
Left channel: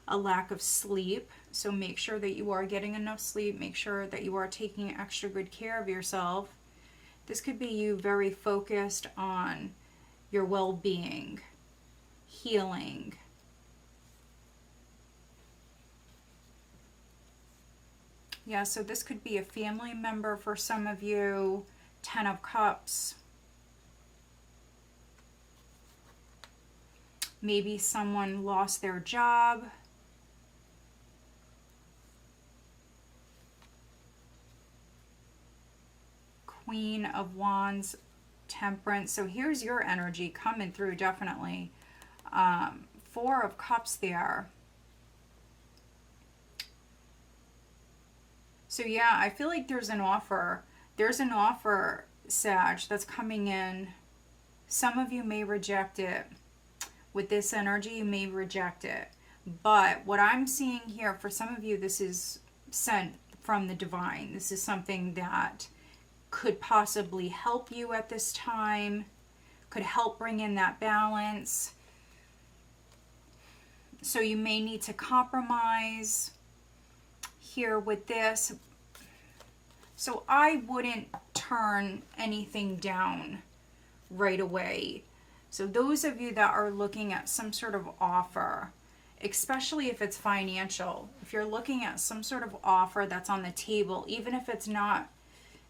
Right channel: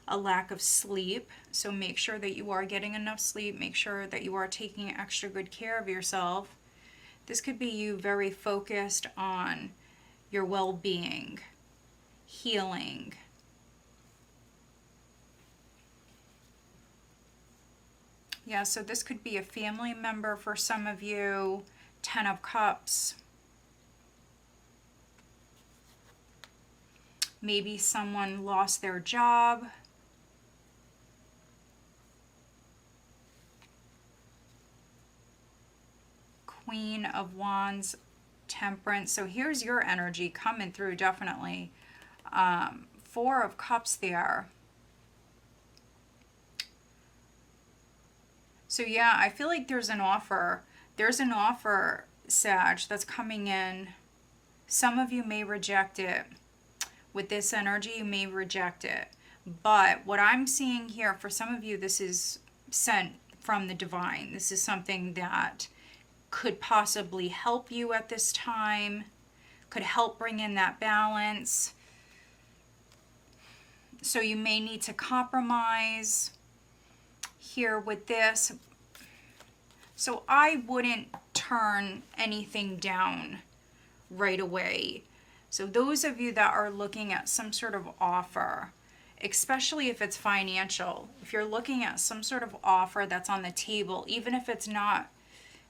a lack of sleep. So make sure that you are getting enough sleep. Make sure that you are taking extra good care of yourself. This could be you very focused on your well-being, healing. Yeah, so this could be a family member for some of you. Ten of Cups. Maybe someone lost their job. Queen of Wands, Temperance. So here's your energy coming through, definitely. Four of Cups there. So yeah, I feel like there's an offer. There's an offer, Sag, that's coming in. Some of you may reject it. With this energy, you may reject it. But what I'm seeing here, for some of you, this is sent from the divine. This is something that could possibly help you at this time, could help bring in that balance. So you may need to compromise here with this. So I wouldn't turn anything down right away. So those of you that are looking at some sort of offer, especially if it's financial, if you're looking at some sort of offer that's on the table, even if it's not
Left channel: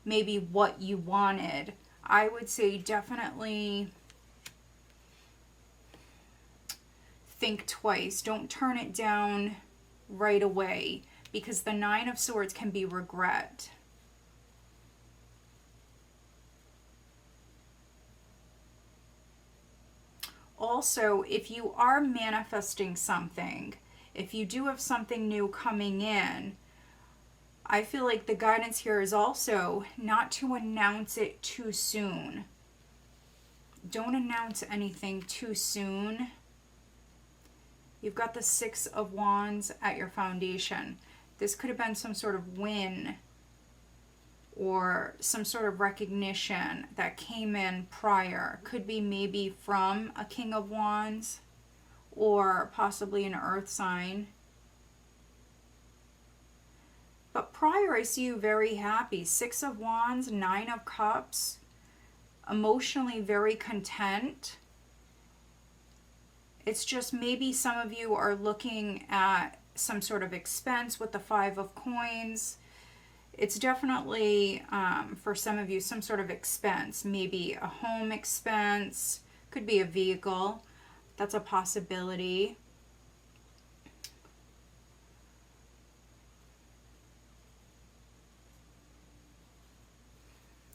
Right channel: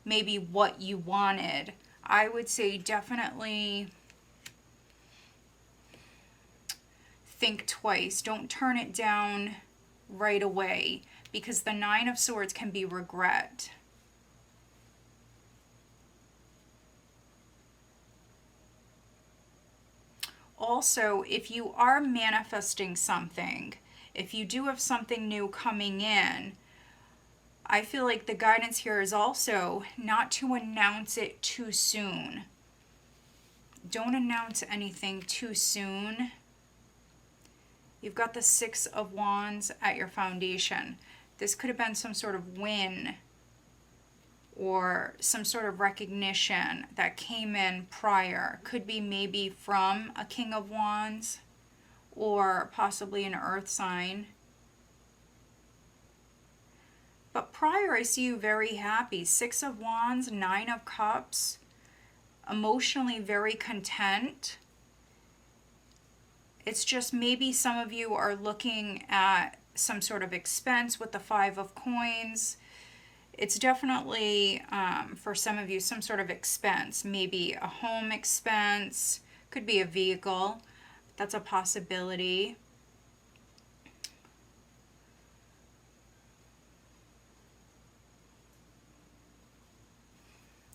maybe what you wanted, I would say definitely think twice. Don't turn it down right away, because the Nine of Swords can be regret. Also, if you are manifesting something, if you do have something new coming in, I feel like the guidance here is also not to announce it too soon. Don't announce anything too soon. You've got the Six of Wands at your foundation. This could have been some sort of win or some sort of recognition that came in prior. Could be maybe from a King of Wands or possibly an earth sign. But prior, I see you very happy. Six of Wands, Nine of Cups, emotionally very content. It's just maybe some of you are looking at some sort of expense with the Five of Coins. It's definitely, for some of you, some sort of expense. Maybe a home expense. Could be a vehicle. That's a possibility.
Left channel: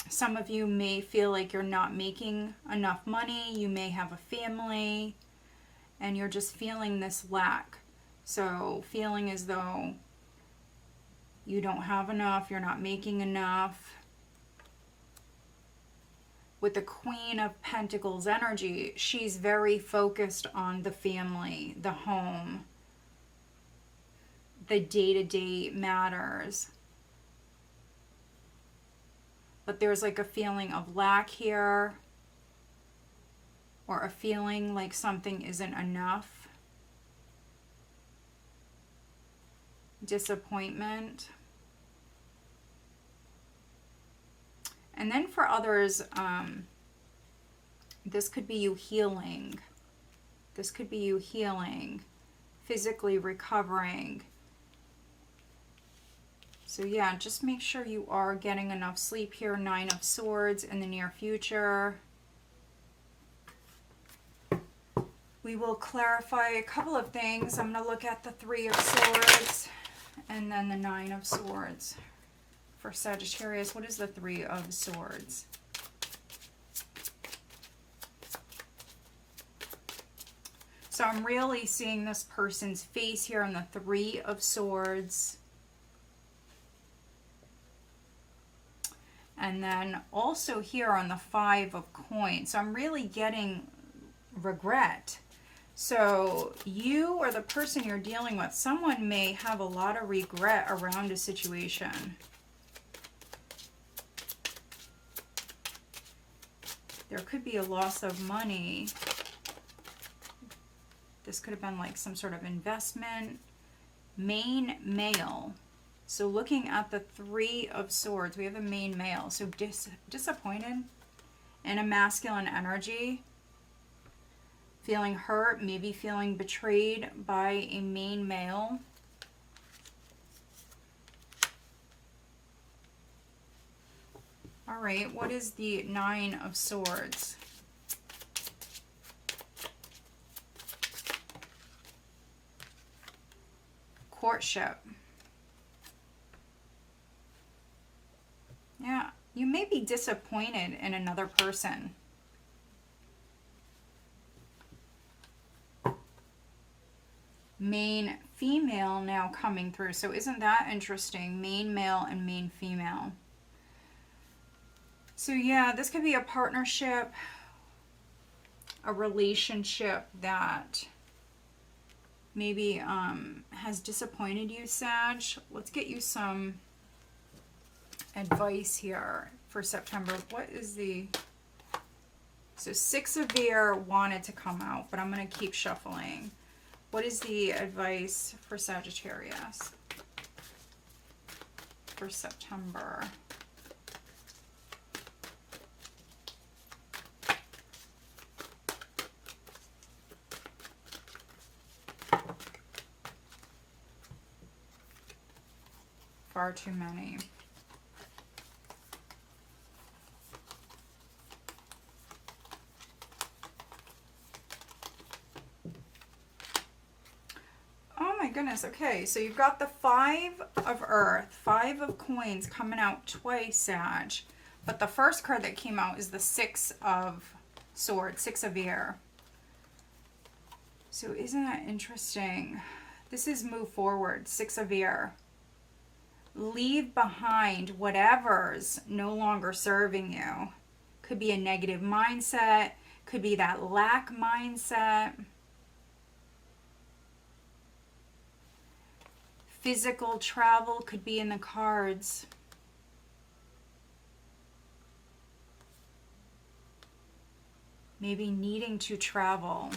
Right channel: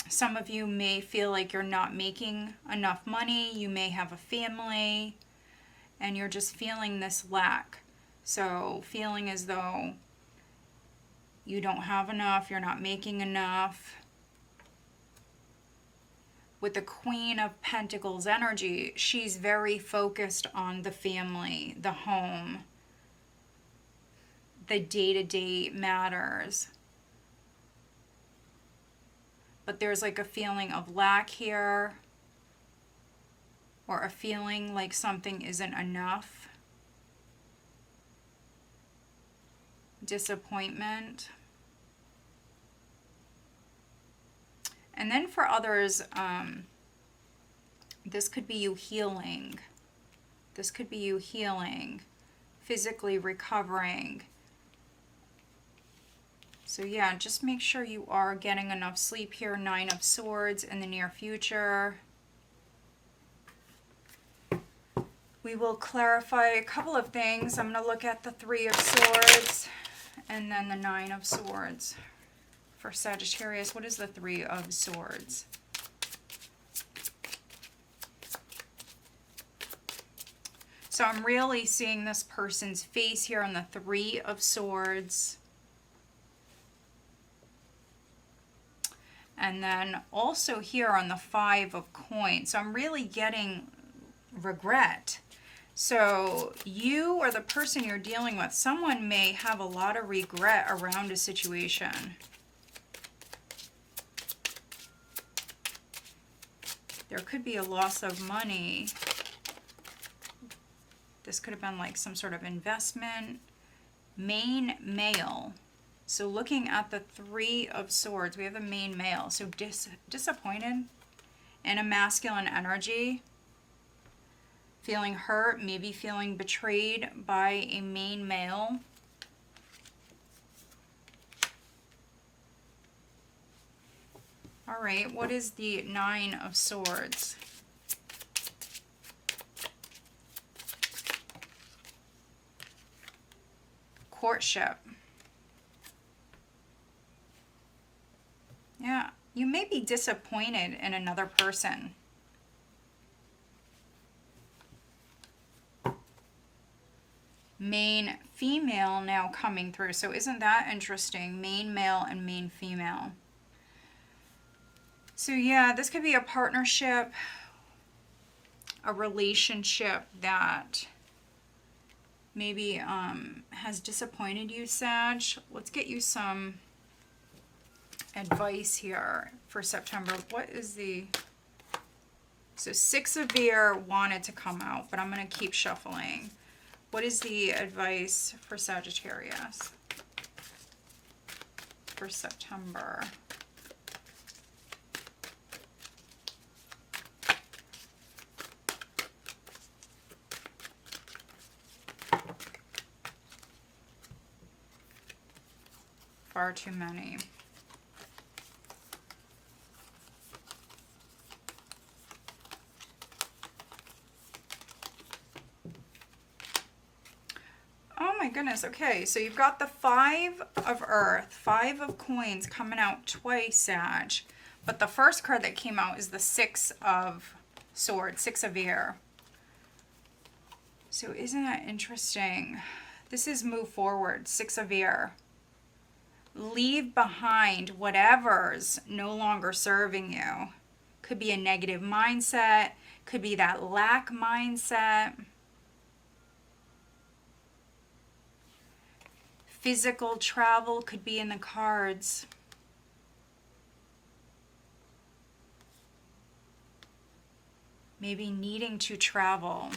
Some of you may feel like you're not making enough money. You may have a family and you're just feeling this lack. So feeling as though you don't have enough, you're not making enough. With the Queen of Pentacles energy, she's very focused on the family, the home, the day-to-day matters. But there's like a feeling of lack here, or a feeling like something isn't enough. Disappointment. And then for others, this could be you healing. This could be you healing, physically recovering. So yeah, just make sure you are getting enough sleep here. Nine of Swords in the near future. We will clarify a couple of things. I'm going to look at the Three of Swords and then the Nine of Swords. For Sagittarius, what is the Three of Swords? So I'm really seeing this person's face here on the Three of Swords. And then also here on the Five of Coins. So I'm really getting regret. So you or the person you're dealing with, someone may have a lot of regret around a situation. There could be a loss of money. This could have been like some sort of investment. Main male. So looking at the Three of Swords, we have the main male. So disappointed in a masculine energy. Feeling hurt, maybe feeling betrayed by a main male. All right, what is the Nine of Swords? Courtship. Yeah, you may be disappointed in another person. Main female now coming through. So isn't that interesting? Main male and main female. So yeah, this could be a partnership, a relationship that maybe has disappointed you, Sag. Let's get you some advice here for September. What is the... So Six of Beer wanted to come out, but I'm going to keep shuffling. What is the advice for Sagittarius for September? Far too many. Oh my goodness. Okay, so you've got the Five of Earth, Five of Coins coming out twice, Sag. But the first card that came out is the Six of Swords, Six of Air. So isn't that interesting? This is move forward, Six of Air. Leave behind whatever's no longer serving you. Could be a negative mindset. Could be that lack mindset. Physical travel could be in the cards. Maybe needing to travel.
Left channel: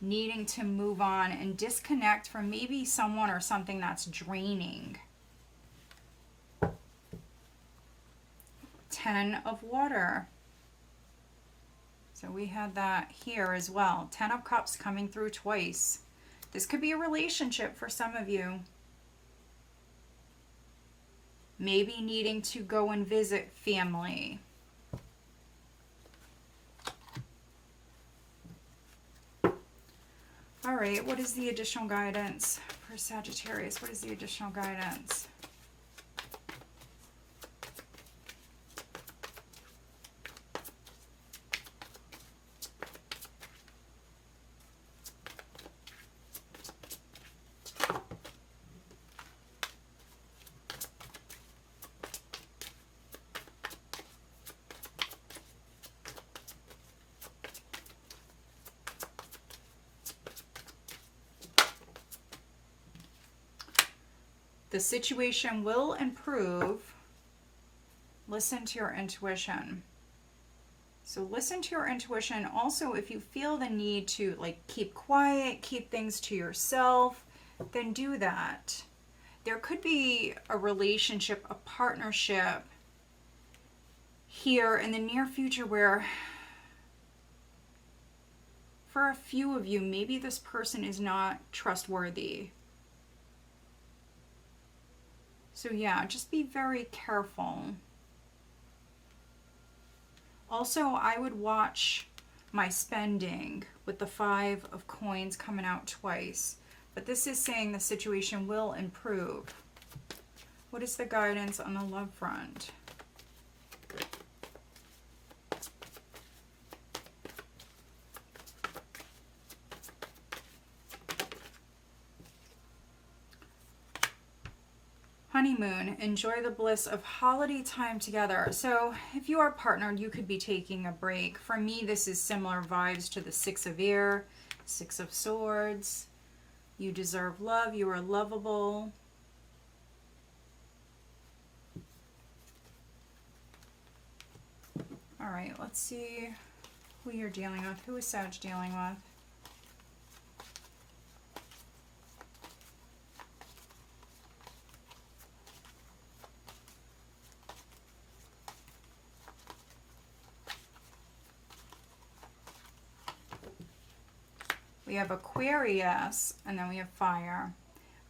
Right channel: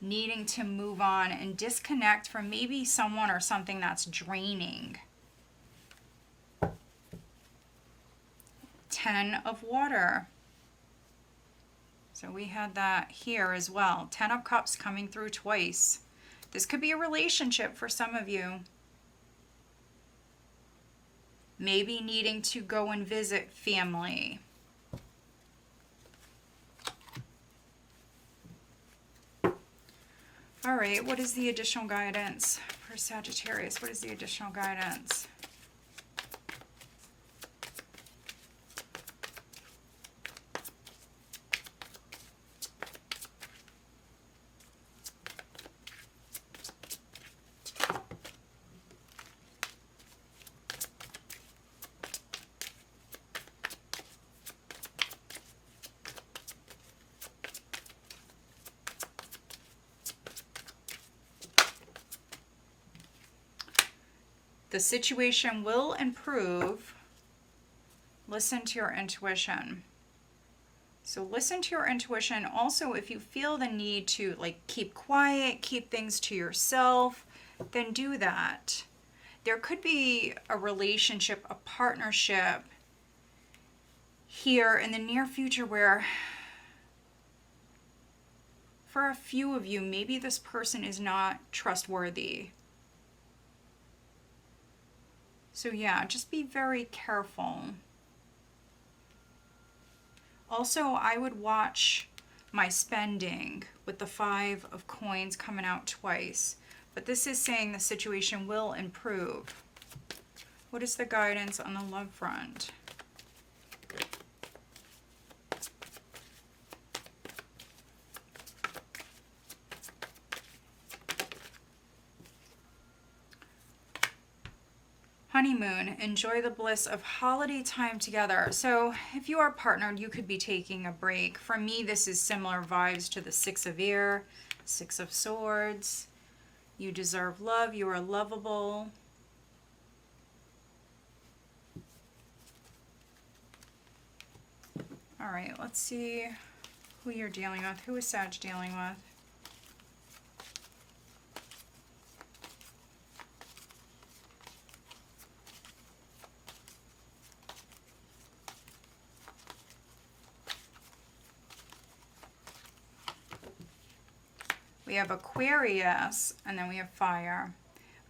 Needing to move on and disconnect from maybe someone or something that's draining. 10 of Water. So we had that here as well. 10 of Cups coming through twice. This could be a relationship for some of you. Maybe needing to go and visit family. All right, what is the additional guidance for Sagittarius? What is the additional guidance? The situation will improve. Listen to your intuition. So listen to your intuition. Also, if you feel the need to like keep quiet, keep things to yourself, then do that. There could be a relationship, a partnership here in the near future where for a few of you, maybe this person is not trustworthy. So yeah, just be very careful. Also, I would watch my spending with the Five of Coins coming out twice. But this is saying the situation will improve. What is the guidance on the love front? honeymoon. Enjoy the bliss of holiday time together. So if you are partnered, you could be taking a break. For me, this is similar vibes to the Six of Air, Six of Swords. You deserve love. You are lovable. All right, let's see who you're dealing with. Who is Sag dealing with? We have Aquarius, and then we have fire.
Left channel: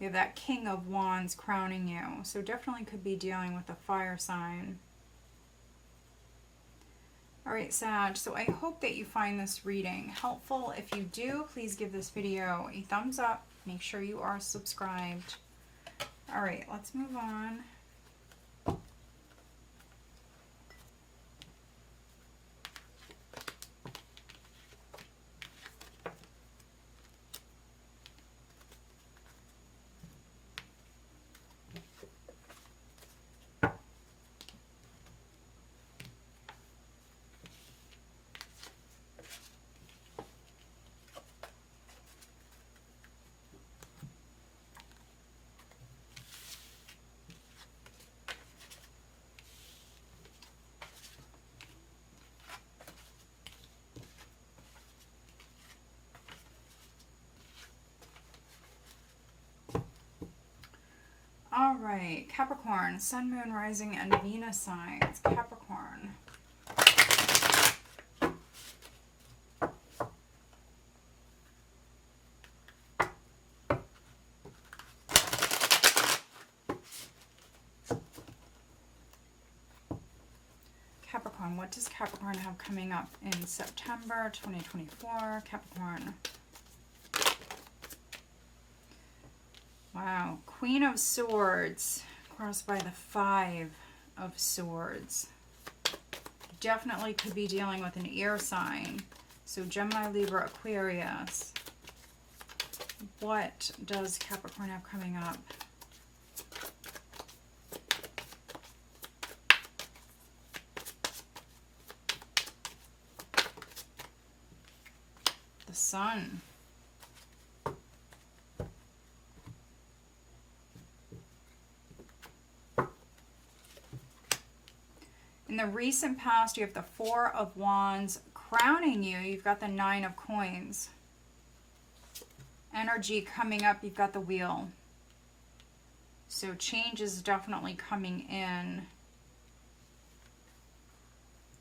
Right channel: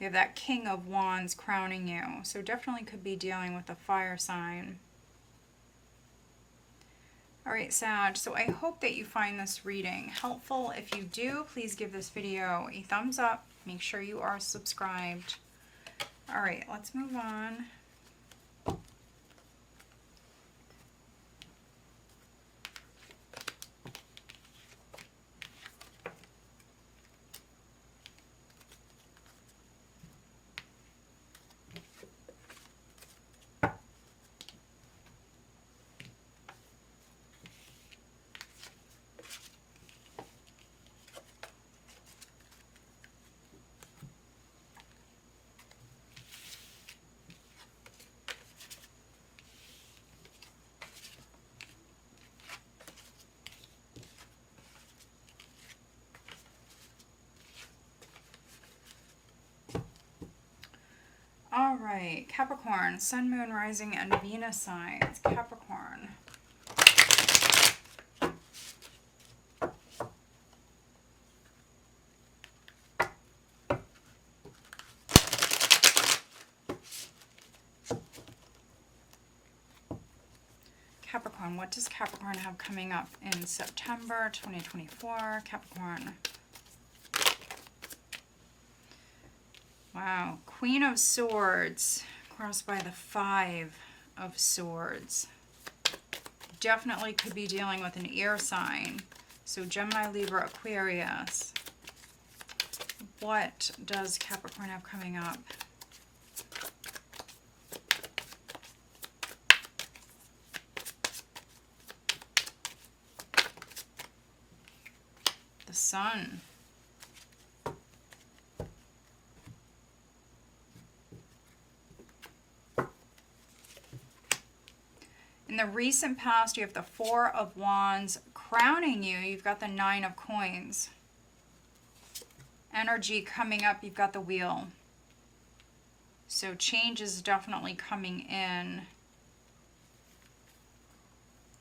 We have that King of Wands crowning you. So definitely could be dealing with a fire sign. All right, Sag, so I hope that you find this reading helpful. If you do, please give this video a thumbs up. Make sure you are subscribed. All right, let's move on. All right, Capricorn, Sun, Moon, Rising, and Venus signs. Capricorn. Capricorn, what does Capricorn have coming up in September 2024? Capricorn. Wow, Queen of Swords crossed by the Five of Swords. Definitely could be dealing with an air sign. So Gemini, Libra, Aquarius. What does Capricorn have coming up? The Sun. In the recent past, you have the Four of Wands crowning you. You've got the Nine of Coins. Energy coming up, you've got the Wheel. So change is definitely coming in.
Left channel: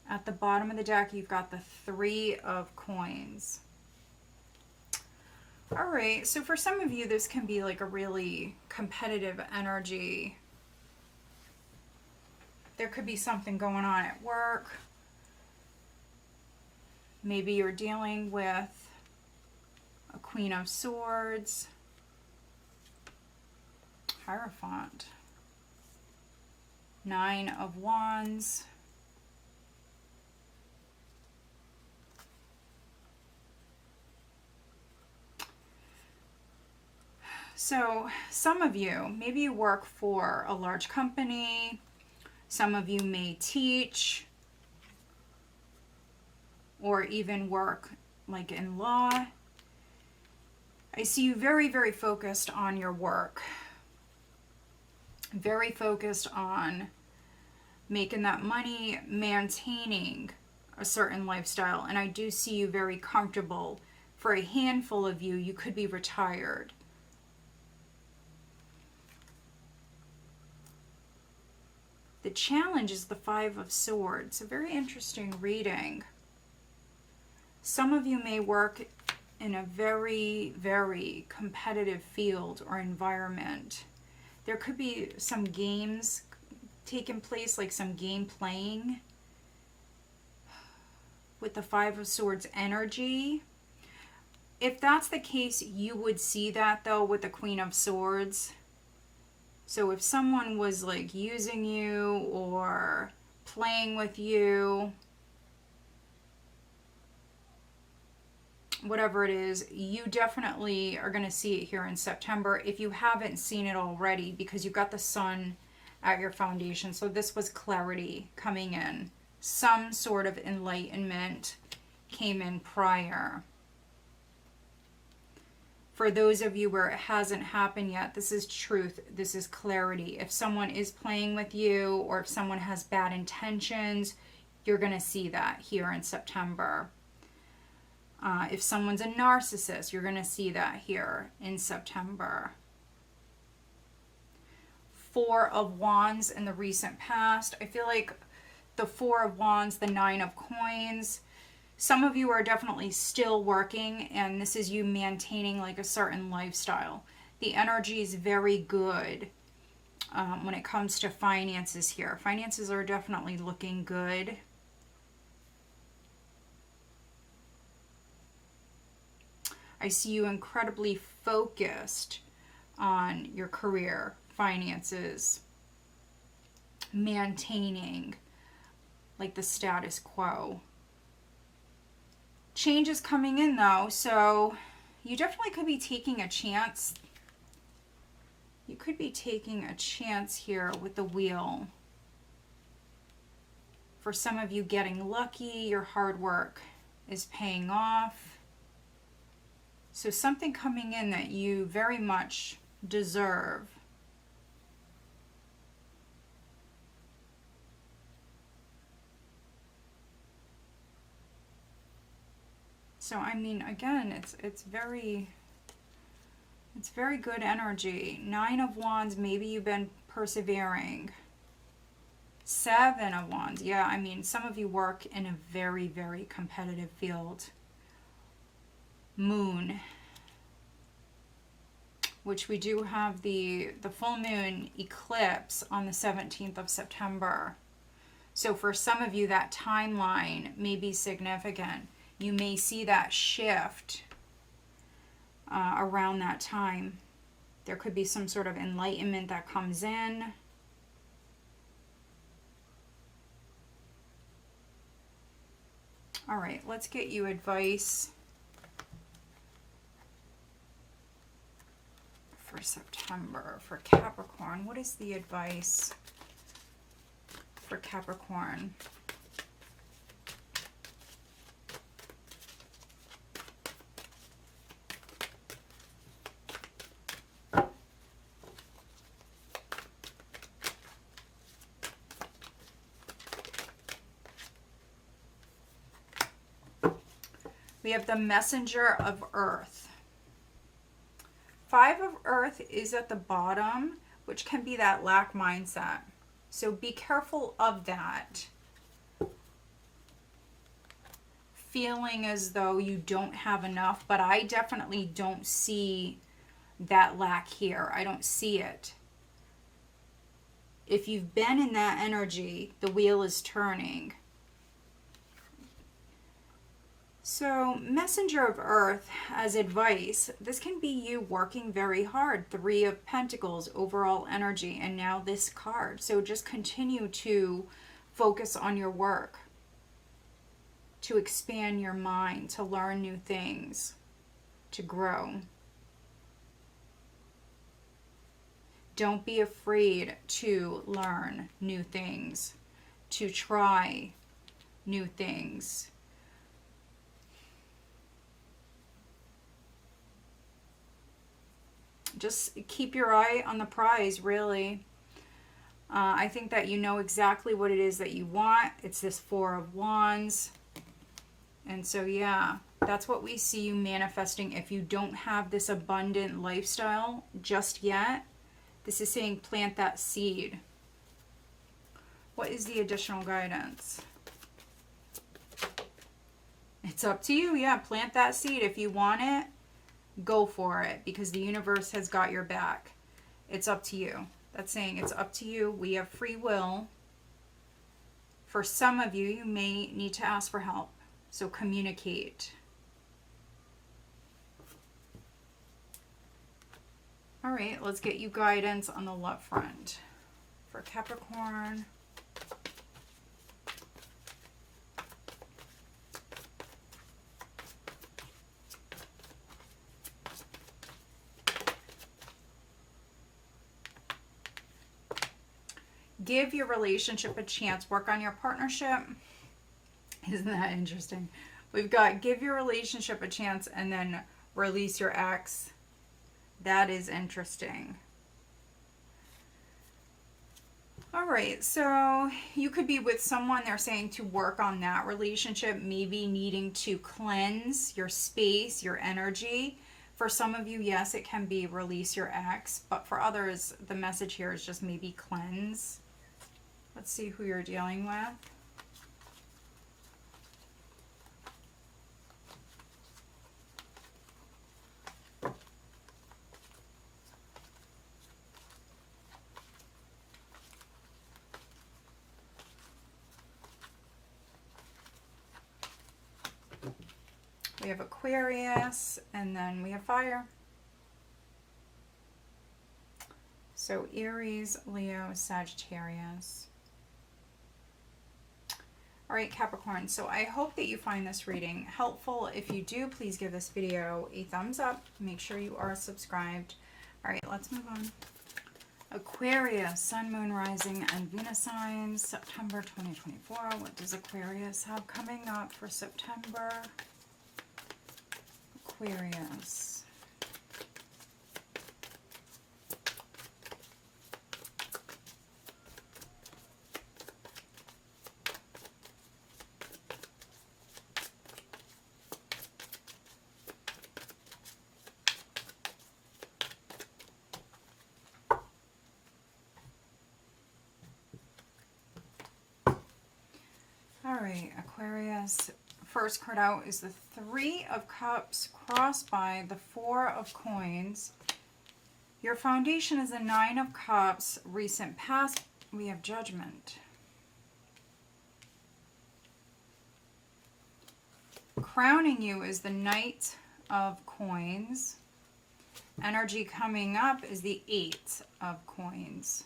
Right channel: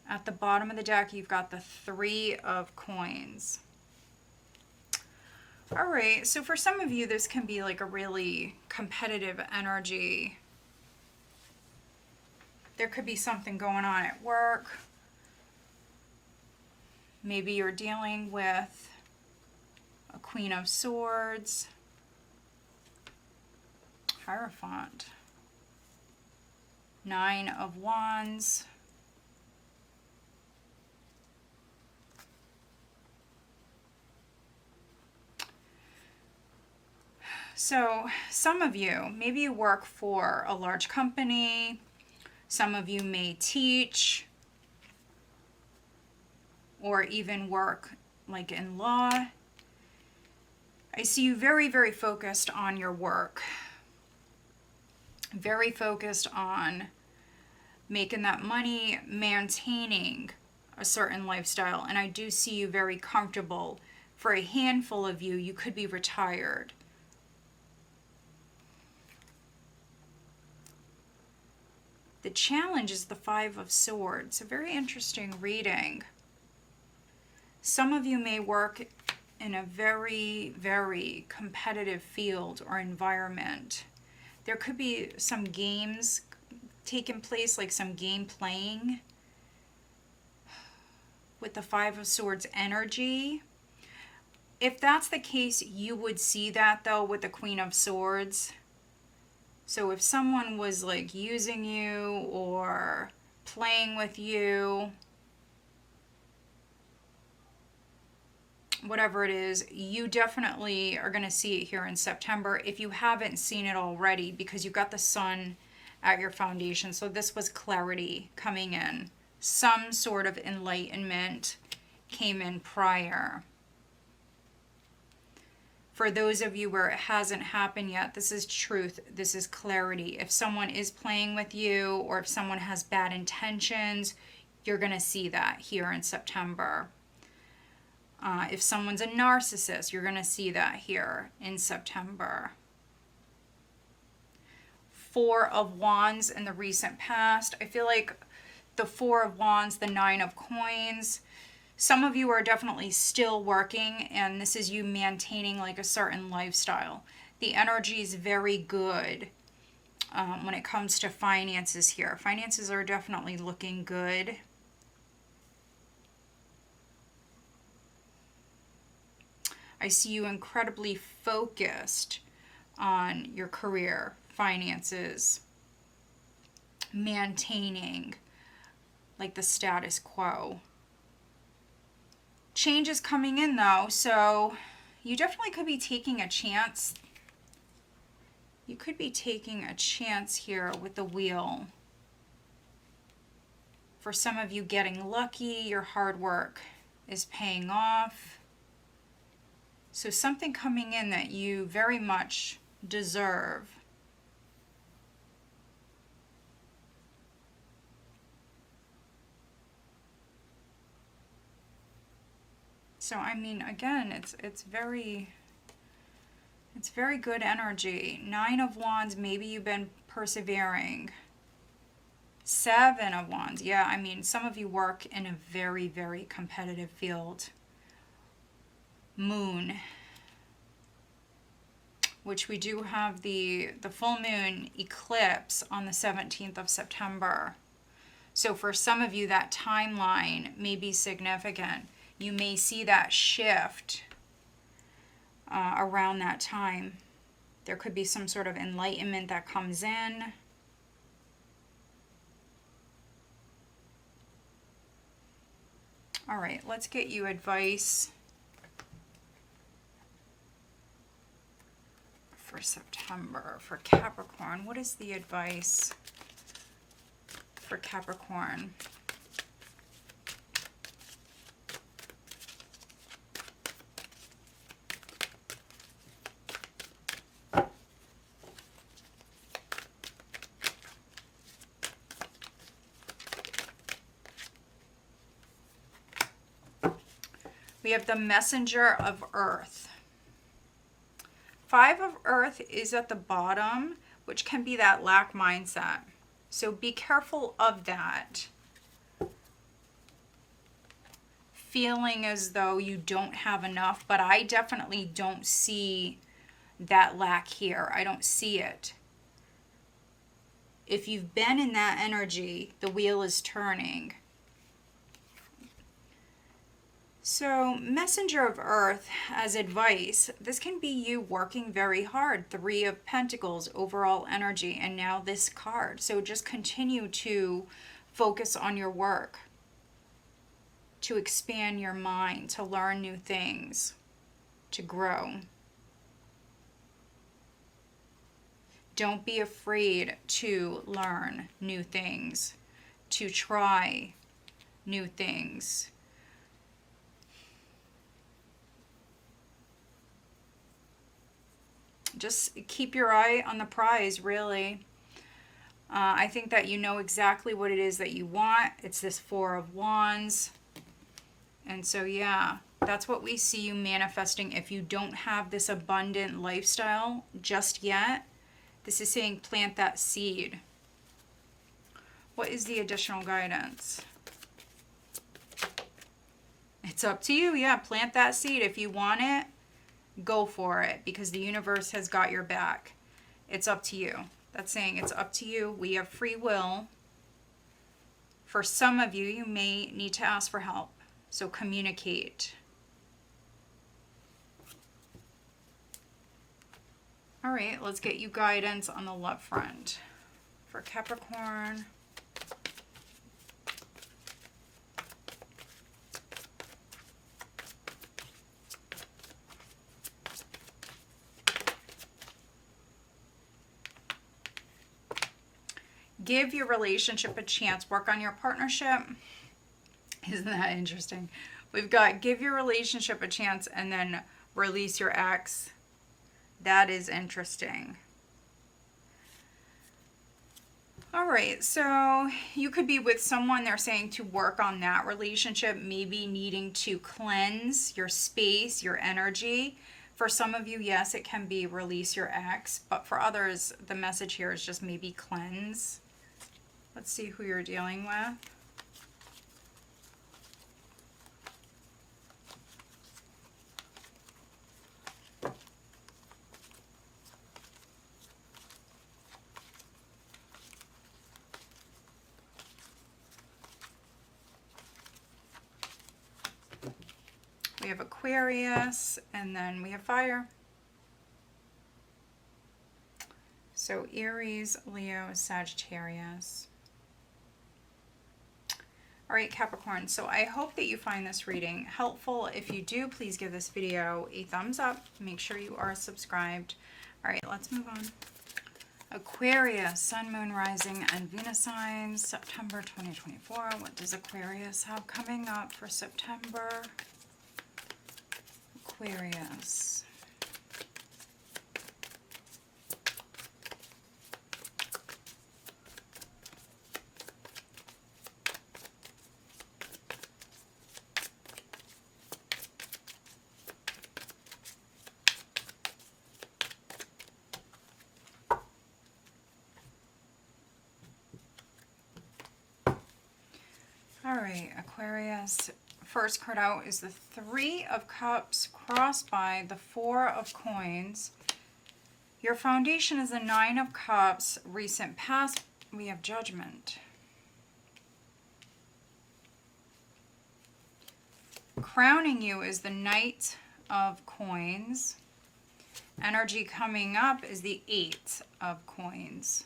At the bottom of the deck, you've got the Three of Coins. All right, so for some of you, this can be like a really competitive energy. There could be something going on at work. Maybe you're dealing with a Queen of Swords, Hierophant, Nine of Wands, so some of you, maybe you work for a large company. Some of you may teach or even work like in law. I see you very, very focused on your work. Very focused on making that money, maintaining a certain lifestyle. And I do see you very comfortable. For a handful of you, you could be retired. The challenge is the Five of Swords. A very interesting reading. Some of you may work in a very, very competitive field or environment. There could be some games taking place, like some game playing with the Five of Swords energy. If that's the case, you would see that though with the Queen of Swords. So if someone was like using you or playing with you, whatever it is, you definitely are going to see it here in September if you haven't seen it already, because you've got the sun at your foundation. So this was clarity coming in. Some sort of enlightenment came in prior. For those of you where it hasn't happened yet, this is truth. This is clarity. If someone is playing with you, or if someone has bad intentions, you're going to see that here in September. If someone's a narcissist, you're going to see that here in September. Four of Wands in the recent past. I feel like the Four of Wands, the Nine of Coins, some of you are definitely still working, and this is you maintaining like a certain lifestyle. The energy is very good when it comes to finances here. Finances are definitely looking good. I see you incredibly focused on your career, finances, maintaining like the status quo. Change is coming in though, so you definitely could be taking a chance. You could be taking a chance here with the Wheel. For some of you, getting lucky, your hard work is paying off. So something coming in that you very much deserve. So I mean, again, it's very good energy. Nine of Wands, maybe you've been persevering. Seven of Wands, yeah, I mean, some of you work in a very, very competitive field. Moon, which we do have the full moon eclipse on the 17th of September. So for some of you, that timeline may be significant. You may see that shift around that time. There could be some sort of enlightenment that comes in. All right, let's get you advice for September for Capricorn. What is the advice for Capricorn? We have the Messenger of Earth. Five of Earth is at the bottom, which can be that lack mindset. So be careful of that. Feeling as though you don't have enough, but I definitely don't see that lack here. I don't see it. If you've been in that energy, the wheel is turning. So, Messenger of Earth, as advice, this can be you working very hard. Three of Pentacles, overall energy, and now this card. So just continue to focus on your work, to expand your mind, to learn new things, to grow. Don't be afraid to learn new things, to try new things. Just keep your eye on the prize, really. I think that you know exactly what it is that you want. It's this Four of Wands. And so, yeah, that's what we see you manifesting. If you don't have this abundant lifestyle just yet, this is saying plant that seed. What is the additional guidance? It's up to you. Yeah, plant that seed. If you want it, go for it, because the universe has got your back. It's up to you. That's saying it's up to you. We have free will. For some of you, you may need to ask for help. So communicate. All right, let's get you guidance on the love front for Capricorn. give your relationship a chance. Work on your partnership. Isn't that interesting? We've got give your relationship a chance and then release your ex. That is interesting. All right, so you could be with someone, they're saying to work on that relationship, maybe needing to cleanse your space, your energy. For some of you, yes, it can be release your ex, but for others, the message here is just maybe cleanse. Let's see who you're dealing with. We have Aquarius, and then we have fire. So Aries, Leo, Sagittarius. All right, Capricorn, so I hope that you find this reading helpful. If you do, please give this video a thumbs up. Make sure you are subscribed. All right, let's move on. Aquarius, Sun, Moon, Rising, and Venus signs, September 2024. What does Aquarius have coming up for September? Aquarius. All right, Aquarius. First card out is the Three of Cups crossed by the Four of Coins. Your foundation is the Nine of Cups. Recent past, we have Judgment. Crowning you is the Knight of Coins. Energy coming up is the Eight of Coins.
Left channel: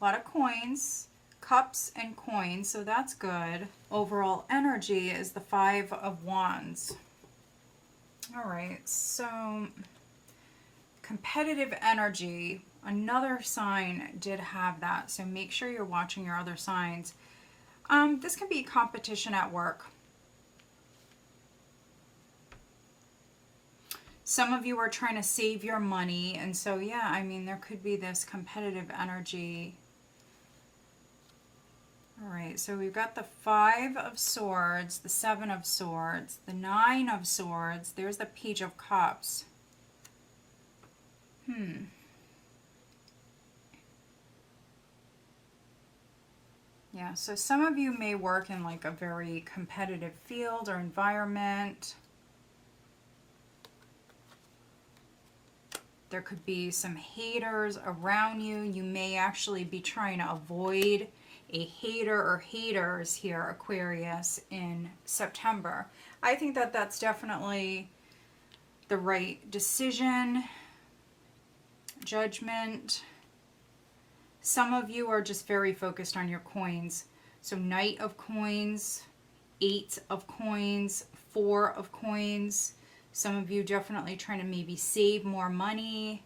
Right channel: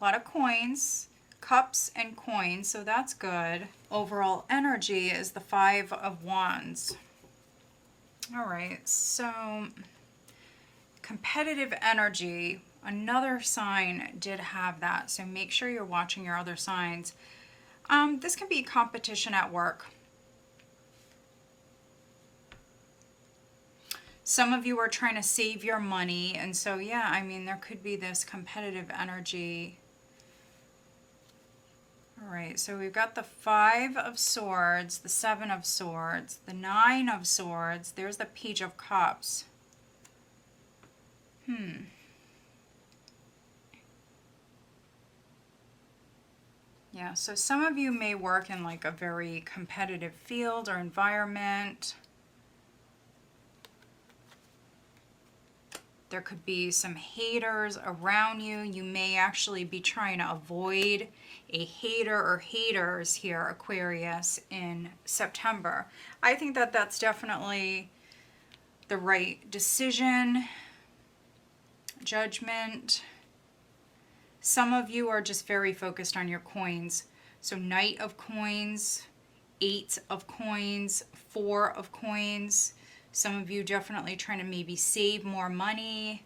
A lot of coins. Cups and coins, so that's good. Overall energy is the Five of Wands. All right, so competitive energy, another sign did have that, so make sure you're watching your other signs. This can be competition at work. Some of you are trying to save your money, and so yeah, I mean, there could be this competitive energy. All right, so we've got the Five of Swords, the Seven of Swords, the Nine of Swords. There's the Page of Cups. Yeah, so some of you may work in like a very competitive field or environment. There could be some haters around you. You may actually be trying to avoid a hater or haters here, Aquarius, in September. I think that that's definitely the right decision. Judgment. Some of you are just very focused on your coins. So Knight of Coins, Eight of Coins, Four of Coins. Some of you definitely trying to maybe save more money,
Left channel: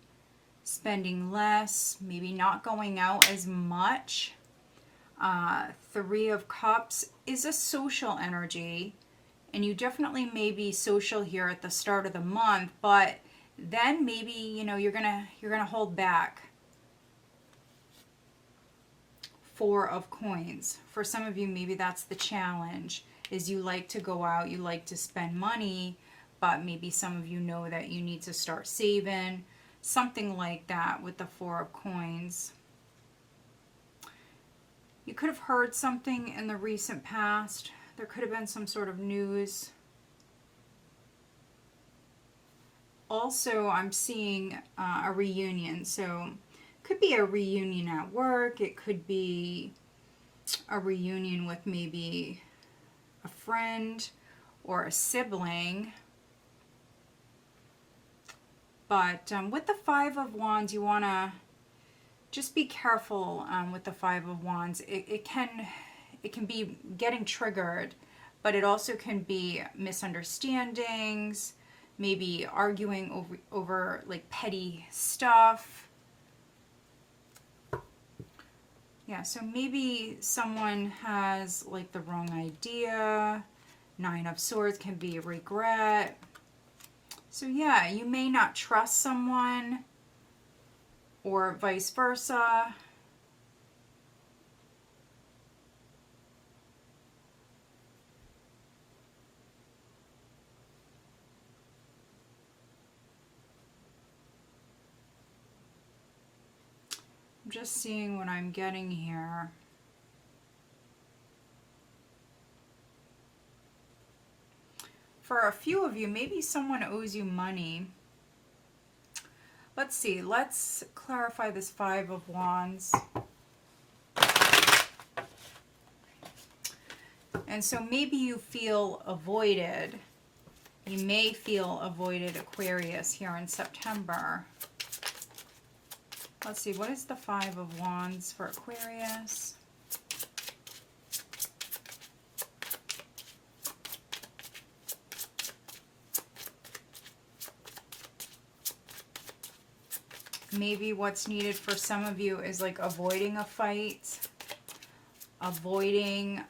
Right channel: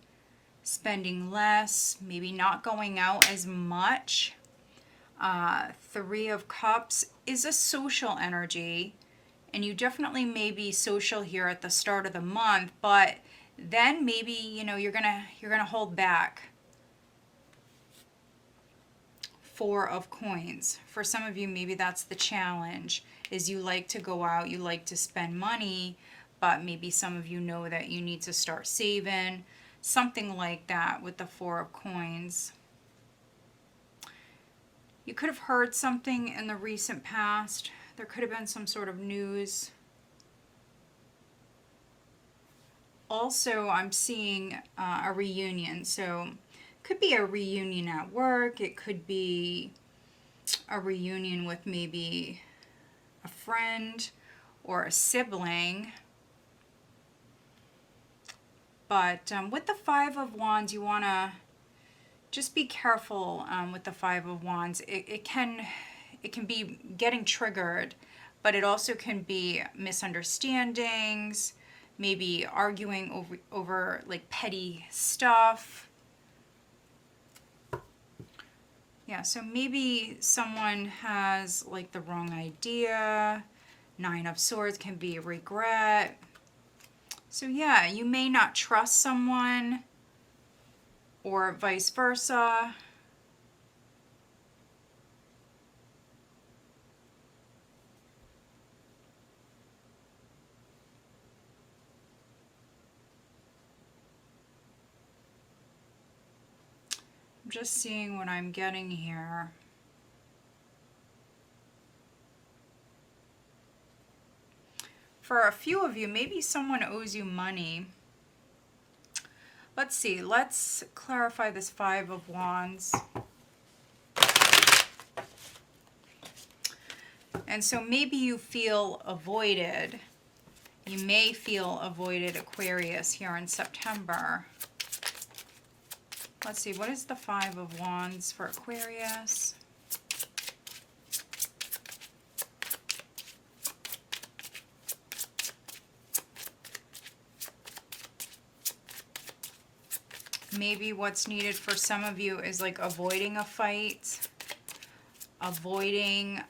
spending less, maybe not going out as much. Three of Cups is a social energy, and you definitely may be social here at the start of the month, but then maybe, you know, you're gonna hold back. Four of Coins. For some of you, maybe that's the challenge, is you like to go out, you like to spend money, but maybe some of you know that you need to start saving. Something like that with the Four of Coins. You could have heard something in the recent past. There could have been some sort of news. Also, I'm seeing a reunion. So it could be a reunion at work. It could be a reunion with maybe a friend or a sibling. But with the Five of Wands, you want to just be careful with the Five of Wands. It can be getting triggered, but it also can be misunderstandings, maybe arguing over like petty stuff. Yeah, so maybe someone has like the wrong idea. Nine of Swords can be regret. So yeah, you may not trust someone or vice versa. I'm just seeing what I'm getting here. For a few of you, maybe someone owes you money. Let's see. Let's clarify this Five of Wands. And so maybe you feel avoided. You may feel avoided, Aquarius, here in September. Let's see. What is the Five of Wands for Aquarius? Maybe what's needed for some of you is like avoiding a fight, avoiding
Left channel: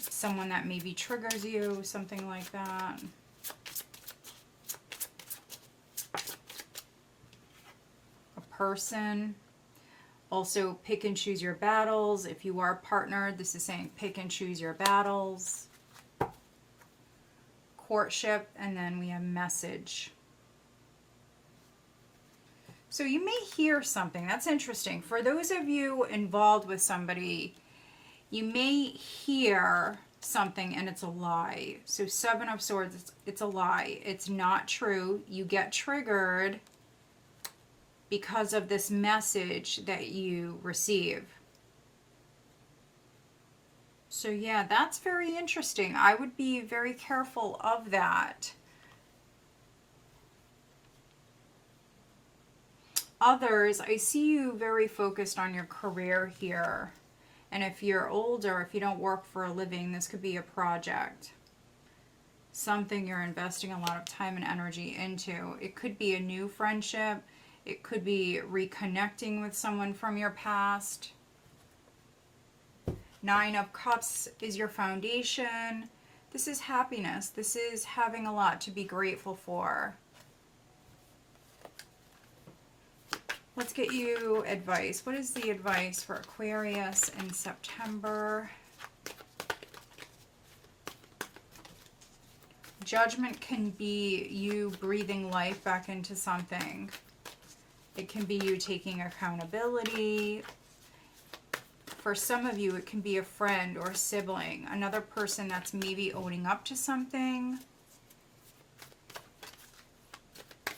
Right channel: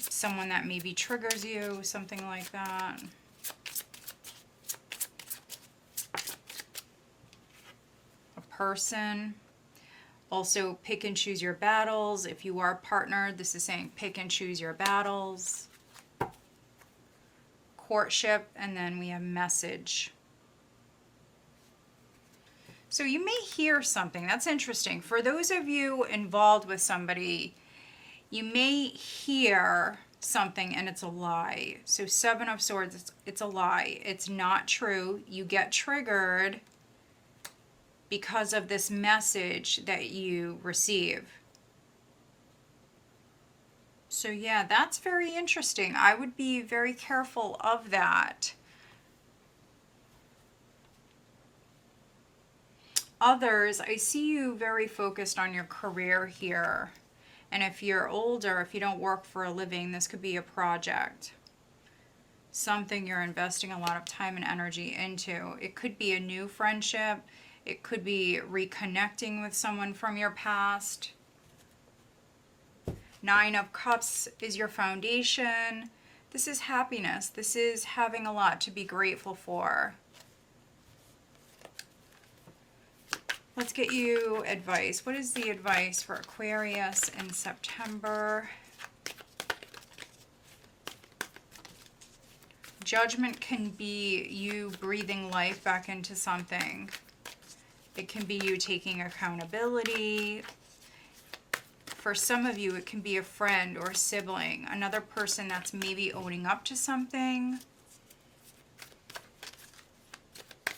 someone that maybe triggers you, something like that. A person. Also, pick and choose your battles. If you are partnered, this is saying pick and choose your battles. Courtship, and then we have message. So you may hear something. That's interesting. For those of you involved with somebody, you may hear something and it's a lie. So Seven of Swords, it's a lie. It's not true. You get triggered because of this message that you receive. So yeah, that's very interesting. I would be very careful of that. Others, I see you very focused on your career here. And if you're older, if you don't work for a living, this could be a project. Something you're investing a lot of time and energy into. It could be a new friendship. It could be reconnecting with someone from your past. Nine of Cups is your foundation. This is happiness. This is having a lot to be grateful for. Let's get you advice. What is the advice for Aquarius in September? Judgment can be you breathing life back into something. It can be you taking accountability. For some of you, it can be a friend or a sibling, another person that's maybe owning up to something.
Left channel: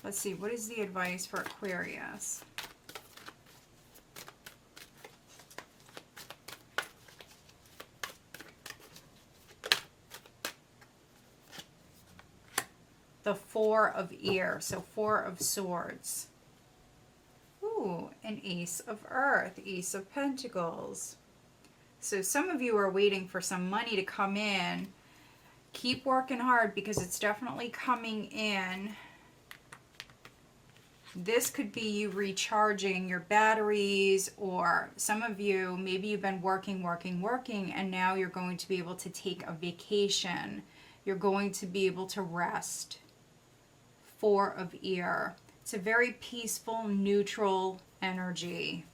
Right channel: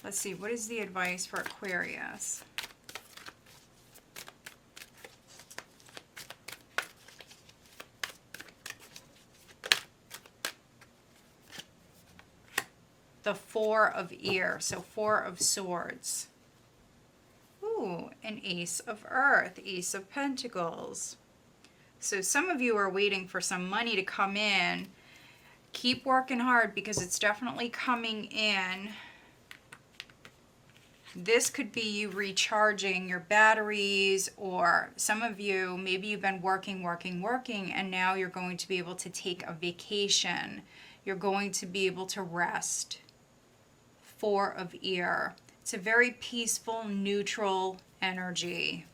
Let's see, what is the advice for Aquarius? The Four of Ears, so Four of Swords. Ooh, an Ace of Earth, Ace of Pentacles. So some of you are waiting for some money to come in. Keep working hard because it's definitely coming in. This could be you recharging your batteries, or some of you, maybe you've been working, and now you're going to be able to take a vacation. You're going to be able to rest. Four of Ear. It's a very peaceful, neutral energy.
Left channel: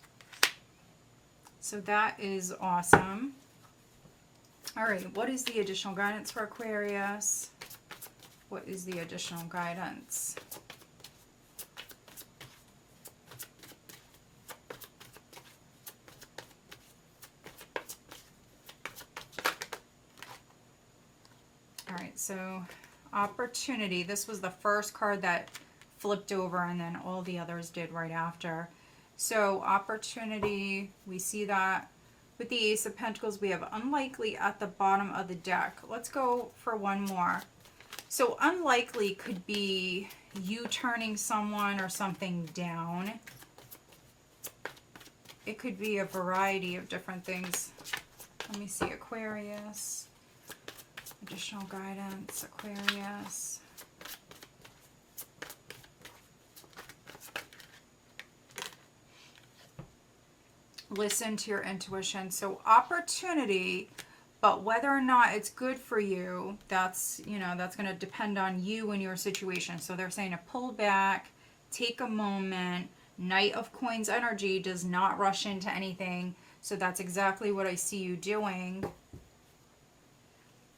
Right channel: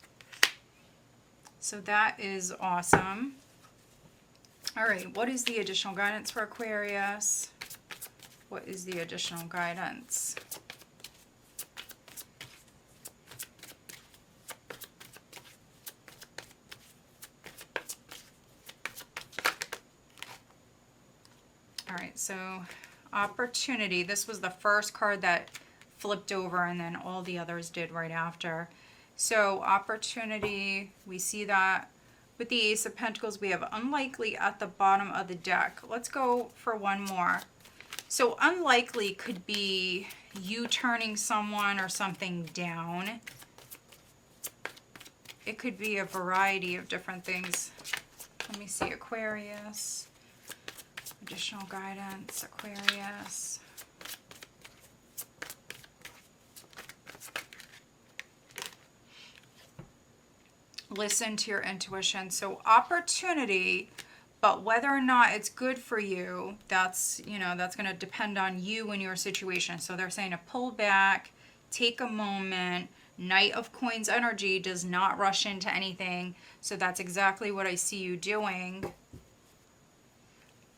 So that is awesome. All right, what is the additional guidance for Aquarius? What is the additional guidance? All right, so opportunity. This was the first card that flipped over, and then all the others did right after. So opportunity, we see that with the Ace of Pentacles. We have unlikely at the bottom of the deck. Let's go for one more. So unlikely could be you turning someone or something down. It could be a variety of different things. Let me see, Aquarius. Additional guidance, Aquarius. listen to your intuition. So opportunity, but whether or not it's good for you, that's, you know, that's going to depend on you and your situation. So they're saying to pull back, take a moment. Knight of Coins energy does not rush into anything. So that's exactly what I see you doing.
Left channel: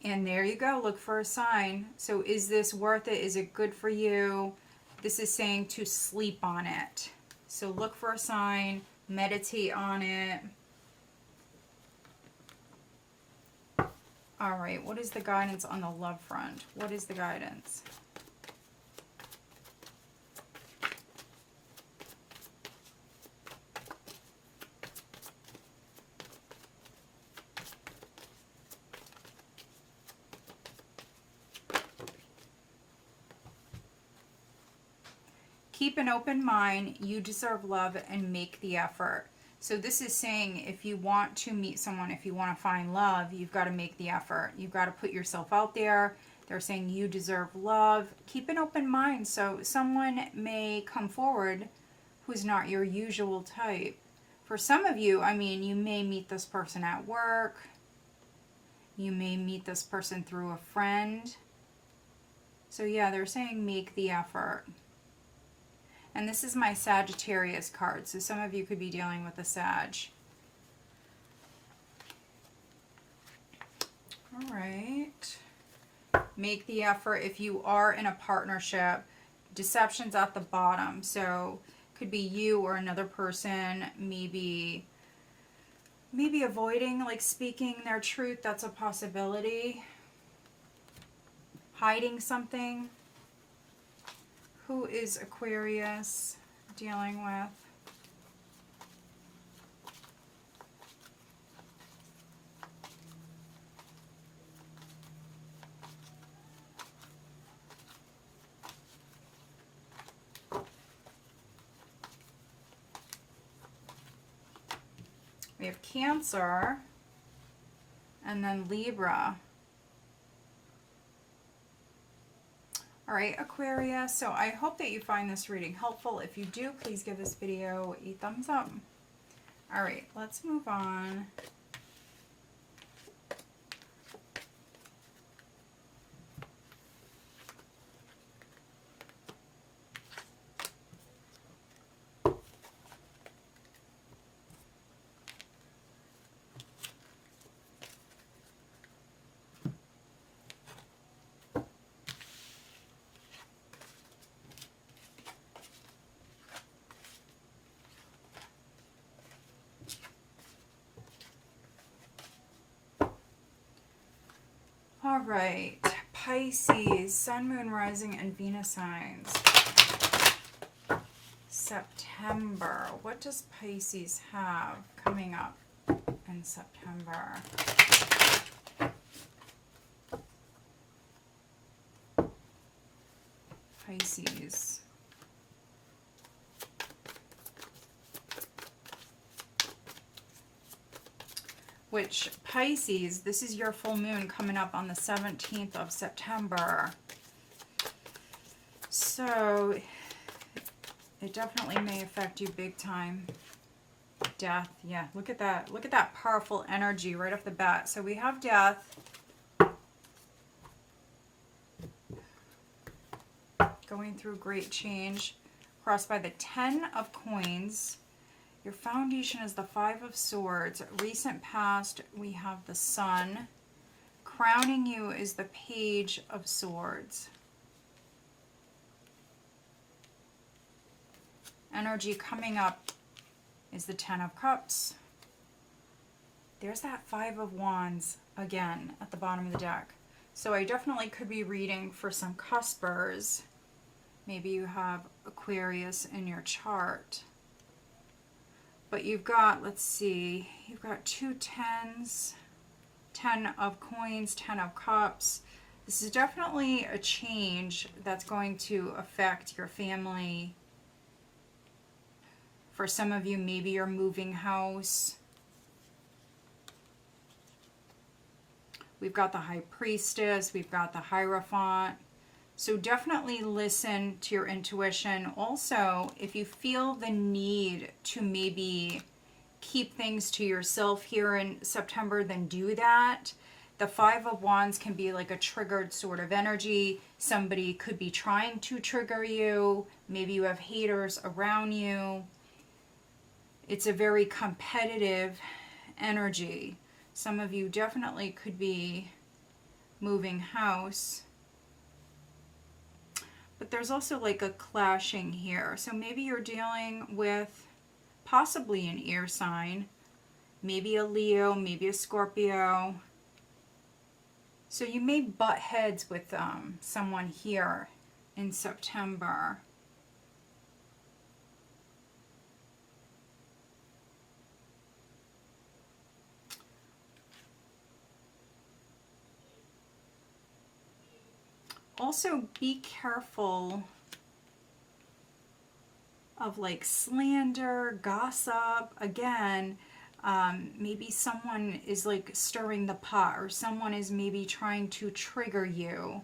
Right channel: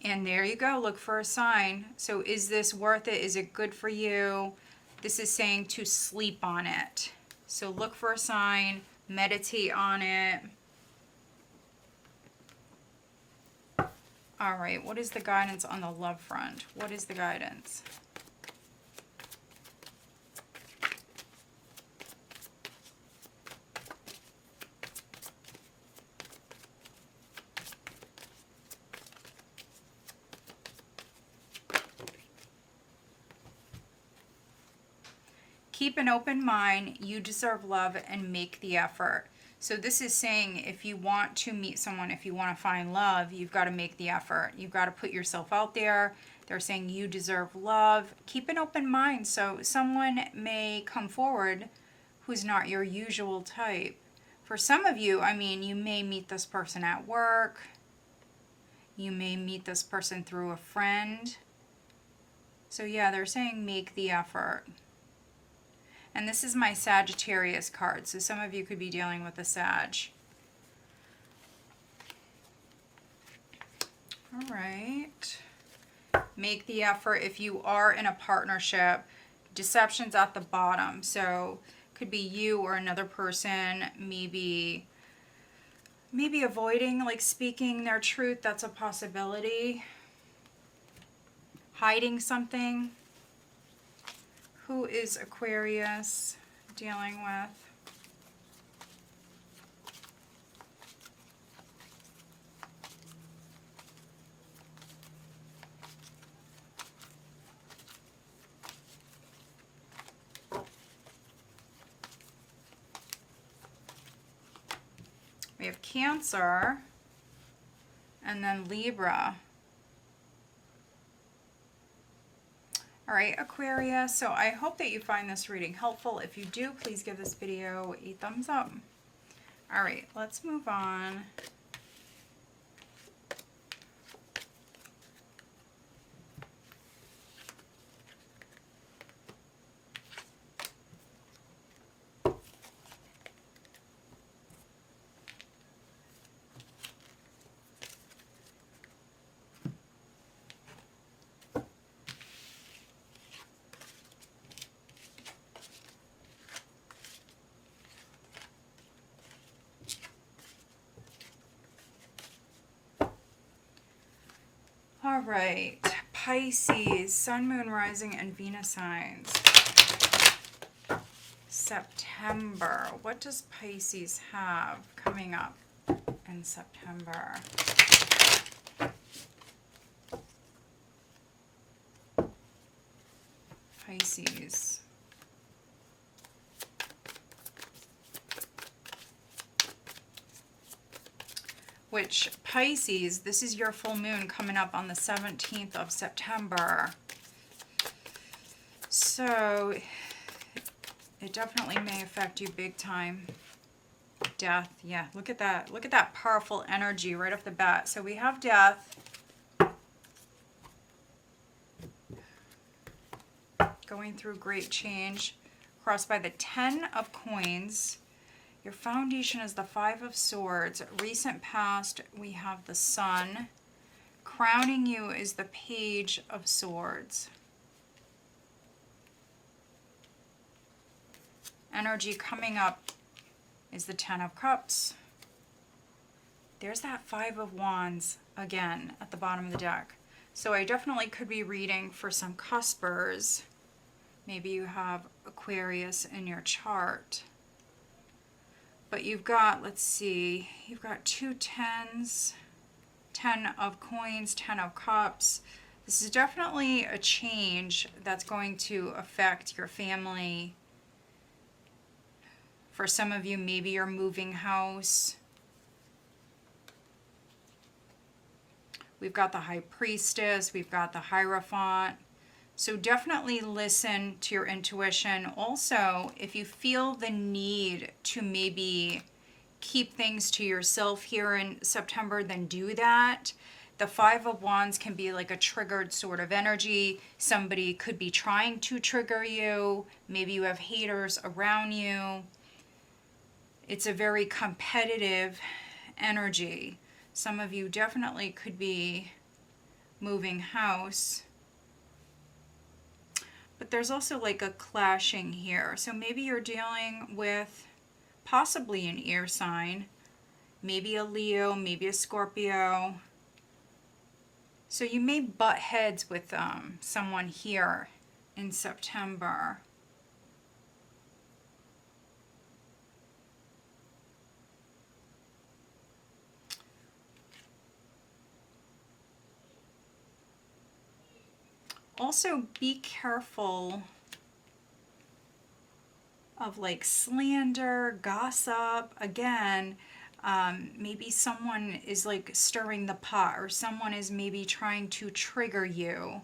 And there you go. Look for a sign. So is this worth it? Is it good for you? This is saying to sleep on it. So look for a sign. Meditate on it. All right. What is the guidance on the love front? What is the guidance? Keep an open mind. You deserve love and make the effort. So this is saying if you want to meet someone, if you want to find love, you've got to make the effort. You've got to put yourself out there. They're saying you deserve love. Keep an open mind. So someone may come forward who's not your usual type. For some of you, I mean, you may meet this person at work. You may meet this person through a friend. So yeah, they're saying make the effort. And this is my Sagittarius card. So some of you could be dealing with a Sag. All right. Make the effort if you are in a partnership. Deception's at the bottom. So could be you or another person maybe avoiding like speaking their truth. That's a possibility. Hiding something. Who is Aquarius dealing with? We have Cancer and then Libra. All right, Aquarius, so I hope that you find this reading helpful. If you do, please give this video a thumbs up. All right, let's move on. All right, Pisces, Sun, Moon, Rising, and Venus signs. September. What does Pisces have coming up in September? Pisces. Which Pisces, this is your full moon coming up on the 17th of September. So it definitely may affect you big time. Death, yeah, look at that. Look at that powerful energy right off the bat. So we have death. Going through great change. Crossed by the 10 of Coins. Your foundation is the 5 of Swords. Recent past, we have the Sun. Crowning you is the Page of Swords. Energy coming up is the 10 of Cups. There's that 5 of Wands again at the bottom of the deck. So I definitely could be reading for some cuspers. Maybe you have Aquarius in your chart. But you've got, let's see, you've got 2 10s, 10 of Coins, 10 of Cups. This is definitely a change that's going to affect your family. For some of you, maybe you're moving house. We've got the High Priestess, we've got the Hierophant. So definitely listen to your intuition. Also, if you feel the need to maybe keep things to yourself here in September, then do that. The Five of Wands can be like a triggered sort of energy. Somebody could be trying to trigger you. Maybe you have haters around you. It's a very competitive energy. Some of you definitely could be moving house. But there's also like a clashing here. So maybe you're dealing with possibly an air sign. Maybe a Leo, maybe a Scorpio. So you may butt heads with someone here in September. Also, be careful of like slander, gossip. Again, maybe someone is like stirring the pot, or someone is maybe trying to trigger you,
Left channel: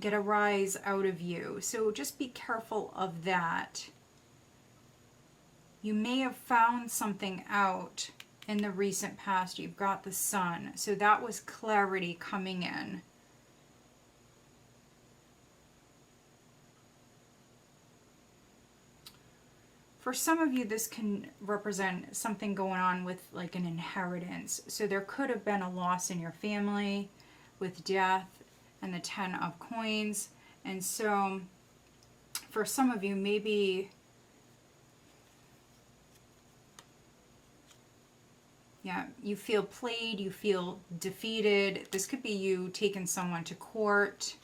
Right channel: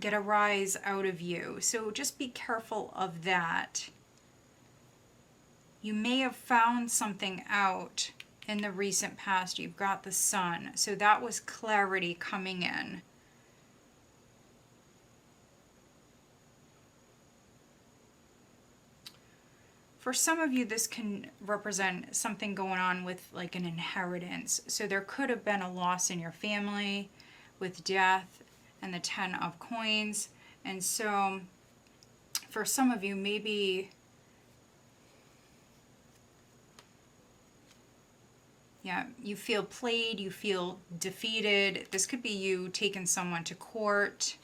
get a rise out of you. So just be careful of that. You may have found something out in the recent past. You've got the Sun. So that was clarity coming in. For some of you, this can represent something going on with like an inheritance. So there could have been a loss in your family with death and the 10 of coins. And so for some of you, maybe, yeah, you feel played, you feel defeated. This could be you taking someone to court.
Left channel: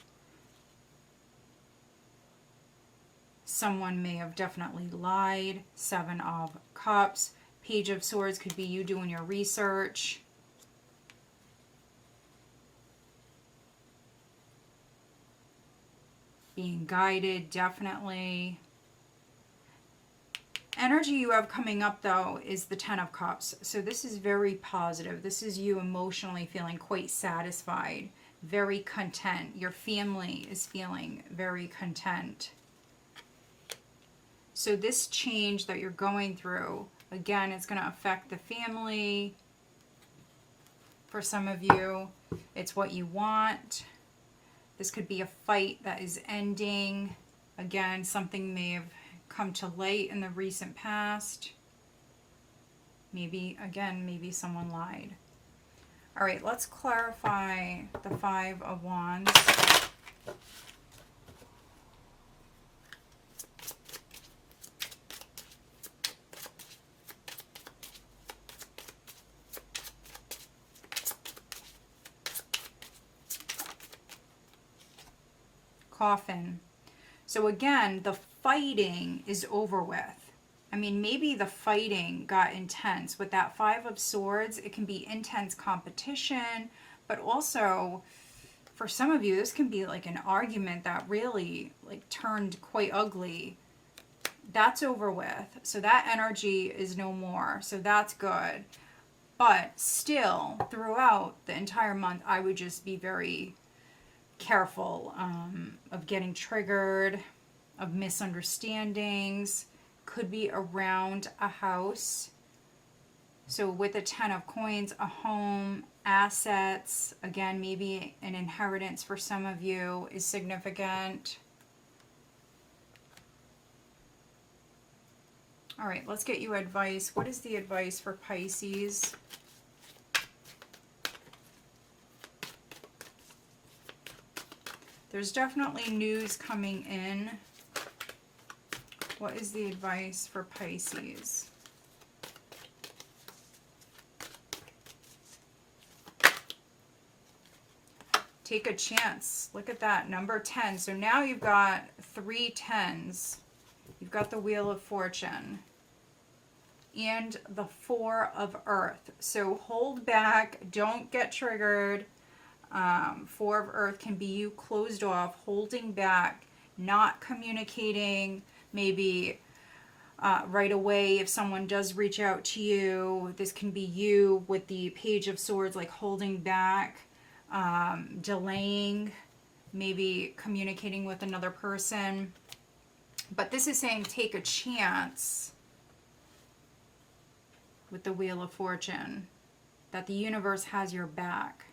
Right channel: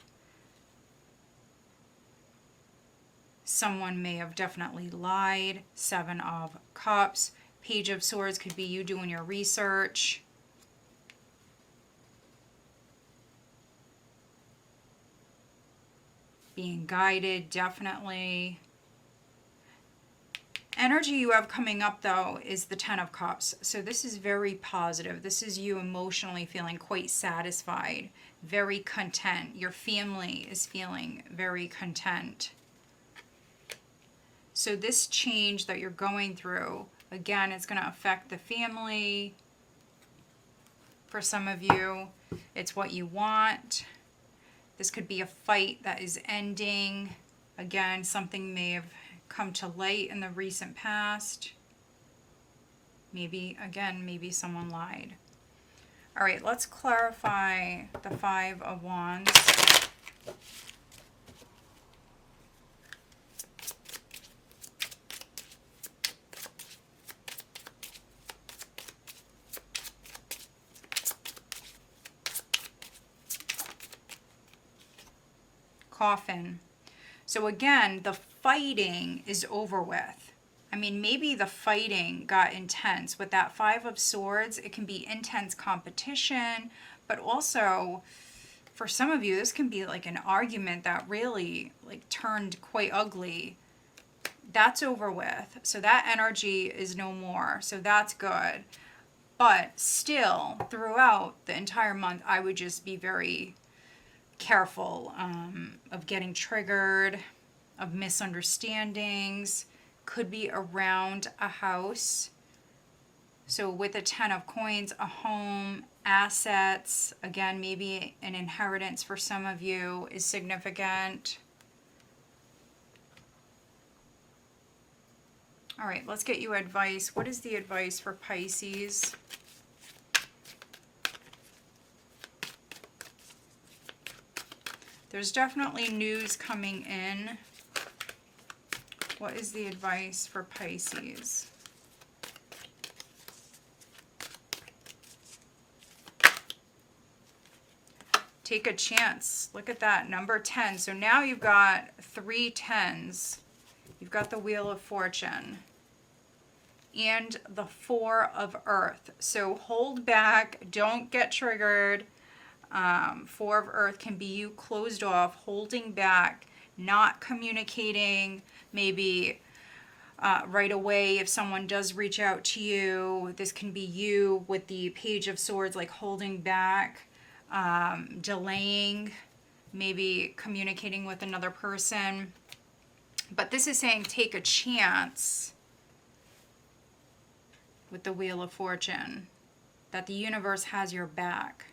Someone may have definitely lied. 7 of Cups. Page of Swords could be you doing your research. Being guided, definitely. Energy you have coming up, though, is the 10 of Cups. So this is very positive. This is you emotionally feeling quite satisfied, very content. Your family is feeling very content. So this change that you're going through, again, it's going to affect the family. For some of you, it's what you want. This could be a fight that is ending. Again, something may have come to light in the recent past. Maybe, again, maybe someone lied. All right, let's clarify the 5 of Wands. Coffin. So again, the fighting is over with. I mean, maybe the fighting got intense. With that 5 of Swords, it can be intense competition, but also for some of you, this can be like an argument that really like turned quite ugly. That's over with. So that energy is no more. So that's good. But still, throughout the entire month, I would just be very careful of getting triggered, of misunderstandings. Could be around a house. So with a 10 of coins, a home, assets, again, maybe an inheritance for some of you is significant. All right, let's get you advice. What is the advice for Pisces? There's definitely news coming in. What is the advice for Pisces? Take a chance. Look at that, number 10. So now you've got 3 10s. You've got the Wheel of Fortune and the 4 of Earth. So hold back. Don't get triggered. 4 of Earth can be you closed off, holding back, not communicating, maybe right away if someone does reach out to you. This can be you with the Page of Swords, like holding back, delaying, maybe communicating with another person. But this is saying take a chance. with the Wheel of Fortune, that the universe has your back.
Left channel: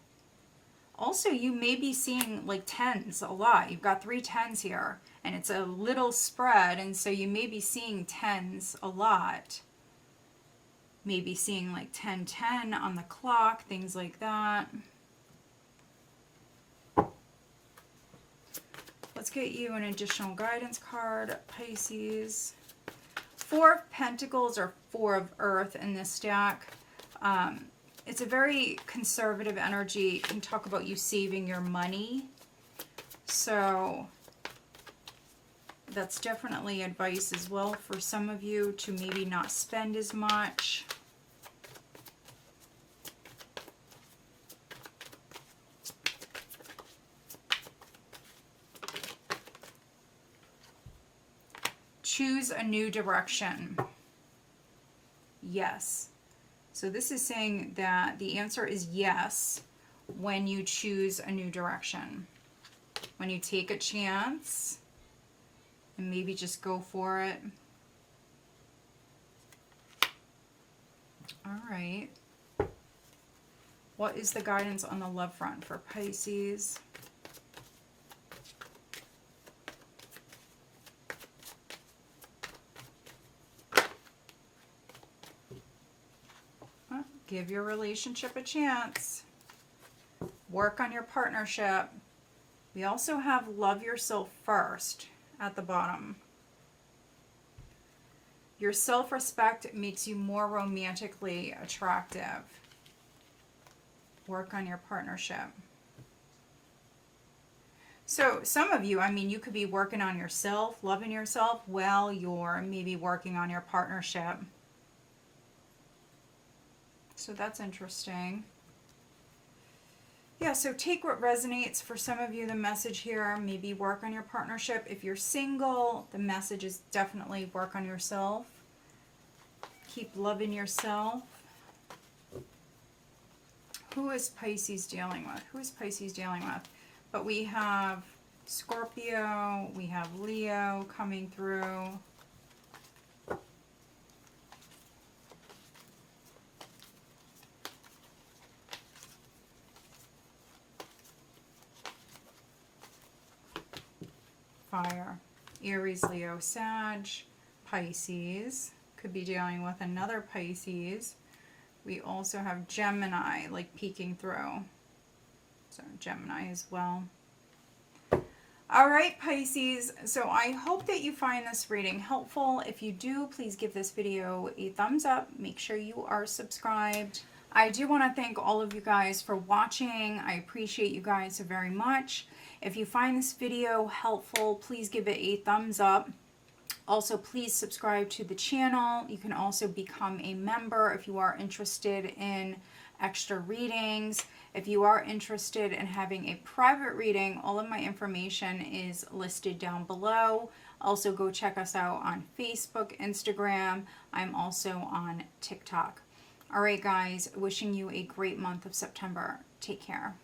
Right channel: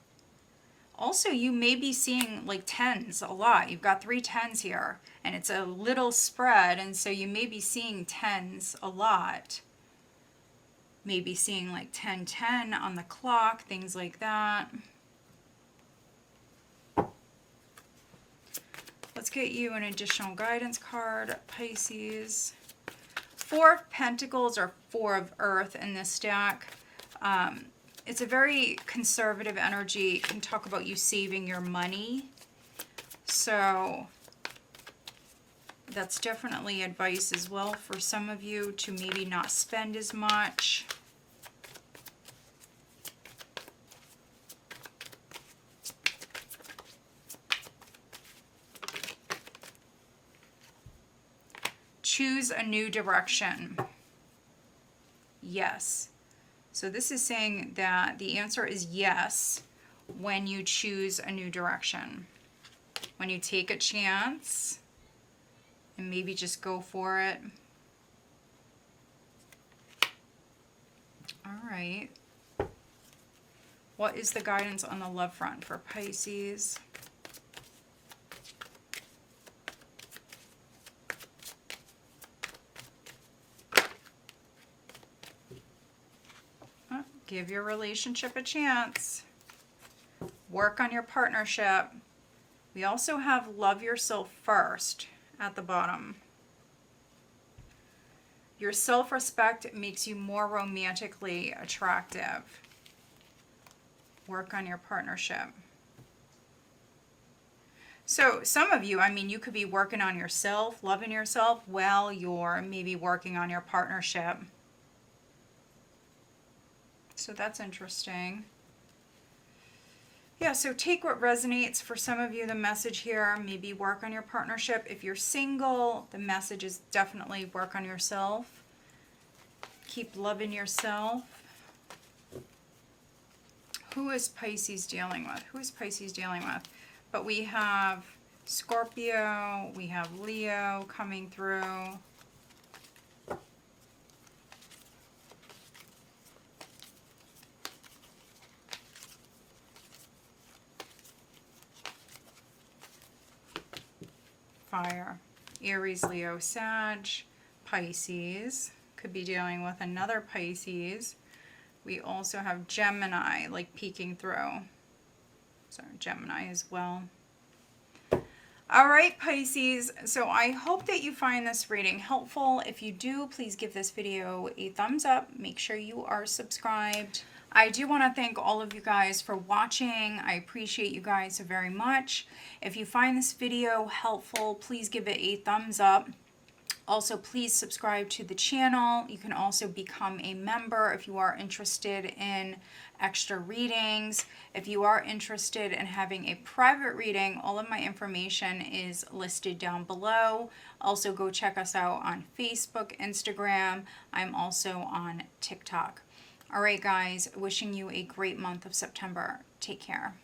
Also, you may be seeing like tens a lot. You've got 3 tens here, and it's a little spread, and so you may be seeing tens a lot. Maybe seeing like 10-10 on the clock, things like that. Let's get you an additional guidance card, Pisces. 4 of Pentacles or 4 of Earth in this stack. It's a very conservative energy. It can talk about you saving your money. So that's definitely advice as well for some of you to maybe not spend as much. Choose a new direction. Yes. So this is saying that the answer is yes when you choose a new direction. When you take a chance and maybe just go for it. All right. What is the guidance on the love front for Pisces? Give your relationship a chance. Work on your partnership. We also have love yourself first at the bottom. Your self-respect makes you more romantically attractive. Work on your partnership. So some of you, I mean, you could be working on yourself, loving yourself, while you're maybe working on your partnership. So that's interesting. Yeah, so take what resonates. For some of you, the message here, maybe work on your partnership. If you're single, the message is definitely work on yourself. Keep loving yourself. Who is Pisces dealing with? Who is Pisces dealing with? But we have Scorpio, we have Leo coming through. Fire. Aries, Leo, Sag, Pisces. Could be dealing with another Pisces. We also have Gemini, like peeking through. So Gemini as well. All right, Pisces. So I hope that you find this reading helpful. If you do, please give this video a thumbs up. Make sure you are subscribed. I do want to thank all of you guys for watching. I appreciate you guys so very much. If you find this video helpful, please give it a thumbs up. Also, please subscribe to the channel. You can also become a member if you are interested in extra readings. If you are interested in having a private reading, all of my information is listed down below. Also, go check us out on Facebook, Instagram. I'm also on TikTok. All right, guys, wishing you a great month of September. Take care.